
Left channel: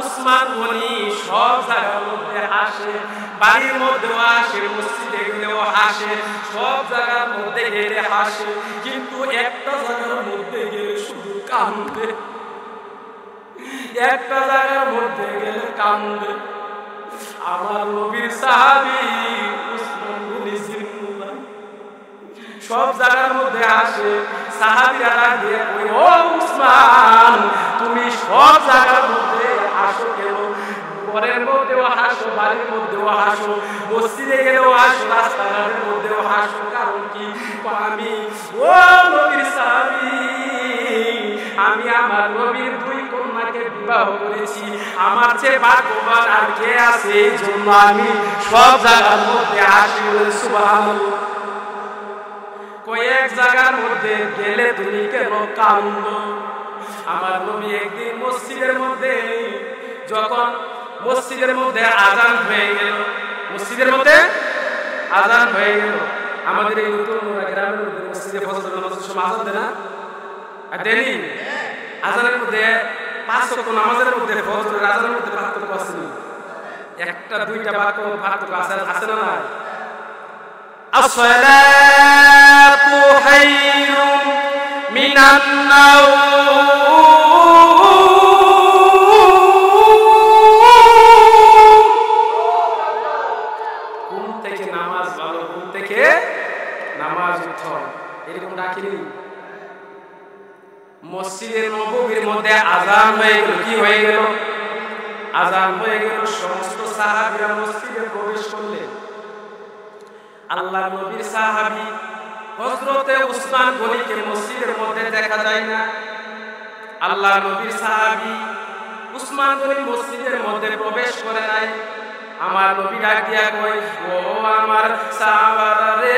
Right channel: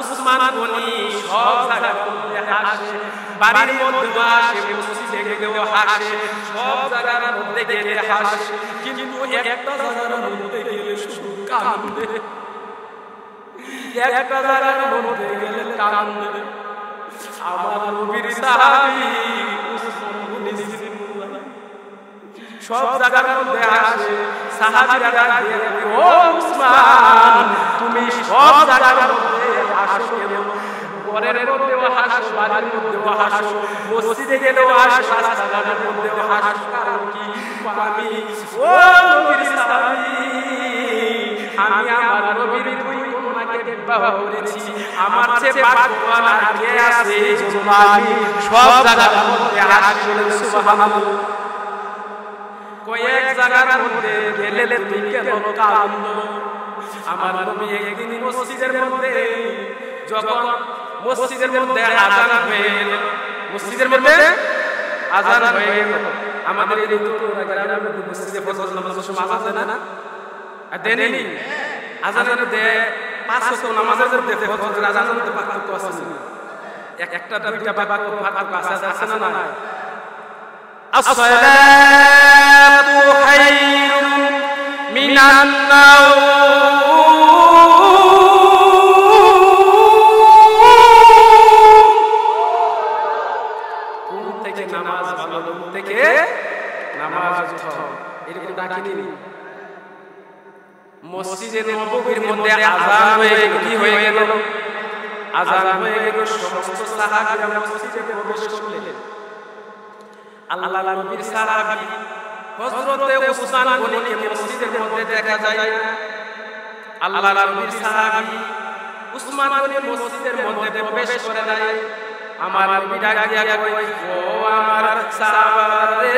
উসমান গনি সব জায়গার মধ্যে হাসে বাড়ির মধ্যেও হাসে মসজিদে গেলেও হাসে সব জায়গার মধ্যে গেলে হাসে কিন্তু একটা জায়গার মধ্যে গেলে শুধু কান্দে একটা জায়গার মধ্যে গেলে কান্দে আমার নবীর সাহাবী উসমান গনি জিন্নুল্লাহ সব জায়গার মধ্যে আসে সাহাবীরা ডাক দিয়ে কই ও উসমান তুমি সব জায়গার মধ্যে আসো কেন ঘরের মধ্যেও হাসো বাড়ির মধ্যেও হাসো মসজিদে গেলেও হাসো রাস্তাঘাটের মধ্যেও হাসো কারণ কি আমি ও নবীর সাহাবী আমি আমার নবীর দুই কন্যাকে বিবাহ করেছি আমার চেয়ে ভাগ্যবান আর কে আছে এই জন্য আমি সব জায়গার মধ্যে হাসি বলেন সুবহানাল্লাহ কয়েক জায়গার মধ্যে গেলে তুমি কেন কান্দো আমার নবী একদিন মসজিদের মধ্যে যখন মসজিদের মধ্যে আজান হয়ে গেল মসজিদের মধ্যে আজান হয়ে গেল আমাদের এই নতুন গ্রামের মধ্যে মসজিদে ফজরের নামাজের সময় আজান দেয় না আর দেনি আজানের মধ্যে 5 ওয়াক্ত নামাজের মধ্যে ফজরের আজানের মধ্যে পার্থক্য আছে না একটা দুইটা বাক্য পার্থক্য আছে না নাই আসসালাতু খায়রুম মিনান নাওম ঘুম থেকে নামাজ ভালো ঘুম থেকে নামাজ উত্তম এরকম ডাকিনি মসজিদে নববীর মধ্যে আজান হয়ে গেল কি হয়ে গেল আজান হয়ে গেল সমস্ত সাহাবীরা মসজিদে প্রবেশ করলেন আল্লাহর নবীর সাহাবী হযরতে উসমান গনিকে মসজিদের মধ্যে দেখা যায় না আল্লাহর নবীর সাহাবী উসমান গনি মসজিদের মধ্যে প্রবেশ করে নাই আমার নবী ডাক দিয়া কই ও আমার সাহাবারা রে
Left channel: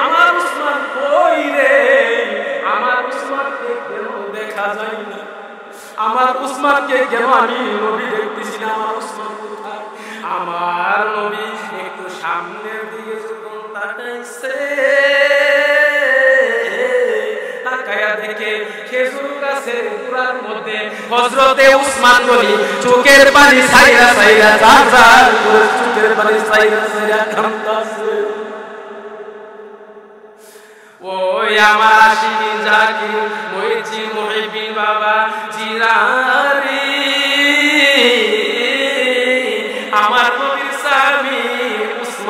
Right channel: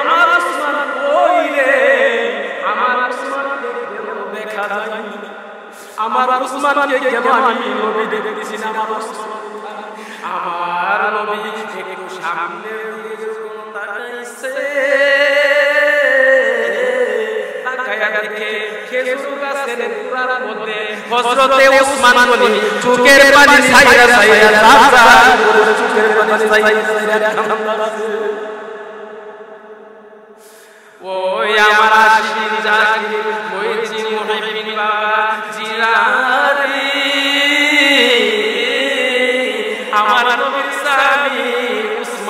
আমার উসমান কই রে আমার উসমানকে কেন দেখা যায় না আমার উসমানকে কেন আমি নবী দেখতেছি না আমার উসমান কোথায় আমার নবী একটু সামনের দিকে যখন তাকাইছে তাকায়া দেখে খেজুর গাছের গোড়ার মধ্যে হযরতে উসমান গনি চোখের পানি ছাইরা ছাইরা জার করে চোখের পানি ছাইরা ছাইরা কাঁদতাছে ওই আমার আশিকিন জাকির মুহিদ্দিন মুহিব্বিন বাবা জিরারি আমার নবীর সাহাবী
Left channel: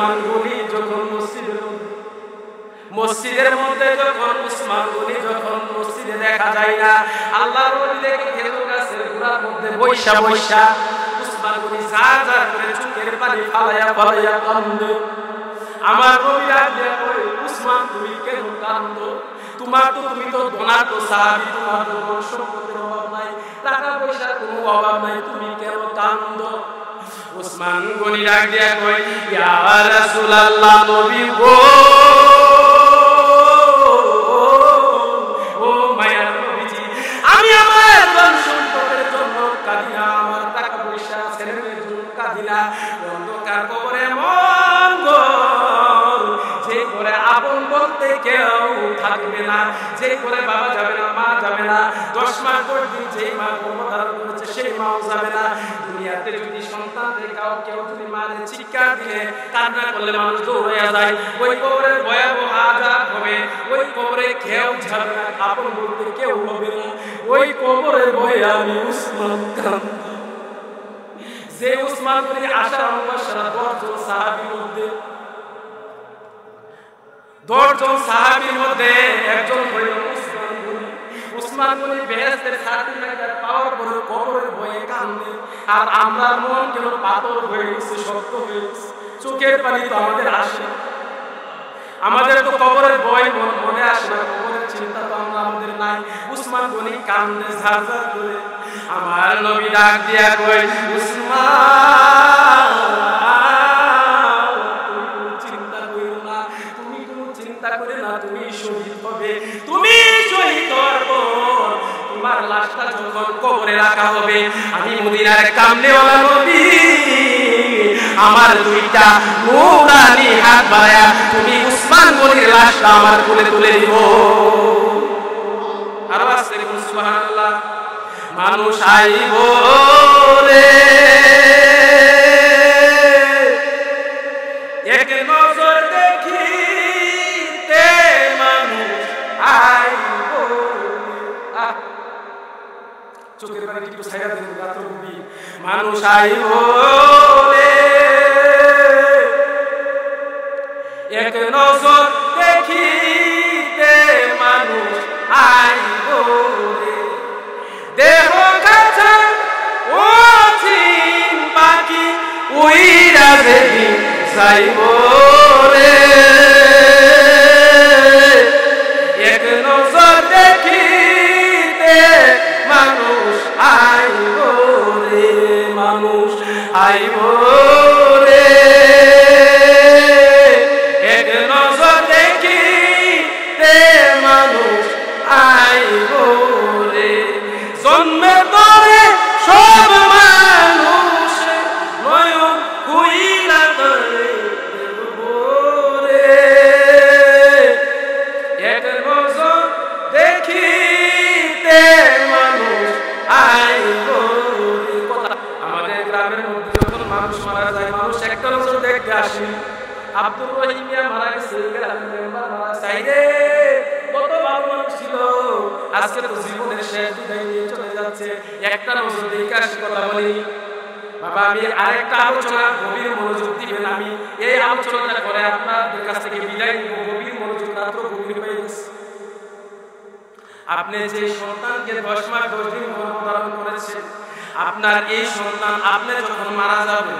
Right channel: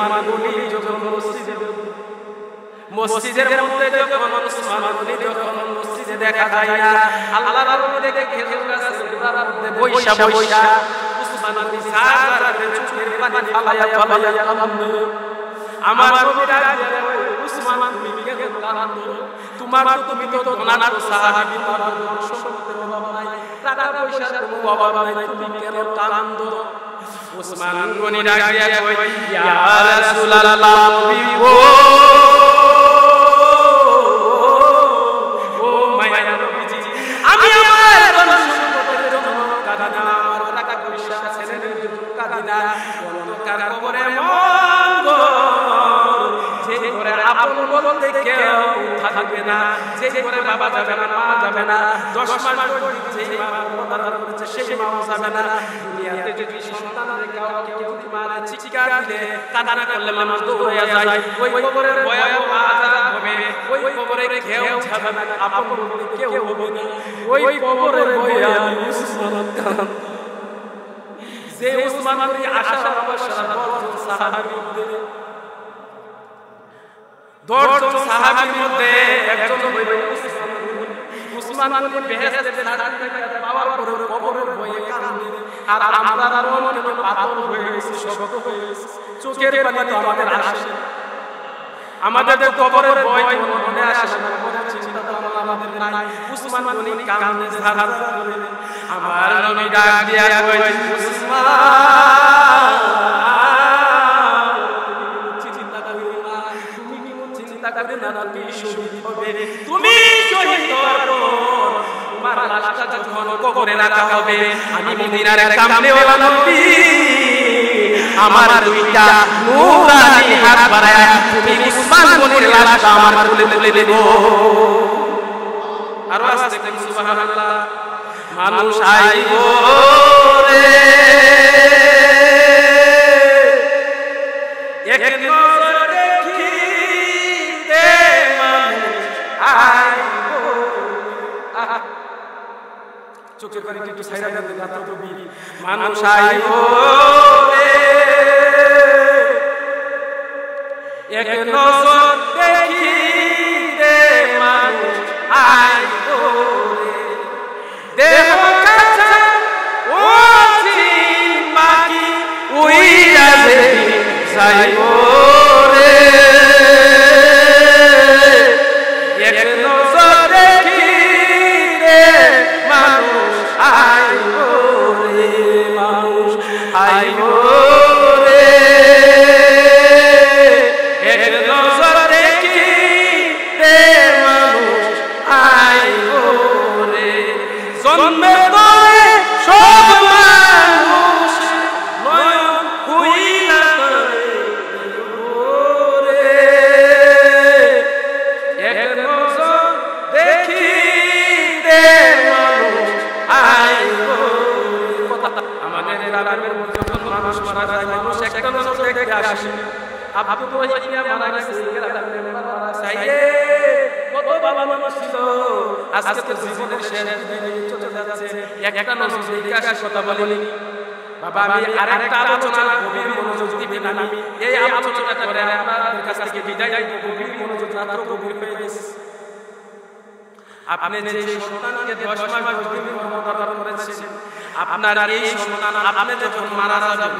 উসমান গনি যখন মসজিদের মধ্যে যখন উসমান গনি যখন মসজিদে দেখা যায় না, আল্লাহর নবী দেখে খেজুর গাছের গোড়ার মধ্যে বৈশা উসমান গনি জার করে চোখের পানি ফালাইয়া কান্দে। আমার নবী ডাক দিয়া কয়, উসমান তুমি কেন কান্দো? তুমি তো ধনাঢ্য সাহাবী, তোমার তো ধন সম্পদের অভাব নাই, টাকা পয়সার কোনো অভাব নাই, তুমি কেন কান্দো? উসমান গনি ডাক দিয়া কয়, ইয়া রাসূলুল্লাহ, নবী গো, ও মায়ার নবীজি, আমি আমার ধন সম্পদের জন্য কাঁদি না, আমার টাকা পয়সা ছেলে মেয়ের জন্য কাঁদি না। অন্ধকার কবরে মন ঘর, যেই ঘরে আপন বলতে কেউ থাকবে না, যেই ঘরে বাবা যাবে না, মা যাবে না, 10 মাস 10 দিন যেই মা গর্ভধারণ করেছে সেই মাও যাবে না। দুনিয়াতে যদি সন্তান রেখাও কেউ যদি মারে চিৎকার দিলে কান্না করলে মানুষ দৌড়াইয়া যায়, ওই কবরের ভয়াবহ আযাব হবে, ওই কবরে কেউ যাবে না, আপন বলতে কেউ হবে না। ওই কবরের ভয়ে আমি উসমান কান্দি। যে উসমান গনি আশারা মুবাশশারা 10 জন সাহাবীর মধ্যে একজন হইল উসমান গনি। উসমান গনি বেহেশতের সার্টিফিকেট পাওয়ার পরে কবরের ভয়ে কান্দে। আর আমরা মন কেন পাথর হয়ে গেছে, শক্ত হয়ে গেছে, চোখের পানি তো আমাদের আসে না। আমাদের তো কবরের ভয় মনে আসে না, কবরের চিন্তা তো আমাদের নাই। উসমান গনি কান্দে ঝারঝার করে। আমার নবী ডাক দিয়া কয়, উসমান, তুমি কোনো চিন্তা করিও না, তুমি কোনো চিন্তা করে না, তুমি শহীদ হবে। তুমি শহীদ হওয়ার পর তোমার লাশটা যখন কবরে রাখা হবে, আমি মদিনার কামনেওয়ালা নবী আমার 2টা নূরানি হাত বাড়ায়া তুমি উসমান গনির লাশটা আমার কোলে তুলে দিব। আরো আসতে কোন সুবহানাল্লাহ। মানুষ আইব রে এক নজর দেখিতে, মানুষ আইব। চোখের পানি একটু ছাইরা দেন, রাত্র গভীর। মানুষ আইব রে এক নজর দেখিতে, মানুষ আইব রে। দেহ কাছা ও চিন পাখি উইরা যেদিন যাইব রে, এক নজর দেখিতে মানুষ আইব রে, মানুষ আইব রে এক নজর দেখিতে, মানুষ আইব রে। জন্মে তরে সব মানুষ নয়ন হইলা তরে দেখব রে, এক নজর দেখিতে মানুষ আইব রে। কথা আমাদের গ্রামের মধ্যে যখন মানুষ মারা যায়, মানুষ একটা নজর দেখতে আসেনি। আব্দুর রহিম মিয়া মারা গেছে, গ্রামের মেম্বার মারা গেছে, কত ভালো মানুষ ছিল, আজকে তো জীবনের শেষ বিদায় নিয়ে চলে যাচ্ছে, একটা নজর দেখে আসি, কথা বলিনি। বাবা আমি আরেকটা আলোচনা, গভীর মনোযোগ দিবেন। আমি এই আলোচনাটা করে আপনাদের কাছ থেকে বিদায় নিব। গভীর মনোযোগ, রাত্র গভীর হয়ে গেছে। আপনি যে সন্তানকে 10 মাস 10 দিন গর্ভধারণ করেছেন, আপনার এই সন্তান আপনি যখন মারা যাবেন,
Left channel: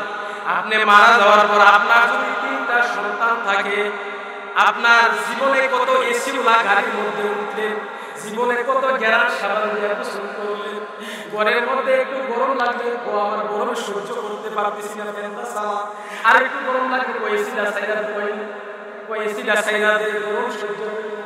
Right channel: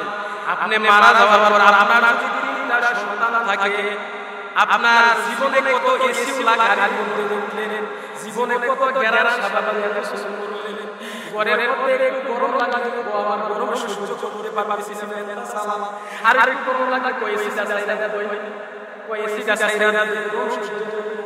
আপনি মারা যাওয়ার পর আপনার যদি 3টা সন্তান থাকে, আপনার জীবনে কত এসিওলা গাড়ির মধ্যে উঠলেন, জীবনে কত গ্যারান সাবান দিয়ে গোসল করলেন, ঘরের মধ্যে একটু গরম লাগলে আমার গরমে সহ্য করতে পারতেছি না, ফ্যানটা চালা, আর একটু গরম লাগলে এসিটা সাইরা দে, এসিটা সাইরা দে, গরম সহ্য হয় না।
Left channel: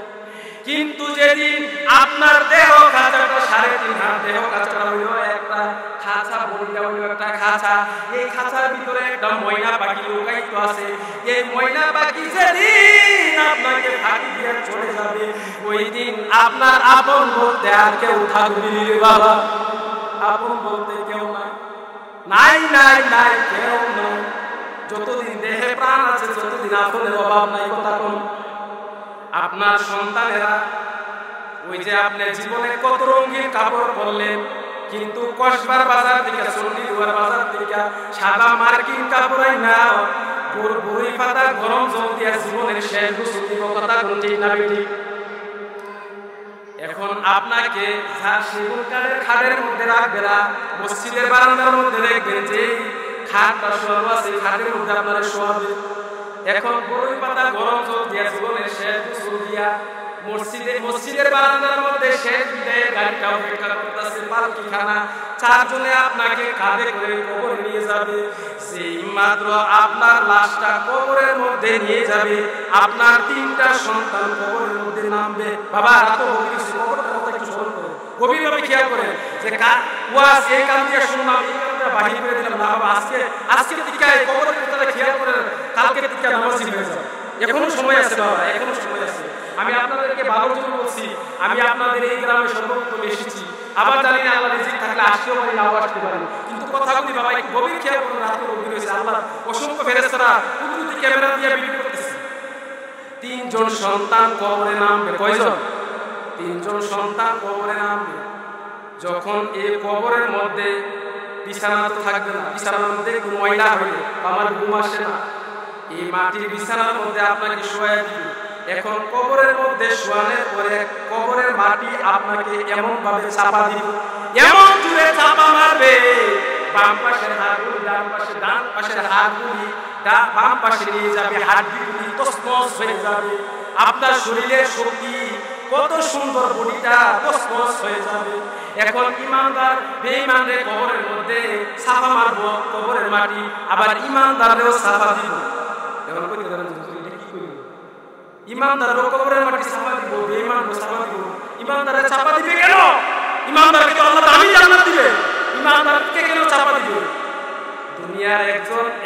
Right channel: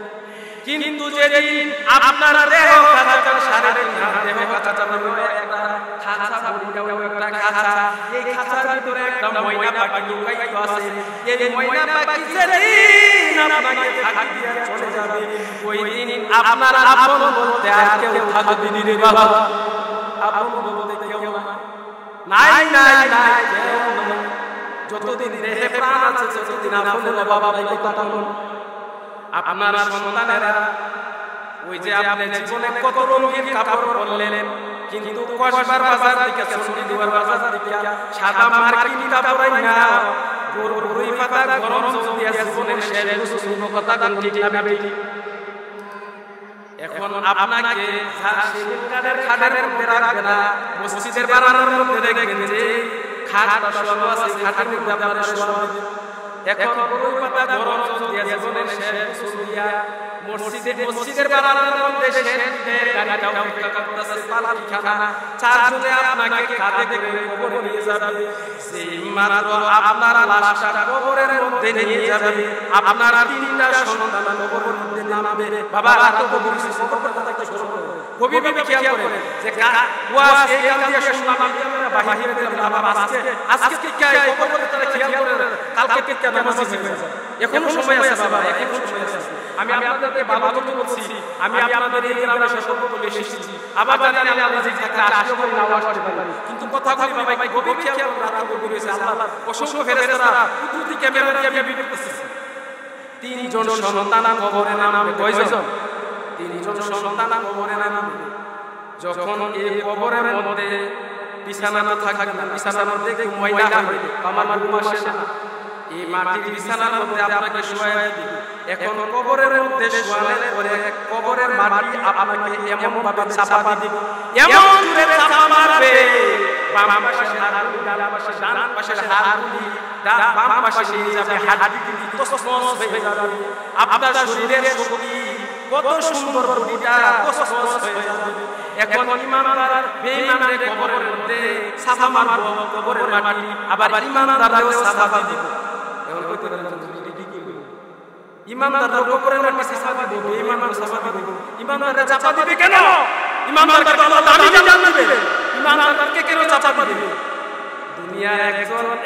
কিন্তু যেদিন আপনার দেহ খাঁচাটা 3.5 হাত, দেহ খাঁচাটা হইল একটা খাঁচা, বডিটা হইল একটা খাঁচা, এই খাঁচার ভিতরে একটা ময়না পাখি লুকায়িত আছে। এই ময়না পাখি যেদিন আপনাকে ফাঁকি দিয়ে চলে যাবে, ওই দিন আপনার আপন বলতে আর কেউ থাকবে নি রে বাবা। আপন বলতে কেউ নাই, নাই নাই নাই, কেউ নাই। যতদিন দেহে প্রাণ আছে ততদিন আপনের অভাব নাই। কথা কোন আপনার সন্তানেরা, ওই যে আপনি জীবনে কত রঙিন কাপড় পরলেন, কিন্তু কসবার বাজার থেকে, চণ্ডীদুয়ার বাজার থেকে সাদা মার্কিন কাপড় না বড়ই পাতা গরম জল দিয়া জীবনের শেষ গোসল দিব, কথা কোন ঠিক না বেঠিক? এখন আপনাকে সেগুন কাঠের খাটের মধ্যে রাখবে না, মসজিদের বারান্দার মধ্যে দেখবেন যে খাটটা শোয়ানো আছে, খাটের মধ্যে আপনারা শোয়াবে। এখন বড়ই পাতা গরম জল দিয়া জীবনের শেষ গোসল দিয়া মসজিদের বারান্দার মধ্যে শেষ বিদায়ের গাড়িটা অপেক্ষা করতেছে, পালকিখানা, চারজনে আপনাকে কাঁধে করে কবরে নিয়ে যাবে। যেই মাত্র আপনার লাশটা কবরের মধ্যে নিয়ে যাবে, আপনার 3টা সন্তান কবরের মধ্যে নামবে। বাবা রাত গভীর হয়েছে, কবরটার কথা একটু স্মরণ করেন, গভীরভাবে খেয়াল করেন যে ওয়াজ এই কান দিয়ে শুনলাম, এই কান দিয়ে বাহির করে দিলাম না। বাবা আজকে টিকা এই কবরের কথাটা খেয়াল করেন, কালকে টিকা নামাজি হয়ে যাবে। এখনো সময় আছে বাবা, এখনো সময় আছে। আমি আপনাদেরকে ভালোর জন্য বলছি, আমি আপনাদের এই গ্রামে সর্বপ্রথম এসেছি, আবার জানি না আল্লাহ রিজিক থাকলে আসতেও পারি, নাও আসতে পারি, কিন্তু কথাগুলি বাবা একটু গভীর খেয়াল করুন। রাত্র গভীর হয়েছে, আল্লাহ অসংখ্য ফেরেশতারা কুদরতি ক্যামেরা দিয়ে ভিডিও করতেছে। 3 জন সন্তান কবরে নামবে। কয়জন? 3 জন সন্তান কবরে নামবে। যখন এই কবরের মধ্যে বিছানা তো থাকবে না, বিছানার মধ্যে একটু ময়লা হইলে আমার ঘুম আসে না, এই মাটির বিছানার মধ্যে আপনাকে শোয়া দিবে। এখন কবরের মধ্যে শোয়ানোর পরে কবরের মাটি আপনাকে এমন ভাবে চাপা দিবে, এমন জোরে চাপা মারবে, বাম পাশের হাড়গুলি ডান পাশে, ডান পাশের হাড়গুলি বাম পাশে নিয়ে যাবে, হাড়গুলি তছনছ হয়ে যাবে। আপনার শরীরের শক্তি, কত সুন্দর বডিটা তছনছ হয়ে যাবে। এখন ইমানদার বেঈমানরে কবরের মধ্যে চাপা মারবো, কবরের মাটি, আবার ইমানদাররেও চাপা দিব। এখন কইতে পারেন এটা কি করবে? ইমানদারও কবরের মাটি চাপা দিব, বেঈমানও চাপা দিব। ইমানদারে চাপা দিবে কেন? ইমানদারকে তো আল্লাহ দামি জান্নাত দিবে, ইমানদারকে কেন চাপা দিবে? দুনিয়ার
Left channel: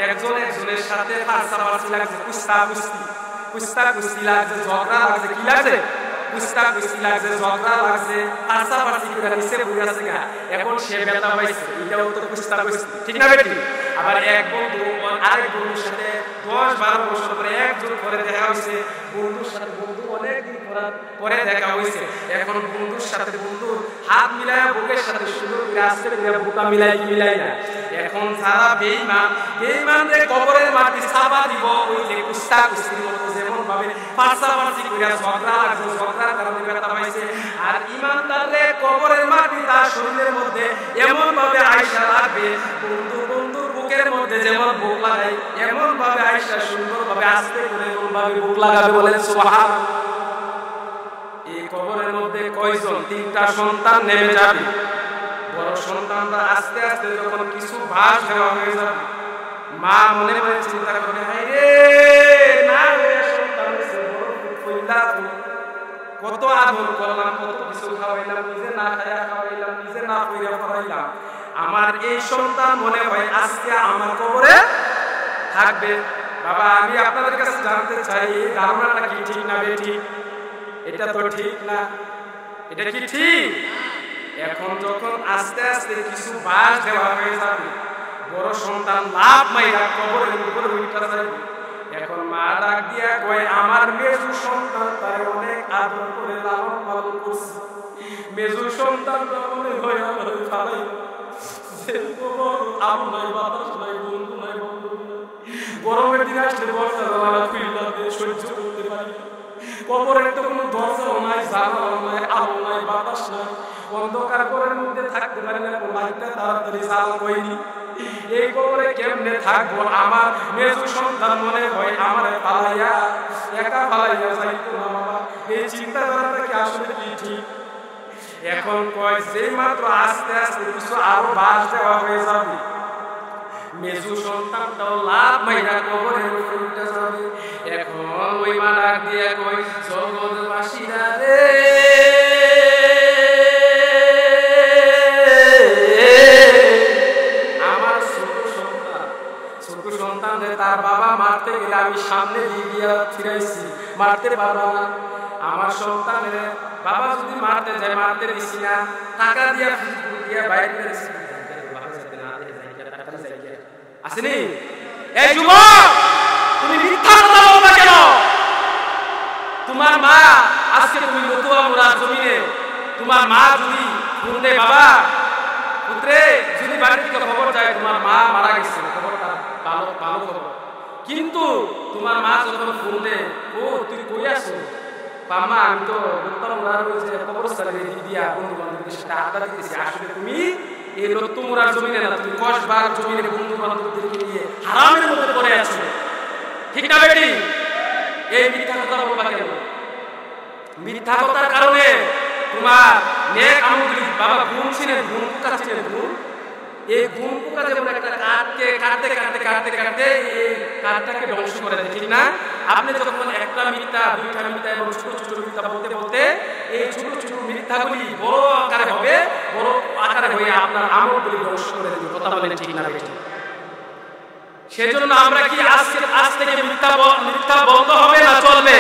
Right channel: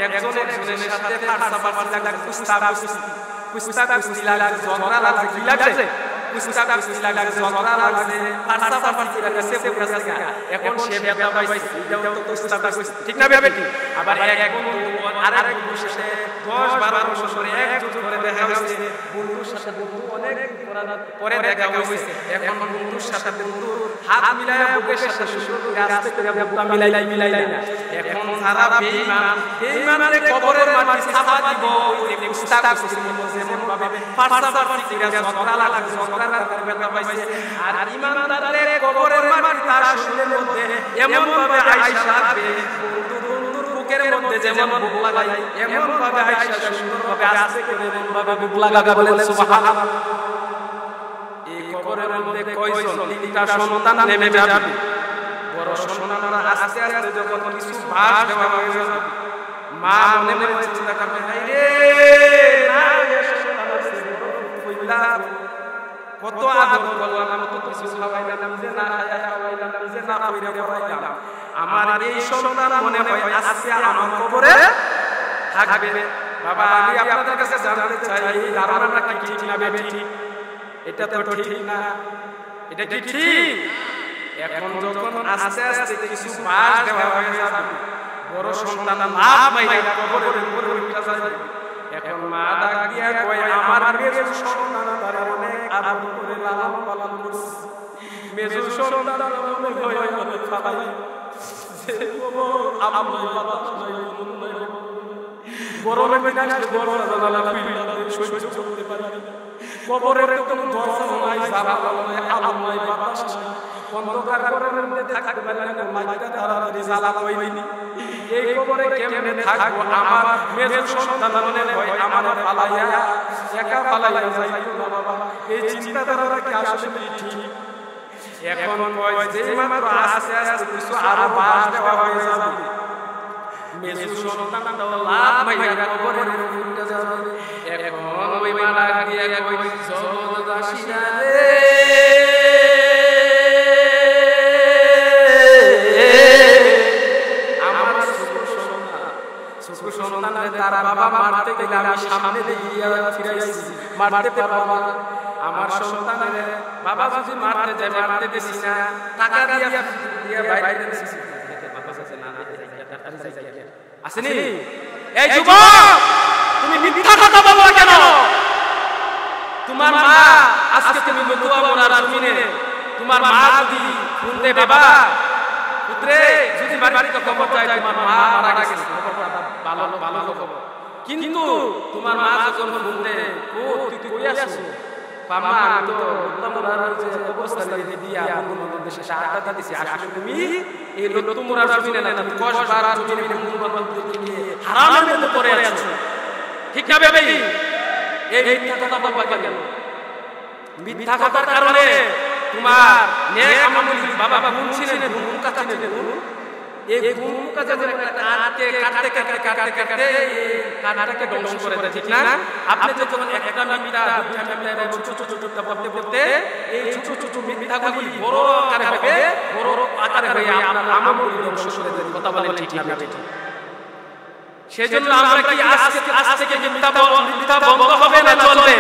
একজনের সাথে ফারসাফারসি লাগছে, কুস্তি লাগছে, ঝগড়া লাগছে, কি লাগছে? কুস্তি লাগছে, ঝগড়া লাগছে, ফারসাফারসি করে নিচে পড়ে গেছে গা, এখন সে ব্যথা পাইছে, এটাও তো কুস্তি, ঠিক না বেটি? আবার এক বন্ধু আরেক বন্ধুর সাথে 10-12 বছর পরে একজোট করে দেখা হয়েছে, বন্ধুর সাথে বন্ধু অনেকদিন পরে দেখা হয়েছে। এখন বন্ধুর সাথে বন্ধুর হাত মিলায়া বুকের সাথে সুন্দর করে আস্তে করে বুকটা মিলাই কি মিলাই না। এখন যারা বেঈমান রে কবরের মাটি চাপা দিব, ওই যে কুস্তির মতো যেমন ভাবে ফারসাফারসি করে ঝগড়া লাগছে, ঝগড়ার কারণে ব্যথা পাইছে। আর ইমানদার রে কবরের মাটি তার শরীরের মধ্যে এমন ভাবে আয়সা লাগবে, বন্ধুর বুকের মধ্যে যেমন বুক লাগাই এমন ভাবে আয়সা সুন্দর ভাবে আস্তে করে এমন ভাবে বুক লাগাবে। বলেন সুবহানাল্লাহ। এই কবরের মধ্যে কয়জন? 3টা সন্তান নেমে যাবে। বড় সন্তানরা আস্তে আস্তে যখন কিছু বাস দেওয়া হয়ে যাবে, মা মনে মনে চিন্তা করবে, হাই রে না সন্তান হয়েছে, বড় কত আদর করলাম, কত কিছু খাওয়াইলাম, নিজে না খাইয়া খাওয়াইলাম, নিজে না পইরা পড়াইলাম, আমার এই সন্তান মনে হয় আজকে আমার কবরে থাকবে। বাবা আমি আপনাদের কাছে জানতে চাই, এই ধারণাটা কি ঠিক না বেটি? এটা তো ঠিক না। এটা কি ঠিক? এখন যখন আস্তে আস্তে কিছু বাস দেওয়া হয়ে যাবে, বড় সন্তান লাভ মাইরা কবরের উপরে উঠা যাবে। এখন মা ডাক দিয়া কয়, আমার মেজু সন্তান তারে অনেক আদর করে লালন পালন করছে, মেজু সন্তানটা মনে হয় আমার ফালাই যে কবর, আলো নাই, বাতাস নাই, বন্ধু নাই, বান্ধব নাই, গরমের দিন আসলে দরজা জানালা খুইলা দিয়ে সহ্য করতে পারি না। কবরের তো কোনো দরজাও নাই, জানালাও নাই, আলো নাই, বাতাস নাই, অন্ধকার ঘরের মধ্যে থাকতে পারি না, কোনো লাইটটা তাড়াতাড়ি জ্বালা কইনি। এই কবরে কেমনে থাকবো? আমার মেজু সন্তান মনে হয় আমারে পালাইয়া একা পালাইয়া যাইতো না। বাবা এই চিন্তাধারাটা কি আসলে কি ঠিক? এখন কয় যেই মাত্র আস্তে আস্তে কিছু আরো বাস দেওয়া হয়ে যাবে, মেজু সন্তানটাও লাভ মাইরা কবরের উপরে উঠে যাবে। এখন ওই মা ডাক দিয়া কই, জগৎবাসীরা রে, আমার ছোট সন্তান রে তার বাবা মারতে গেলে আমি সামনে দিয়ে গিয়া ফিরাইছি, মারতে পারবা না। আমার সন্তানের বাবা যদি মারতে যায়, মারতে দিছি না, টাকা দিয়া ফেসবুক দিয়া বাইরে দিছি, বাবা যাতে না দেখে যাই গিয়া, তাড়াতাড়ি যাই গিয়া। আসেনি? এই যুবক তুমি মিথ্যা কথা বলবা কেন? তোমার মা আজকে তুমি নতুয়া মোড়ার জমিনে, তোমার মা যদি ফোন দেয়, বাবা পুত্রে যদি বাড়ি থেকে খবর যায় তোমার মা মারা গেছে, খবরটা ভালো খবর, কিন্তু তোমার মা যখন ফোন দেয়, ও তুই কই আসো, আম্মা আমি তো লত্তামুড়ার ওই যে কবরস্থানের এদিক দিয়া বন্ধু বান্ধবদের সাথে আড্ডা দিতেছি। আসলে তুমি এই লত্তামুড়ার জমিনে না, তুমি কসবার জমিনে বন্ধু বান্ধবদেরকে নিয়ে হারামের মধ্যে পড়ে আছো। ঠিক না বেটি? এই মিথ্যা কথা বলবা কেন? মিথ্যা কথার কারণে তোমার নেক আমলগুলি, বাবা গুণ ছিলেন, গুণ পোকা ছিলেন, গুণ, এই গুণ পোকা যেমন একটা কাঠকে কাটতে কাটতে কাটতে কাটতে এই কাঠটাকে ধ্বংস করে দেয়, ঠিক না? আপনি যখন একটা মিথ্যা, দুইটা মিথ্যা এবং ছোট ছোট মিথ্যা বলতে বলতে এই ছোট ছোট মিথ্যাগুলি বড় আকারে হবে, বড় আকারে হয়ে আপনার আমলগুলি ধ্বংস করে দেবে। কথা বলেন ঠিক না বেটি? সেজন্য আমরা কি আজ থেকে মিথ্যা বন্ধ হবে না চলবে?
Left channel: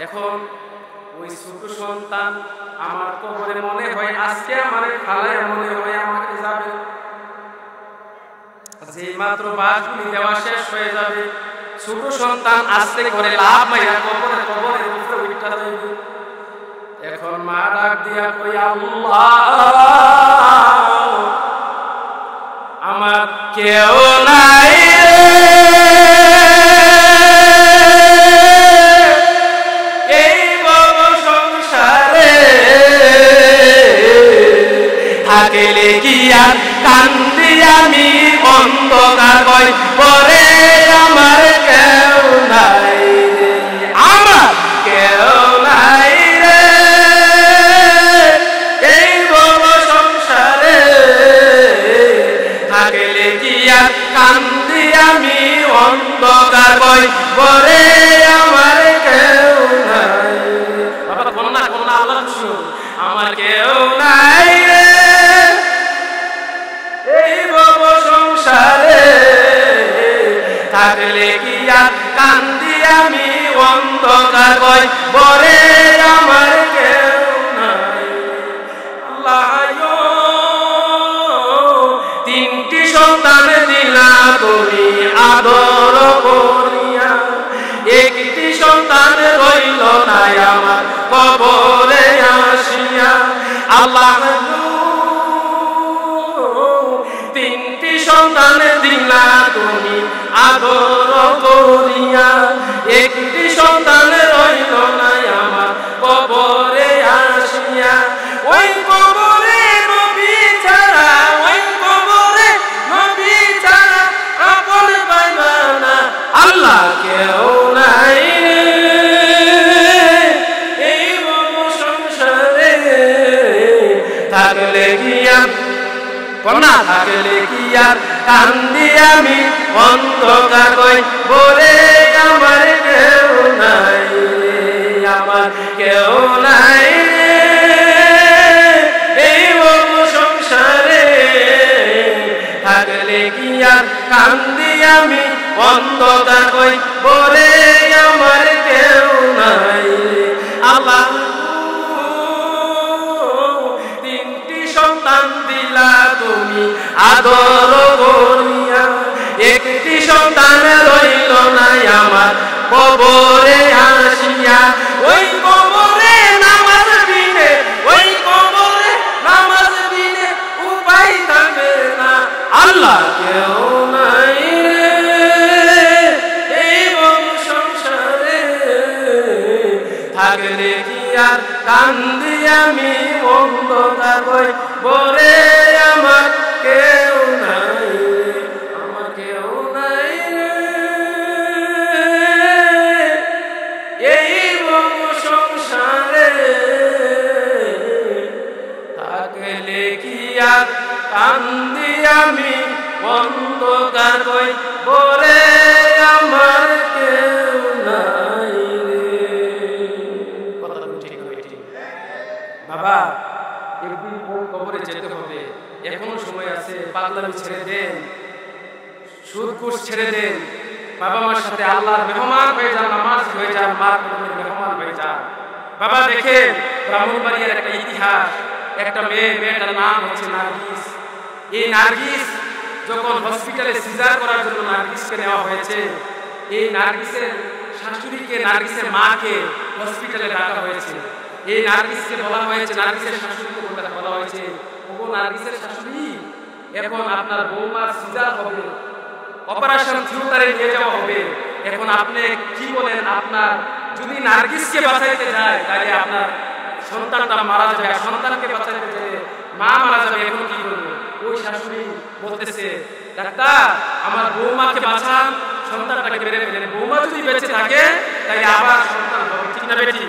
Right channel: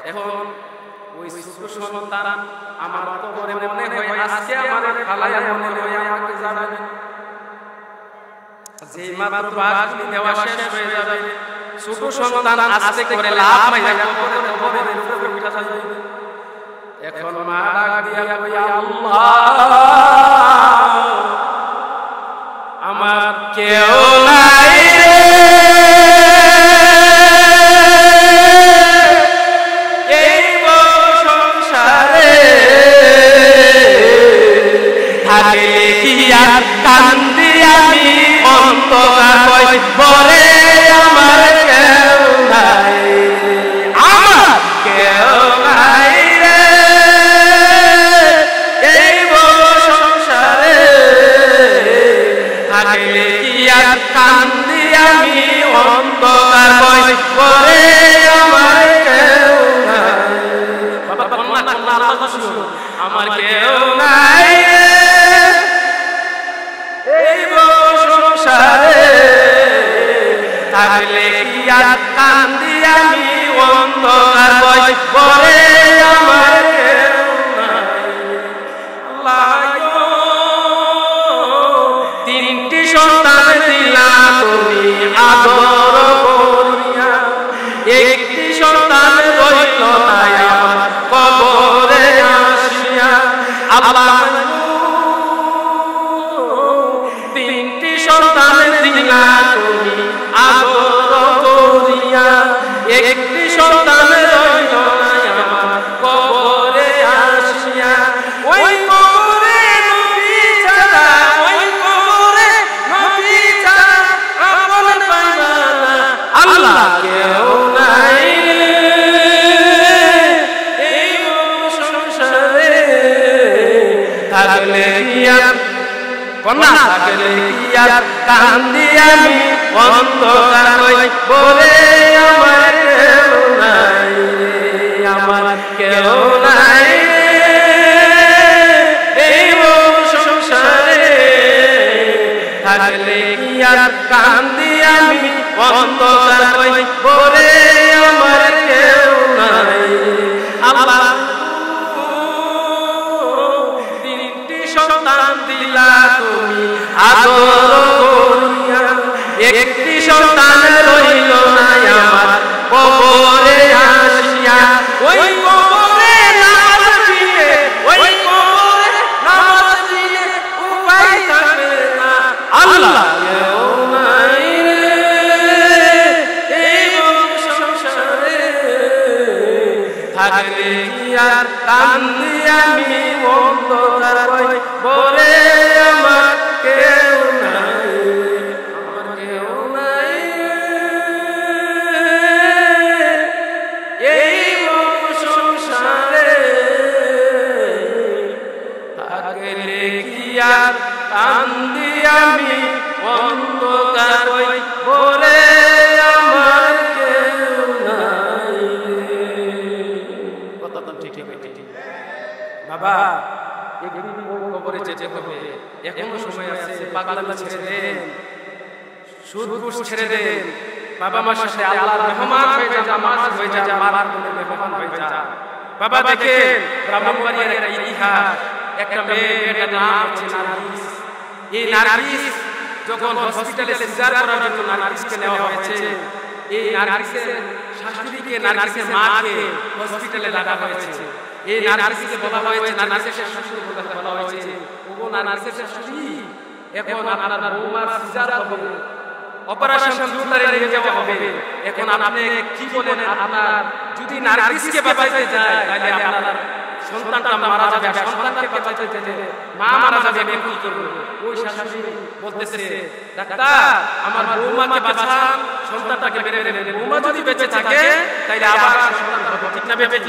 এখন ওই ছোট সন্তান আমার কবরে মনে হয় আজকে আমারে ফালাইয়া মনে হয় আমাকে যাবে, যেই মাত্র বাসগুলি দেওয়া শেষ হয়ে যাবে ছোট সন্তান আস্তে করে লাভ মাইরা কবরের উপরে উঠা যাইবে। এখন মা ডাক দিয়া কই, আল্লাহ আমার কেউ নাই রে, এই ভব সংসারে থাকলে কি আর কান্দি আমি অন্ধকার কই পরে, আমার কেউ নাই রে, আমার কেউ নাই রে, এই ভব সংসারে থাকলে কি আর কান্দি আমি অন্ধকার কই পরে, আমার কেউ নাই। বাবা কন্যা কন্যা আল্লাহ খুশি হবে, আমার কেউ নাই রে, এই ভব সংসারে থাকলে কি আর কান্দি আমি অন্ধকার কই পরে, আমার কেউ নাই। আল্লাহ তিনটি সন্তান দিলা তুমি আদর করিয়া, একটি সন্তান রইল না আমার কবরে আসিয়া। আল্লাহ তিনটি সন্তান দিলা তুমি আদর করিয়া, একটি সন্তান রইল না আমার কবরে আসিয়া। ওই কবরে নবী ছাড়া, ওই কবরে নবী ছাড়া আপন পাইবা না, আল্লাহ কেউ নাই রে, এই ভব সংসারে থাকলে কি আর কন্যা, থাকলে কি আর কান্দি আমি অন্ধকার কই বরে, আমার কেউ নাই রে, আমার কেউ নাই রে, এই ভব সংসারে থাকলে কি আর কান্দি আমি অন্ধকার কই বরে, আমার কেউ নাই রে। আল্লাহ তিনটি সন্তান দিলা তুমি আদর করিয়া, একটি সন্তান রইল না আমার কবরে আসিয়া। ওই কবরে নামাজ বিনে, ওই কবরে নামাজ বিনে উপায় থাকবে না, আল্লাহ কেউ নাই রে, এই ভব সংসারে থাকলে কি আর কান্দি আমি অন্ধকার কই বরে, আমার কেউ নাই রে, আমার কেউ নাই রে, এই ভব সংসারে থাকলে কি আর কান্দি আমি অন্ধকার কই বরে, আমার কেউ নাই রে। কথা তো ঠিক না বেটি? বাবা একদিন ওই কবরে যেতে হবে, এখনো সময় আছে, পাগলামি ছেড়ে দেন, সুদ ঘুষ ছেড়ে দেন, বাবা মার সাথে আল্লাহর মেহমান হয়ে যান, নামাজ হয়ে যান, মার কদমের মেহমান হয়ে যান। বাবা দেখেন ব্রাহ্মণবাড়িয়ার একটা ইতিহাস, একটা মেয়েটার নাম হচ্ছে নার্গিস। এই নার্গিস যখন হসপিটালে সিজার করার জন্য নার্গিসকে নেওয়া হয়েছে, এই নার্গিসের শাশুড়িকে, নার্গিসের মাকে হসপিটালে ডাকা হয়েছে। এই নার্গিসকে বলা হয়েছে, নার্গিসের শাশুড়িকে বলা হয়েছে, ওগো নার্গিসের শাশুড়ি, এখন আপনার বৌমার সিজার হবে, অপারেশন থিয়েটারে নিয়ে যাওয়া হবে। এখন আপনি কি বলেন, আপনার যদি নার্গিসকে বাঁচাইতে যায় তাহলে আপনার সন্তানটা মারা যাবে, আর সন্তানকে বাঁচাইতে গেলে মা মারা যাবে। এখন কি করবে? ওই শাশুড়ি বলতেছে, ডাক্তার আমার বৌমাকে বাঁচান, সন্তানটাকে মেরে ফেলেন। বৌমা যদি বেঁচে থাকে তাইলে আবার সন্তান হবে, ঠিক না বেটি?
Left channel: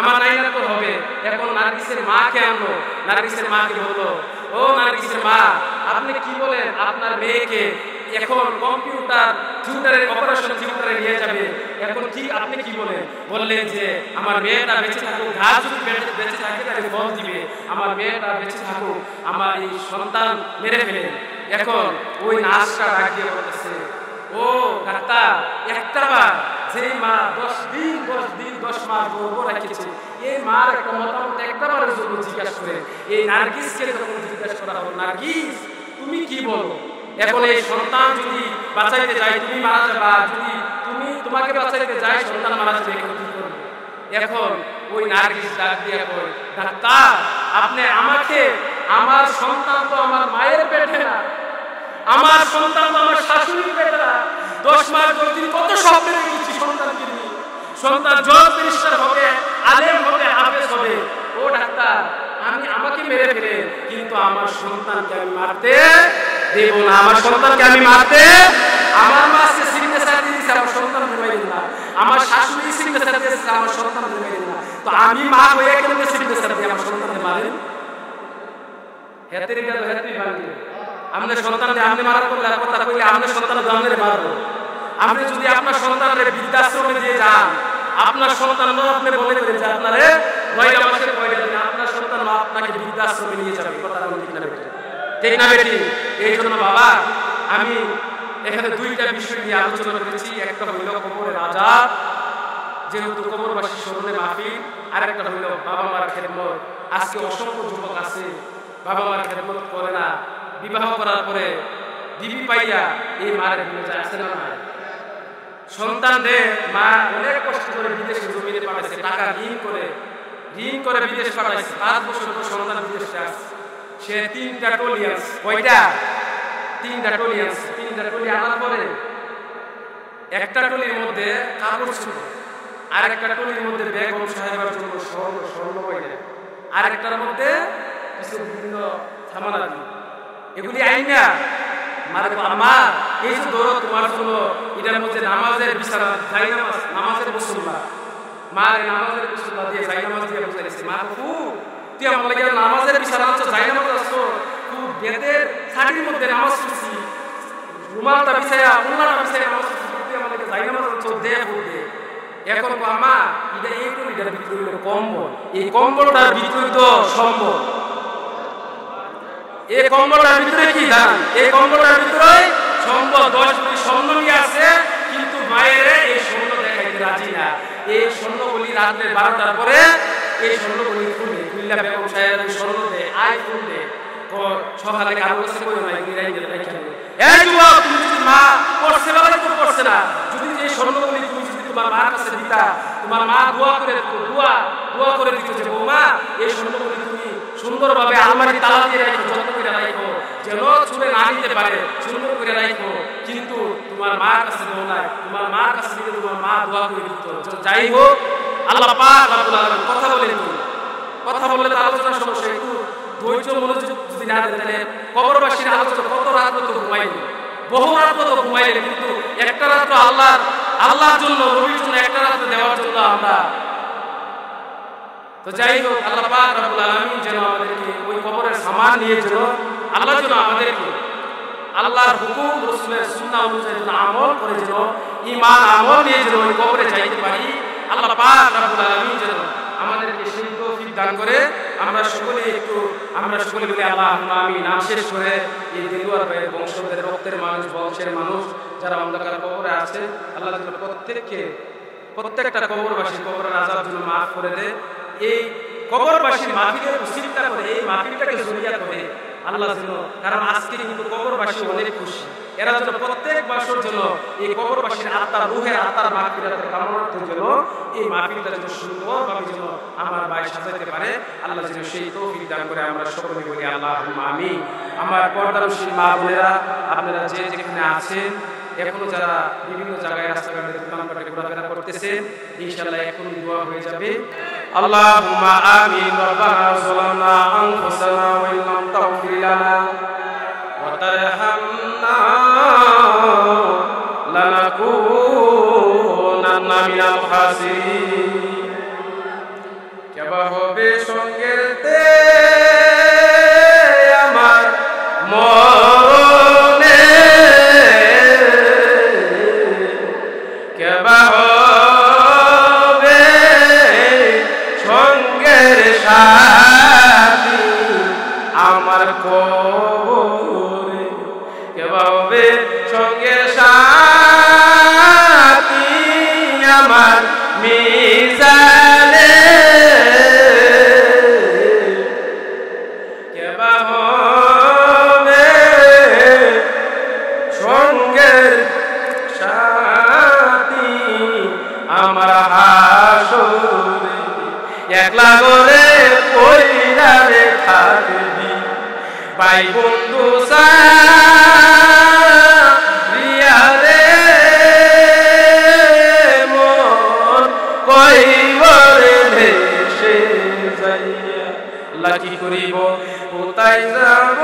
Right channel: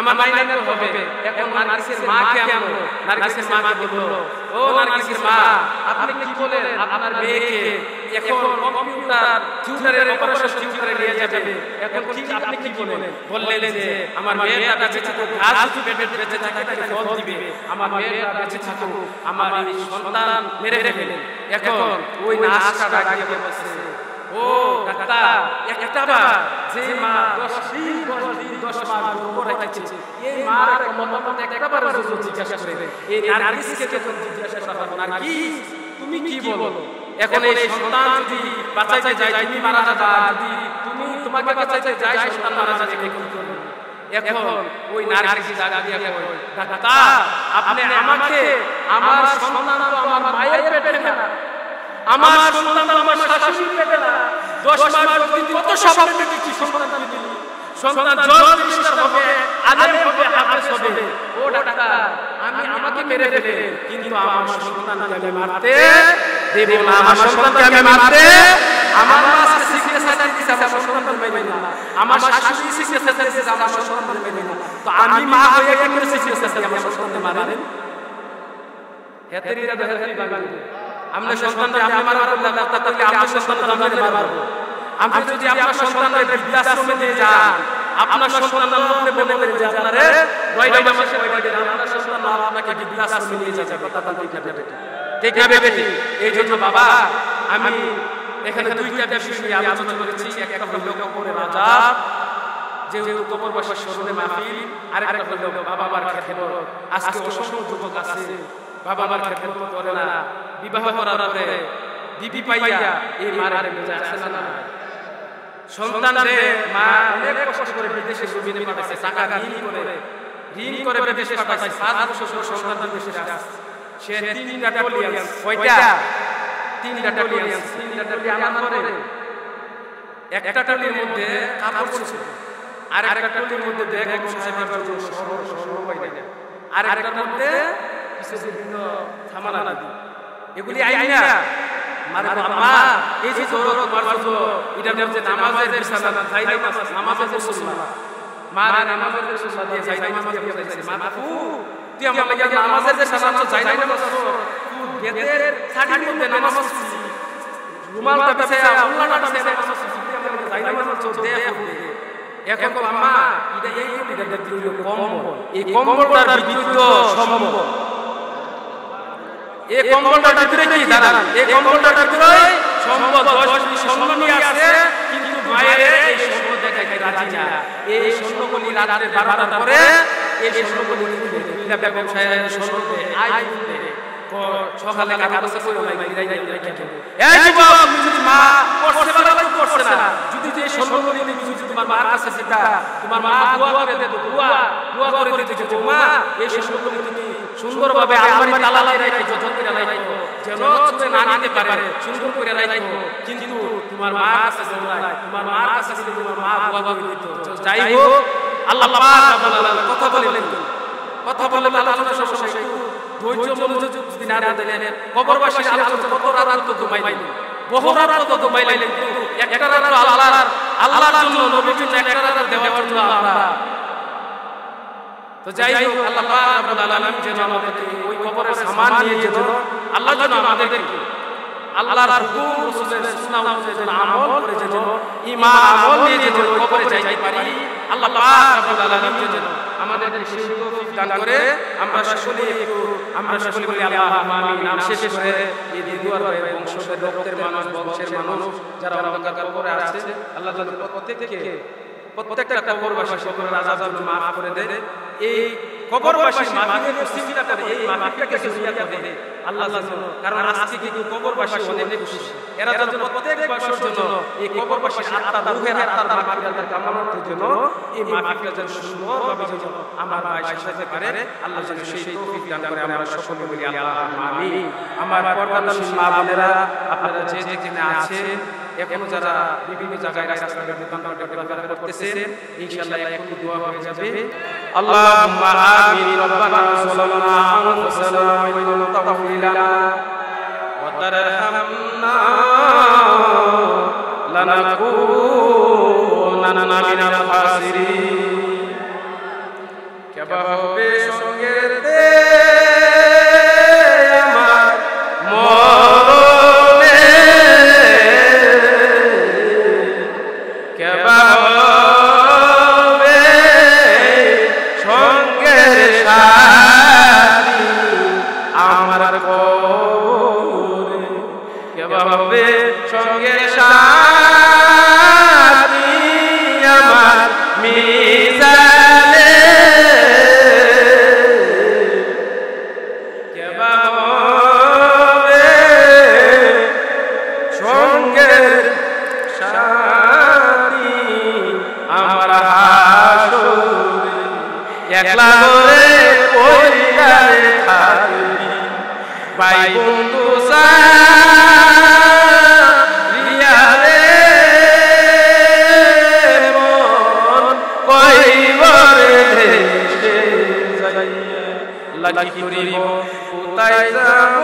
আমার নাইনাত তো হবে। এখন নার্গিসের মাকে আনলো, নার্গিসের মাকে বললো, ও নার্গিসের মা, আপনি কি বলেন, আপনার মেয়েকে এখন কম্পিউটার থিয়েটারের অপারেশন থিয়েটারে নিয়ে যাবে, এখন কি আপনি কি বলেন? বললেন যে আমার মেয়েটা বেঁচে থাকুক, গাছ যদি বেঁচে থাকে তাহলে ফল দিবে, আমার মেয়েটা বেঁচে থাকুক, আমার এই সন্তান মেরে ফেলেন। এখন ওই নার্সটা ডাক দিয়ে বলতেছে, ও ডাক্তার, একটা বার যে মা 10 দিন 10 মাস গর্ভ রেখেছে, এই মার একটা মতামত একটা বারের জন্য জিজ্ঞাসা করে। এই নার্গিসকে যখন জিজ্ঞাসা করা হলো, নার্গিস তুমি কি বলো, এখন এই সন্তান যদি বাঁচাইতে যায় তুমি মারা যাবা, আর যদি তোমাকে বাঁচাইতে যায় সন্তান মারা যাবে, এখন কি করবে? এখন ওই নার্গিস ডাক দিয়া কয়, ডাক্তার আপনি আমাকে, আমার সন্তান তো আমার মায়ের পেটে না, আমার সন্তান তো আমার শাশুড়ির পেটে না। 10 মাস 10 দিন কত স্বপ্ন দেখেছি সন্তানকে নিয়ে, সন্তান জজ ব্যারিস্টার হবে, আলেম হবে, হাফেজ হবে। ও ডাক্তার, আমাকে মেরে ফেলে, কিন্তু আমার সন্তানকে আমি মারতে দেব না, আমার সন্তানকে আমি মারতে, আমার মাকে সিগনেচার দিয়ে দিয়েছে আমার সন্তান মাইরেন না, আমার শাশুড়ি সিগনেচার দিয়েছে আমার সন্তান মাইরেন না, তো আমি মা হয়ে কেমনে সিগনেচার দিয়ে আমার সন্তানকে মারেন? হেতেরিটা তো হেতেরি ভাঙবে। আপনি সন্তানকে আপনি মারার করলে কথা কইলে আপনি সন্তান জানলে মারবো। আপনি যদি আপনার সন্তানরে বৃদ্ধাশ্রমে দিয়ে যান, আপনার সন্তান আপনি মনে করেন যে আপনারে 9 মাসের 9টা দিন আপনার সন্তান আপনাকে বৃদ্ধাশ্রমে নিয়ে যাবে, কথা কোন ঠিক না বেটে? ঠিক না বেটে? এই জন্য বাবা আমি এখানে 2টা বিষয় নিয়ে আলোচনা করেছি। একটা হইল কবরের আযাব, যেহেতু কবরবাসীর স্মরণে মাহফিল, আরেকটা হইল বাবা মার খেদমত। আজকে অসংখ্য যুবক আছে বাবা মার খেদমত করে না, বিবাহ করার পরে বিবি পাইয়া এই মারে ভুলে যায়, আছে না নাই? সন্তান রে মা অনেক কষ্ট করে বিদেশে জমিনে পাঠাইছে, টাকা ঋণ করে বিদেশ পাঠাইছে, 5 বছর পর সন্তান বিদেশে আসছে, সে 3টা টলি আনছে। কয়টা? 3টা টলি আনছে। 3টা টলি আনার পরে একটা টলির মধ্যে কাপড় চোপড়, আরেকটা টলির মধ্যে বেগম সাহেবের জন্য স্বর্ণ গয়না, আরেকটার মধ্যে কিছু বিভিন্ন সামানাদি, এগুলি আইন না মারে আম্মা এই যে ধরো তোমার জন্য এটার মধ্যে নামাজের বিছানা, জায়নামাজ, নামাজের মুসল্লা, মারে নামাজের মুসল্লা দিয়ে জায়নামাজ দিয়ে বুঝাইছে। মা বাপু তুই আমার লাগে নামাজের বিছানা আনছো, জায়নামাজ আসছো, তুই বেদের শাড়ির মধ্যে নামাজ পড়ছি, রুমালটা বিছাইয়া উল্লাটা বিছাইয়া নামাজ পড়ছি, তুই আমার লাগে জায়নামাজ আনছো, দে ফুট দে। এখন তো আম্মা এটা এই টলিটার ভিতরে হইল কম্বল, এই কম্বলটার ভিতরে তো সম্বল, এই কম্বলটার ভিতরে কি দাঁড়ান, এই কম্বলটার ভিতরে সম্বল 10 ভরি স্বর্ণ নিয়ে আসছে, কিন্তু মায়ের এই স্বর্ণ দেখাইতে রাজি না। এই স্বর্ণগুলি রাত্রে 12টার পরে এই স্বর্ণগুলি খুললা বেগম সাহেব স্বর্ণ দেয়, আই ফুল দেয়, সকালে কারো কাছে কইও নাই বলি রাইখা দেবো। এই যুবক, তুমি যদি মা পড়ছে বেলায় তো পড়ছে না, যদি যে স্বর্ণগুলি তুমি যদি তোমার মার কাছে দিতা, তোমার মা দোয়া করে দিত, দোয়া করে দিত যে বৌমা এই স্বর্ণগুলি তুমি সুন্দরভাবে আলমারির তালা দিয়ে রাখো, যত্ন করে রাখো, যেন চুরে না নিতে পারে, সুন্দর করে রাখো। কিন্তু তোমার মার কাছে দেও নাই, তোমার মার কাছে দিলে তোমার মা দোয়া করে দিত। যাই হোক, আল্লাহ পাক রব্বুল আলামিন কথা বলেন, তুমি কথা বললে তো আলোচনা সমস্যা, একটু ধৈর্য মনোযোগ যদি না দেন তাহলে কবরবাসীর আলোচনা কত রাত্র তো ঘুমাইলেন, বহু রাত্র তো ঘুমাইলেন, কিন্তু একটা রাত্র আল্লাহর জন্য, নবীর জন্য একটা রাত্র দেওয়ার জন্য আমরা। তো যাই হোক, আল্লাহ পাক রব্বুল আলামিন যেন আমাদেরকে ওই কবরের সামান নিয়ে যেন আল্লাহ যেন আমাদেরকে আল্লাহর হুকুম রসুলের সুন্নাহ অনুযায়ী যেন আমল করে, যেন ঈমান আমল নিয়ে যেন ওই কবরে যাইতে পারি। আল্লাহ পাক রব্বুল আলামিন যেন আমাদেরকে সেই তৌফিক দান করে। আমরা সকলে বলি আল্লাহুম্মা আমিন। নাম শেষ করে এই দেলোয়ার ভাইয়ের বংশের রক্তের মানুষ, বংশের মানুষ যারা অন্ধকার কবরে আছে, আল্লাহ যেন প্রত্যেকটা কবরবাসীর কবরের আযাব যেন মাফ করে দেয়। এই কবরবাসীর মাহফিলের উসিলা করে, এই মাহফিলটাকে জরিয়া করে আল্লাহ যেন, কারণ আজকে কিন্তু কবরবাসী অনেক খুশি, এরা যেন প্রত্যেক বছর যেন এই কবরবাসীর আত্মার, রুহের আত্মার মাগফিরাতের কামনার্থের জন্য এই মাহফিলটা যেন সুন্দরভাবে যেন আমার ভাই সাজাইতে পারে, আল্লাহ যেন সেই তৌফিক দান করে। আমরা সকলে বলি আল্লাহুম্মা আমিন। আমার পর্দানশীল মা বোনেরা, আপনারা যে যেখানে আছেন, এখনো যারা বিভিন্ন জায়গায় রাস্তাঘাটে দোকানপাটে ঘোরাফেরা করতেছেন, ইনশাআল্লাহ এখনই দোয়া হয়ে যাবে। আল্লাহুম্মা আমিন। রব্বানা যালামনা আনফুসানা ওয়া ইল্লাম তাগফির লানা ওয়া তারহামনা লানাকুনান্না মিনাল খাসিরিন। কেবা হবে সঙ্গের তে আমার মরণে, কেবা হবে সঙ্গের সাথী আমার কবরে, কেবা হবে সঙ্গের সাথী আমার মিজানে, কেবা হবে সঙ্গের সাথী আমার হাসরে, একলা করে পরিবারে থাকবি ভাই বন্ধু রিয়ারে, মন কইবরে দেশে যাইয়া লাগি করিব কোথায় যাব,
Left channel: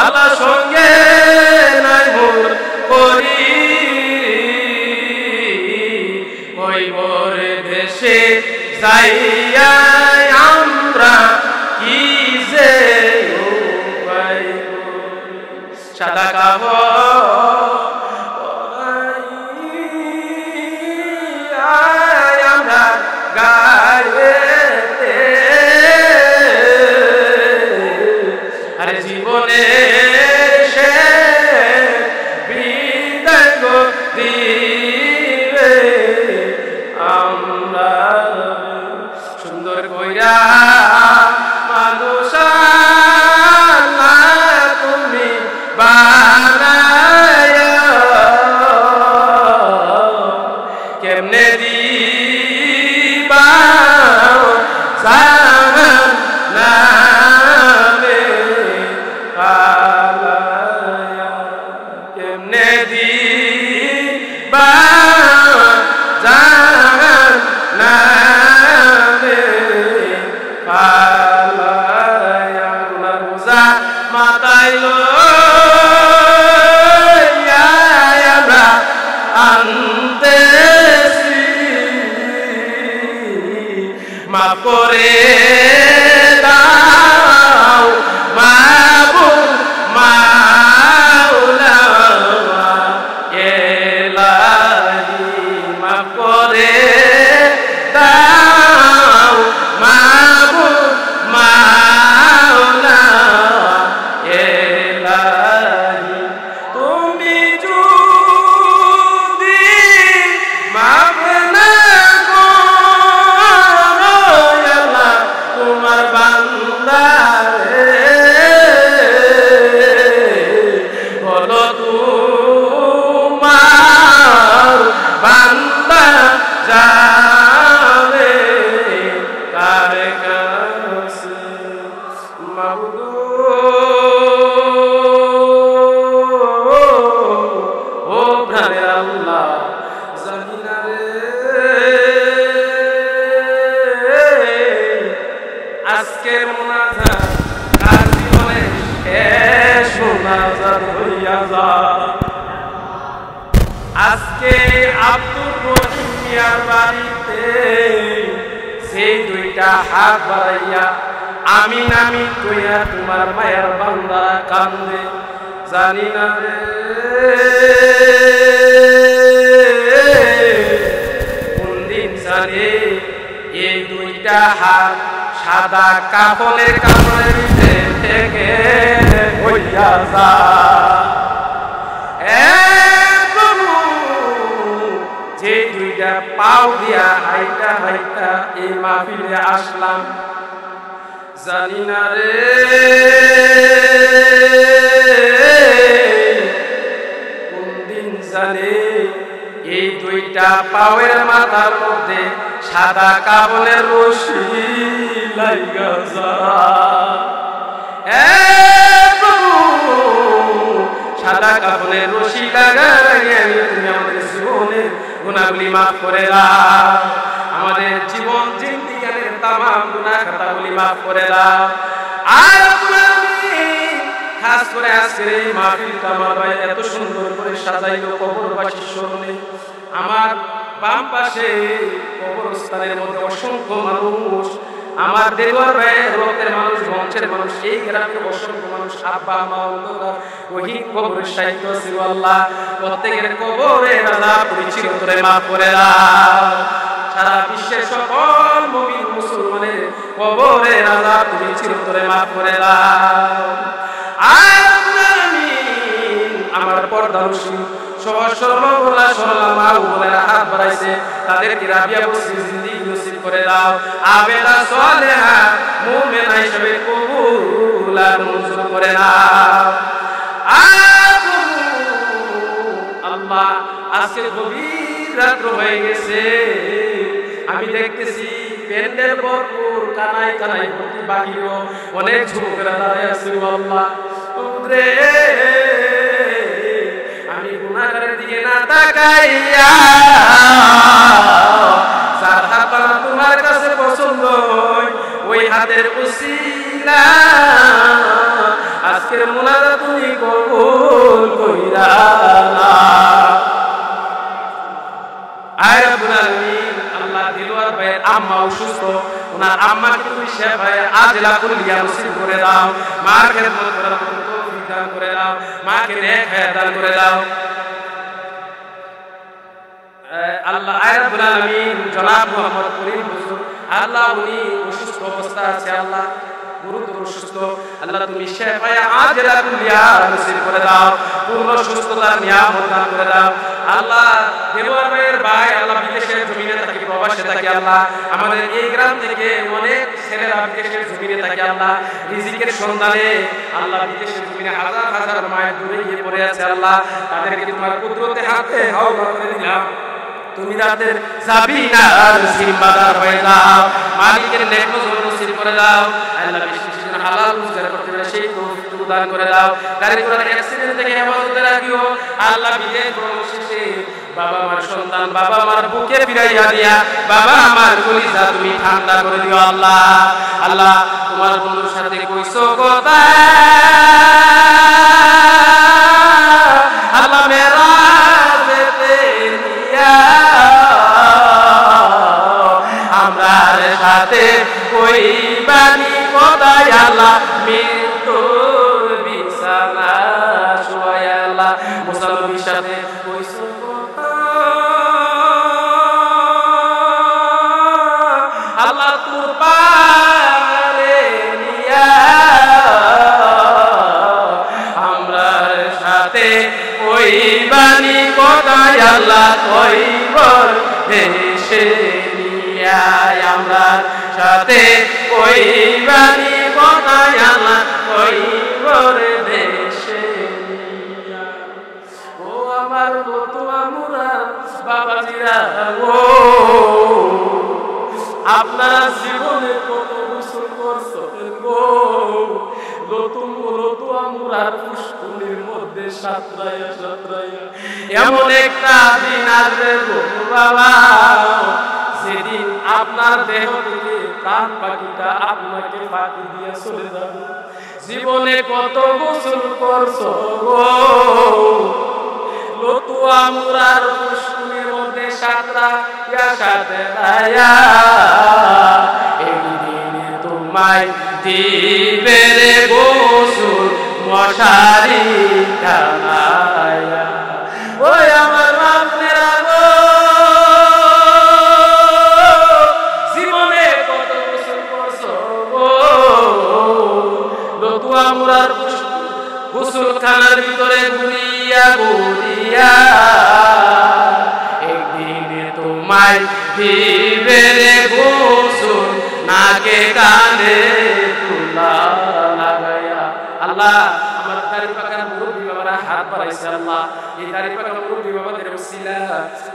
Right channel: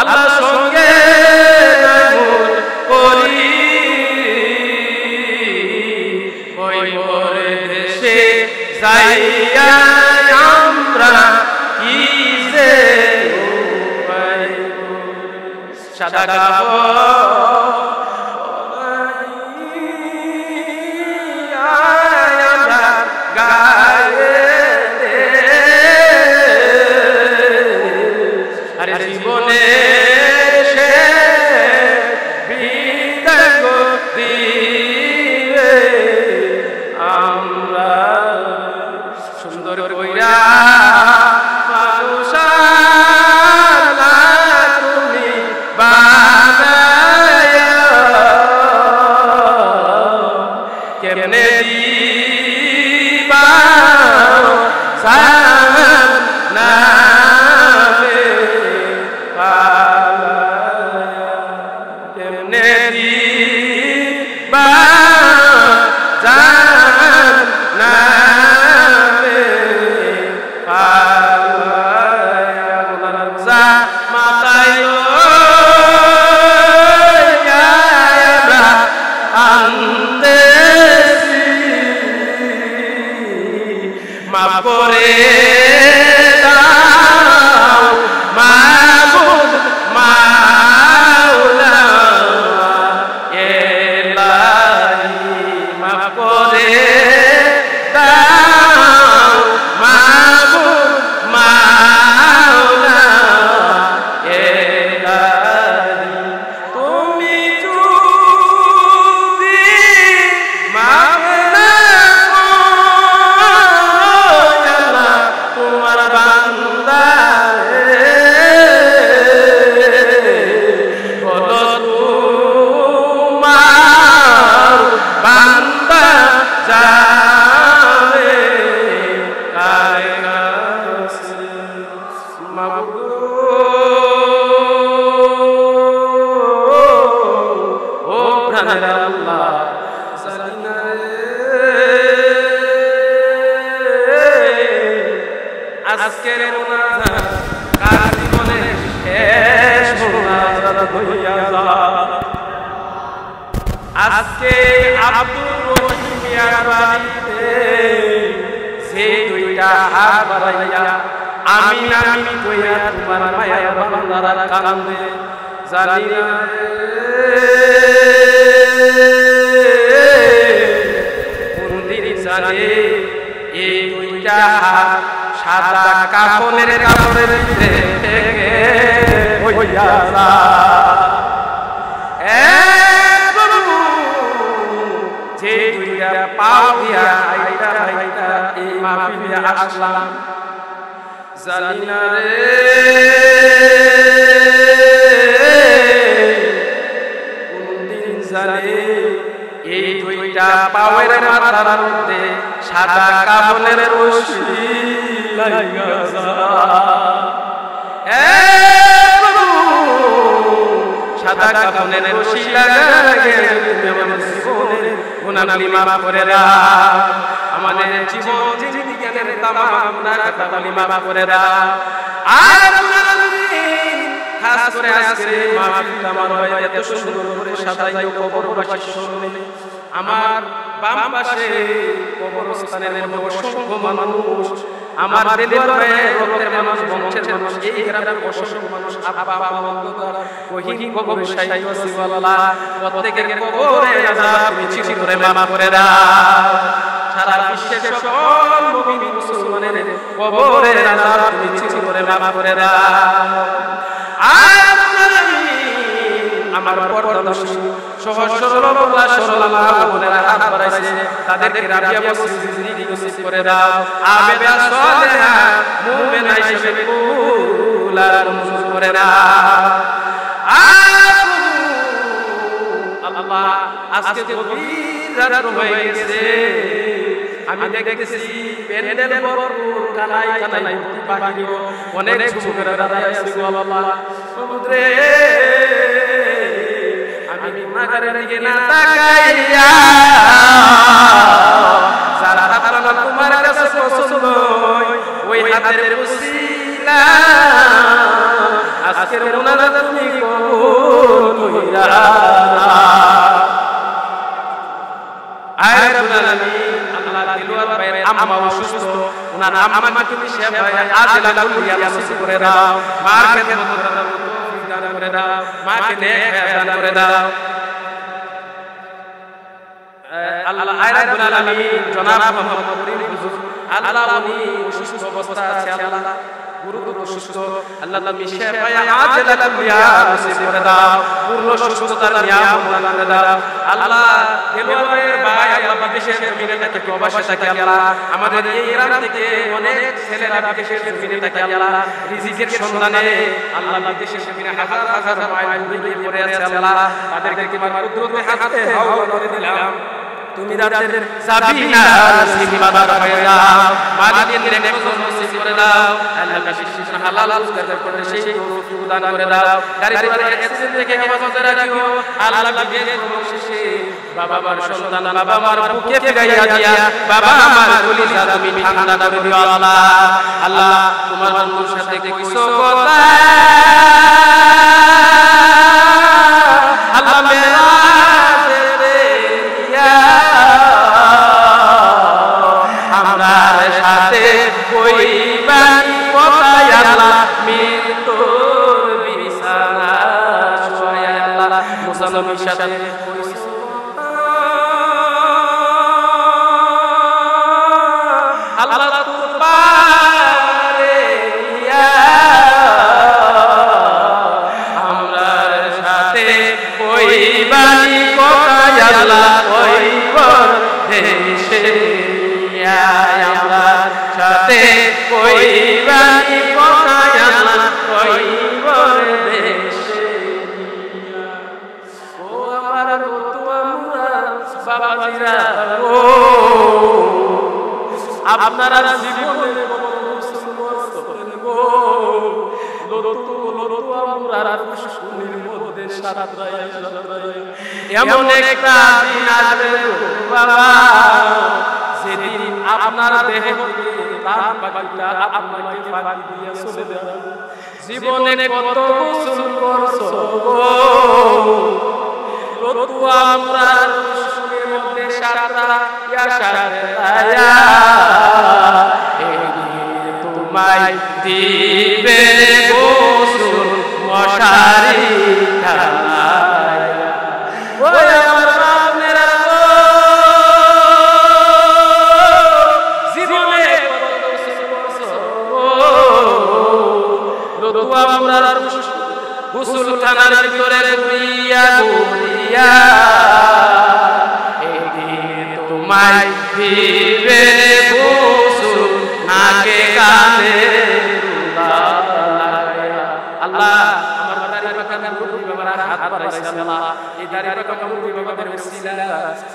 আল্লাহ সঙ্গে নাই মোর করি কইবরে দেশে যাইয়া আমরা কি যে সাদা কাপড় আমরা গায়েতে, আরে জীবনের শেষ বিদায় দিবে আমরা সুন্দর কইরা মানুষ তুমি বানায়া, কেমনে দিবা জাহান্নামে পালায়া, কেমনে দিবা জাহান্নামে পালায়া, গুনার বোঝা মাথায় লইয়া আমরা আনতেছি, মাফ করে দাও মাবুদ মাওলা এলাহি, মাফ করে দাও মাবুদ মাওলা এলাহি, তুমি যদি মাফ না করো আল্লাহ তোমার বান্দারে, বলো তোমার বান্দা যাবে কার কাছে, মাবুদ ও প্রাণের আল্লাহ জানি না রে আজকের মোনাজাত কার জীবনে শেষ মোনাজাত হইয়া যায়। আজকে আব্দুর রহিম মিয়ার বাড়িতে সেই দুইটা হাত বাড়াইয়া আমিন আমিন কইয়া তোমার মায়ার বান্দারা কান্দে, জানি না রে কোন দিন জানে এই দুইটা হাত সাদা কাফনের কাপড়ের ভিতরে থেকে হইয়া যায়। প্রভু যে দুইটা পাও দিয়া হাইটা হাইটা এই মাহফিলে আসলাম, জানি না রে কোন দিন জানে এই দুইটা পাওয়ের মাথার মধ্যে সাদা কাফনের রশি লাইগা যায়। প্রভু সাদা কাফনের রশি লাগার আগে তুমি আমাদের জীবনের গুনাহগুলি মাফ করে দাও, আমাদের জীবন জিন্দিগানের তামাম গুনাহ খাতাগুলি মাফ করে দাও। আর খাস করে আজকের এই মাহফিলটা আমার ভাই এত সুন্দর করে সাজাইলো কবরবাসীর স্মরণে। আমার বাম পাশে কবরস্থানের মধ্যে অসংখ্য মানুষ, আমার দেলোয়ার ভাইয়ের রক্তের মানুষ, বংশের মানুষ, এই গ্রামের অসংখ্য মানুষ, আব্বা আম্মা অন্ধকার কহিন কবরের সাহিত্য আছে। আল্লাহ প্রত্যেকের কবরের আযাব তুমি চিরতরে মাফ করে দাও। সারা বিশ্বের সকল মুমিন মুসলমানের কবরের আযাব তুমি চিরতরে মাফ করে দাও। আর আমার পর্দানসীন সহজ সরল বলা সরলা মা ও বোনেরা হাত বাড়াইছে, তাদেরকে রাবিয়া বসরি জিন্দেগি নসিব করে দাও। আবেদা সালেহা মুমিনা হিসেবে কবুল আর মঞ্জুর করে নাও। আল্লাহ আজকে গভীর রাত্র হয়ে গেছে, আমি দেখতেছি প্যান্ডেল ভরপুর, কানাই কানাই ভর্তি, বাহিরেও অনেক যুবকেরা দাঁড়ায় আছে। আল্লাহ রে আমি গুনাহগারের দিকে না তাকাইয়া যার হাত বানা তোমার কাছে পছন্দ ওই হাতের পছিলা আজকের মুনাজাত তুমি কবুল কইরা না। আয় রব্বুল আলামিন, আল্লাহ দেলোয়ার ভাইয়ের আম্মা অসুস্থ, ওনার আম্মাকে তুমি শেফায়ে আজলা কুল্লিয়া নসিব করে দাও, মার খেদমত করার মতো তৌফিক দান করে দাও, মাকে নেক হায়াত দান করে দাও। আল্লাহ আয় রব্বুল আলামিন, জনাব মোহাম্মদ করিম হুজুর, আল্লাহ উনি অসুস্থ অবস্থা আছে, আল্লাহ গুরুতর অসুস্থ, আল্লাহ তুমি শেফায়ে আজলা কুল্লিয়া নসিব করে দাও, পূর্ণ সুস্থতার নিয়ামত দান করে দাও। আল্লাহ দেলোয়ার ভাইয়ের ভাই আল্লাহ বিদেশের জমিনে থাকে, প্রবাসে থাকে, আল্লাহ আমাদের এই গ্রাম থেকে অনেক ছেলেরা বিদেশের জমিনে থাকে, আল্লাহ রিজিকের সন্ধানে আল্লাহ বিদেশের জমিনে হাজার হাজার মাইল দূরে গিয়ে পড়ে আছে, আল্লাহ তাদেরকে তোমার কুদরতে হাতে হাওলা করে দিলাম, তুমি রাতের জাবিনার সিম্বাদার হয়ে যাও, মালিকের নেক নজর নসিব করে দাও। আল্লাহ বেশি বেশি যেন হালাল রোজগার করতে পারে সেই তৌফিক দান করে দাও। গাড়ি ঘোড়ার অ্যাক্সিডেন্ট থেকে হেফাজতে রাখিও। আল্লাহ বিদেশ ভ্রমণ শেষে বাবা মার সন্তান বাবা মার বুকে ফিরাইয়া দিয়া বাবা আমার কলিজা তুমি ঠান্ডা করে দিও। আল্লাহ আল্লাহ তোমার বন্ধুর সাথে কইছো কথা, আল্লাহ মেরা আমরার সাথে কইবানি কথায় আল্লাহ মৃত্যুর বিছানা শুয়ায়, আল্লাহ মুসা নবীর সাথে কইছো কথা, আল্লাহ তোর পারে নিয়া আমরার সাথে কইবানি কথায় আল্লাহ কইবর দেশে আমরার সাথে কইবানি কথায় আল্লাহ কইবর দেশে। ও আমার নতুয়া মুরা বাবাজিরা, ও আপনারা জীবনে কত গোসল করছেন গো, লতুয়া মুরার পুষ্কুনির মধ্যে সাঁতরাইয়া সাঁতরাইয়া এমন একটা দিন আসবে গো বাবা, সেদিন আপনার দেহ থেকে প্রাণ পাখিটা আপনাকে ফাঁকি দিয়ে চলে যাবে। জীবনে কত গোসল করছো গো, লতুয়া মুরার পুষ্কুনির মধ্যে সাঁতরাইয়া সাঁতরাইয়া একদিন তোমায় দিবে রে গোসল মশারি টানায়া। ওই আমার বাবনেরা গো, জীবনে কত গোসল করছো গো, লতুয়া মুরার গোসল খানার ভিতরে ঘুরিয়া ঘুরিয়া একদিন তোমায় দিবে রে গোসল নাকে কানে লাগায়া। আল্লাহ আমার দাড়ি পাকা মুরব্বী বাবারা হাত বাড়াইছে আল্লাহ, এই দাড়ি পাকা মুরব্বী বাবাদের উসিলা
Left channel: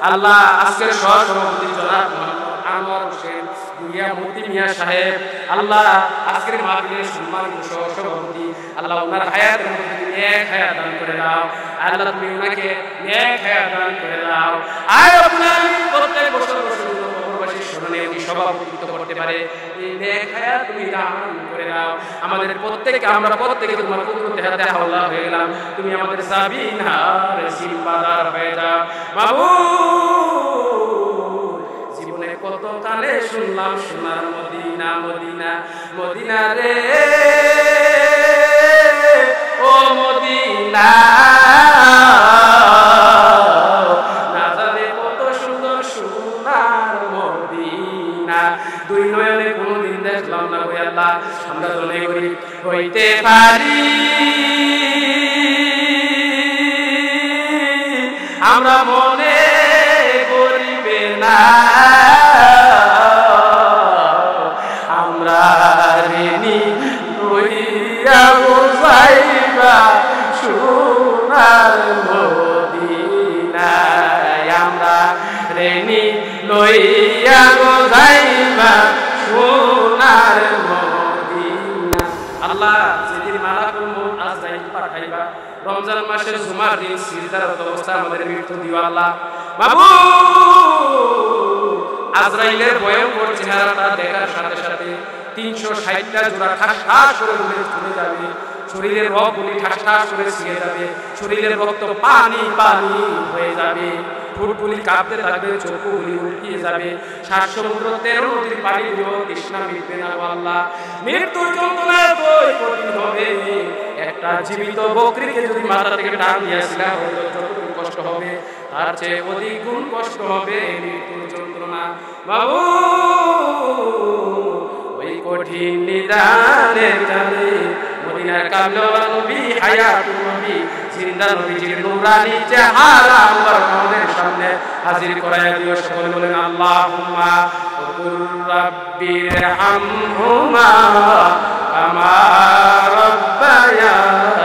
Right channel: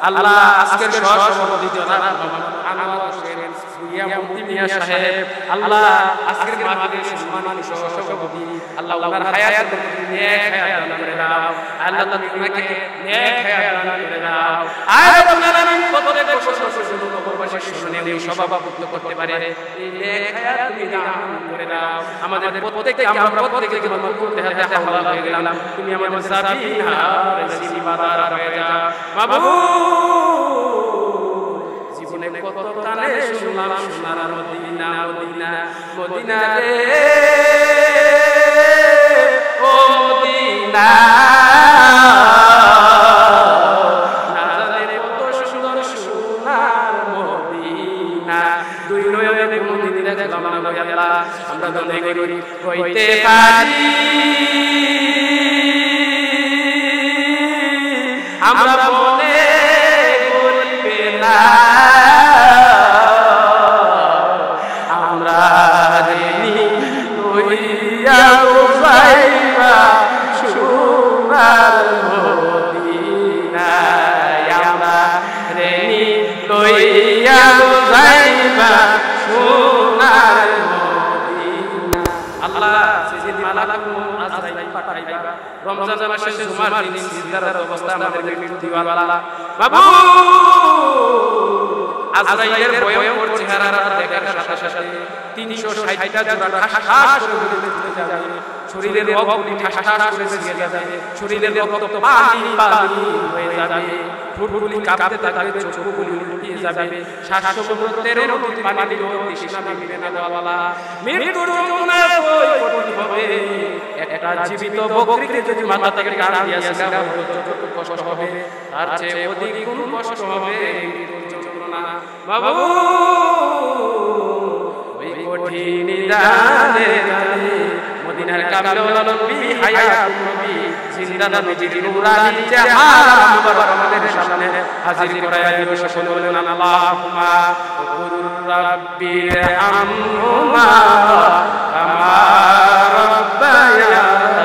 আল্লাহ আজকের সহসভাপতি জনাব মোহাম্মদ আনোয়ার হোসেন ভুইয়া মতি মিয়া সাহেব, আল্লাহ আজকের মাহফিলের সম্মানিত সহসভাপতি, আল্লাহ ওনার হায়াতের মধ্যে তুমি নেক হায়াত দান করে দাও, আল্লাহ তুমি ওনাকে নেক হায়াত দান করে দাও। আর রব্বুল আলামিন প্রত্যেক বছর জন্য কবরবাসীর স্মরণে উনি সভাপতিত্ব করতে পারে, এই নেক হায়াত তুমি দান করে দাও আমাদের প্রত্যেককে। আমরা প্রত্যেকে তোমার কুদরতে হাতে হাওলা হয়ে গেলাম, তুমি আমাদের জাবিন আর জিম্মাদার হয়ে যাও মাবুদ। জীবনে কত কানে শুনলাম সোনার মদিনা মদিনা মদিনা রে ও মদিনা, না জানে কত সুন্দর সোনার মদিনা, দুই নয়নে কোনোদিন দেখলাম না গো আল্লাহ। আমরা ধনী গরিব হইতে পারি, আমরা মনে করিবে না, আমরা রেনি লইয়া যাইবা সোনার মদিনায়, আমরা রেনি লইয়া যাইবা সোনার মদিনা। আল্লাহ যেদিন মালাকুল মউত আজরাইল পাঠাইবা, রমজান মাসের জুমার দিন সিজদারত অবস্থা আমাদের মৃত্যু দিও আল্লাহ মাবুদ। আজরাইলের ভয়ঙ্কর চেহারাটা দেখার সাথে সাথে 360টা জোড়া ঠাস ঠাস করে ঘুরে যাবে, শরীরের রগগুলি ঠাস ঠাস করে ছিঁড়ে যাবে, শরীরের রক্ত পানি পানি হয়ে যাবে, ঠোঁটগুলি কাঁপতে থাকবে, চক্ষুগুলি উল্টিয়ে যাবে, শ্বাস সমুদ্র 13 নদীর পানি দিলেও তৃষ্ণা মিটবে না গো আল্লাহ। মৃত্যুর যন্ত্রণা এতই কঠিন হবে, একটা জীবিত বকরিকে যদি মাথা থেকে টান দিয়েছিল হয়তো যতটুকু কষ্ট হবে তার চেয়ে অধিক গুণ কষ্ট হবে মৃত্যুর যন্ত্রণা বাবু। ওই কঠিন নিদানের কালে মদিনার কামলেওয়ালা নবী, হায়াতুন নবী, জিন্দা নবীজির নূরানি চেহারা মুবারক আমাদের সামনে হাজির করায়া দিও। সকলে বলেন আল্লাহুম্মা কুর রাব্বির হামহুমা কামা রাব্বায়ানি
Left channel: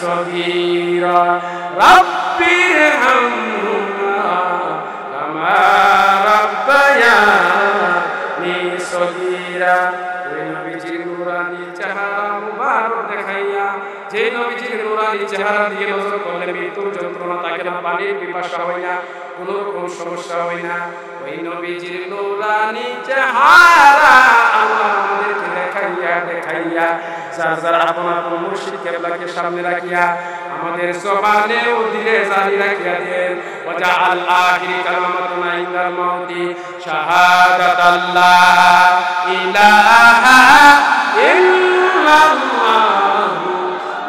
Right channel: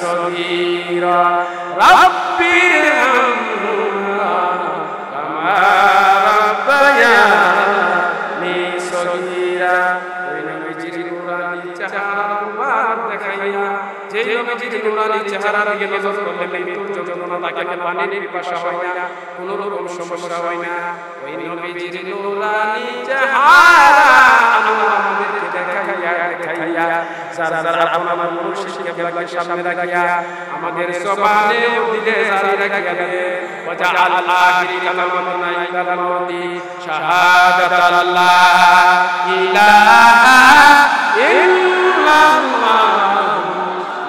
সগীরা, রাব্বির হামহুমা কামা রাব্বায়ানি সগীরা। ওই নবীজির নূরানি চেহারা মুবারক দেখাইয়া, যেই নবীজির নূরানি চেহারা দিয়ে নজর করলে মৃত্যুর যন্ত্রণা থাকে না, পানির পিপাসা হয় না, কোনো রকম সমস্যা হয় না। ওই নবীজির নূরানি চেহারা আনোয়ার আমাদেরকে দেখাইয়া দেখাইয়া যার যার আপন আপন মুর্শিদ কেবলাকে সামনে রাখিয়া আমাদের জবানে ও দিলে জারি রাখিয়া দেন। ওয়াজআল আখিরি কালামাতুনা ইনদাল মাউতি শাহাদাতাল্লাহ ইলাহা ইল্লাল্লাহু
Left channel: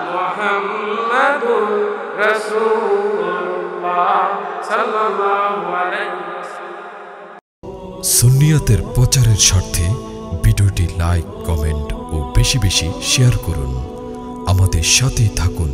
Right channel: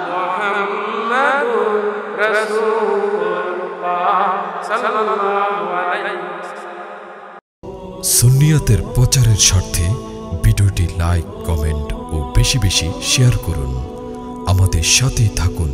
মুহাম্মাদুর রাসূলুল্লাহ সাল্লাল্লাহু আলাইহি ওয়াসাল্লাম। সুন্নিয়তের প্রচারের স্বার্থে ভিডিওটি লাইক, কমেন্ট ও বেশি বেশি শেয়ার করুন। আমাদের সাথে থাকুন।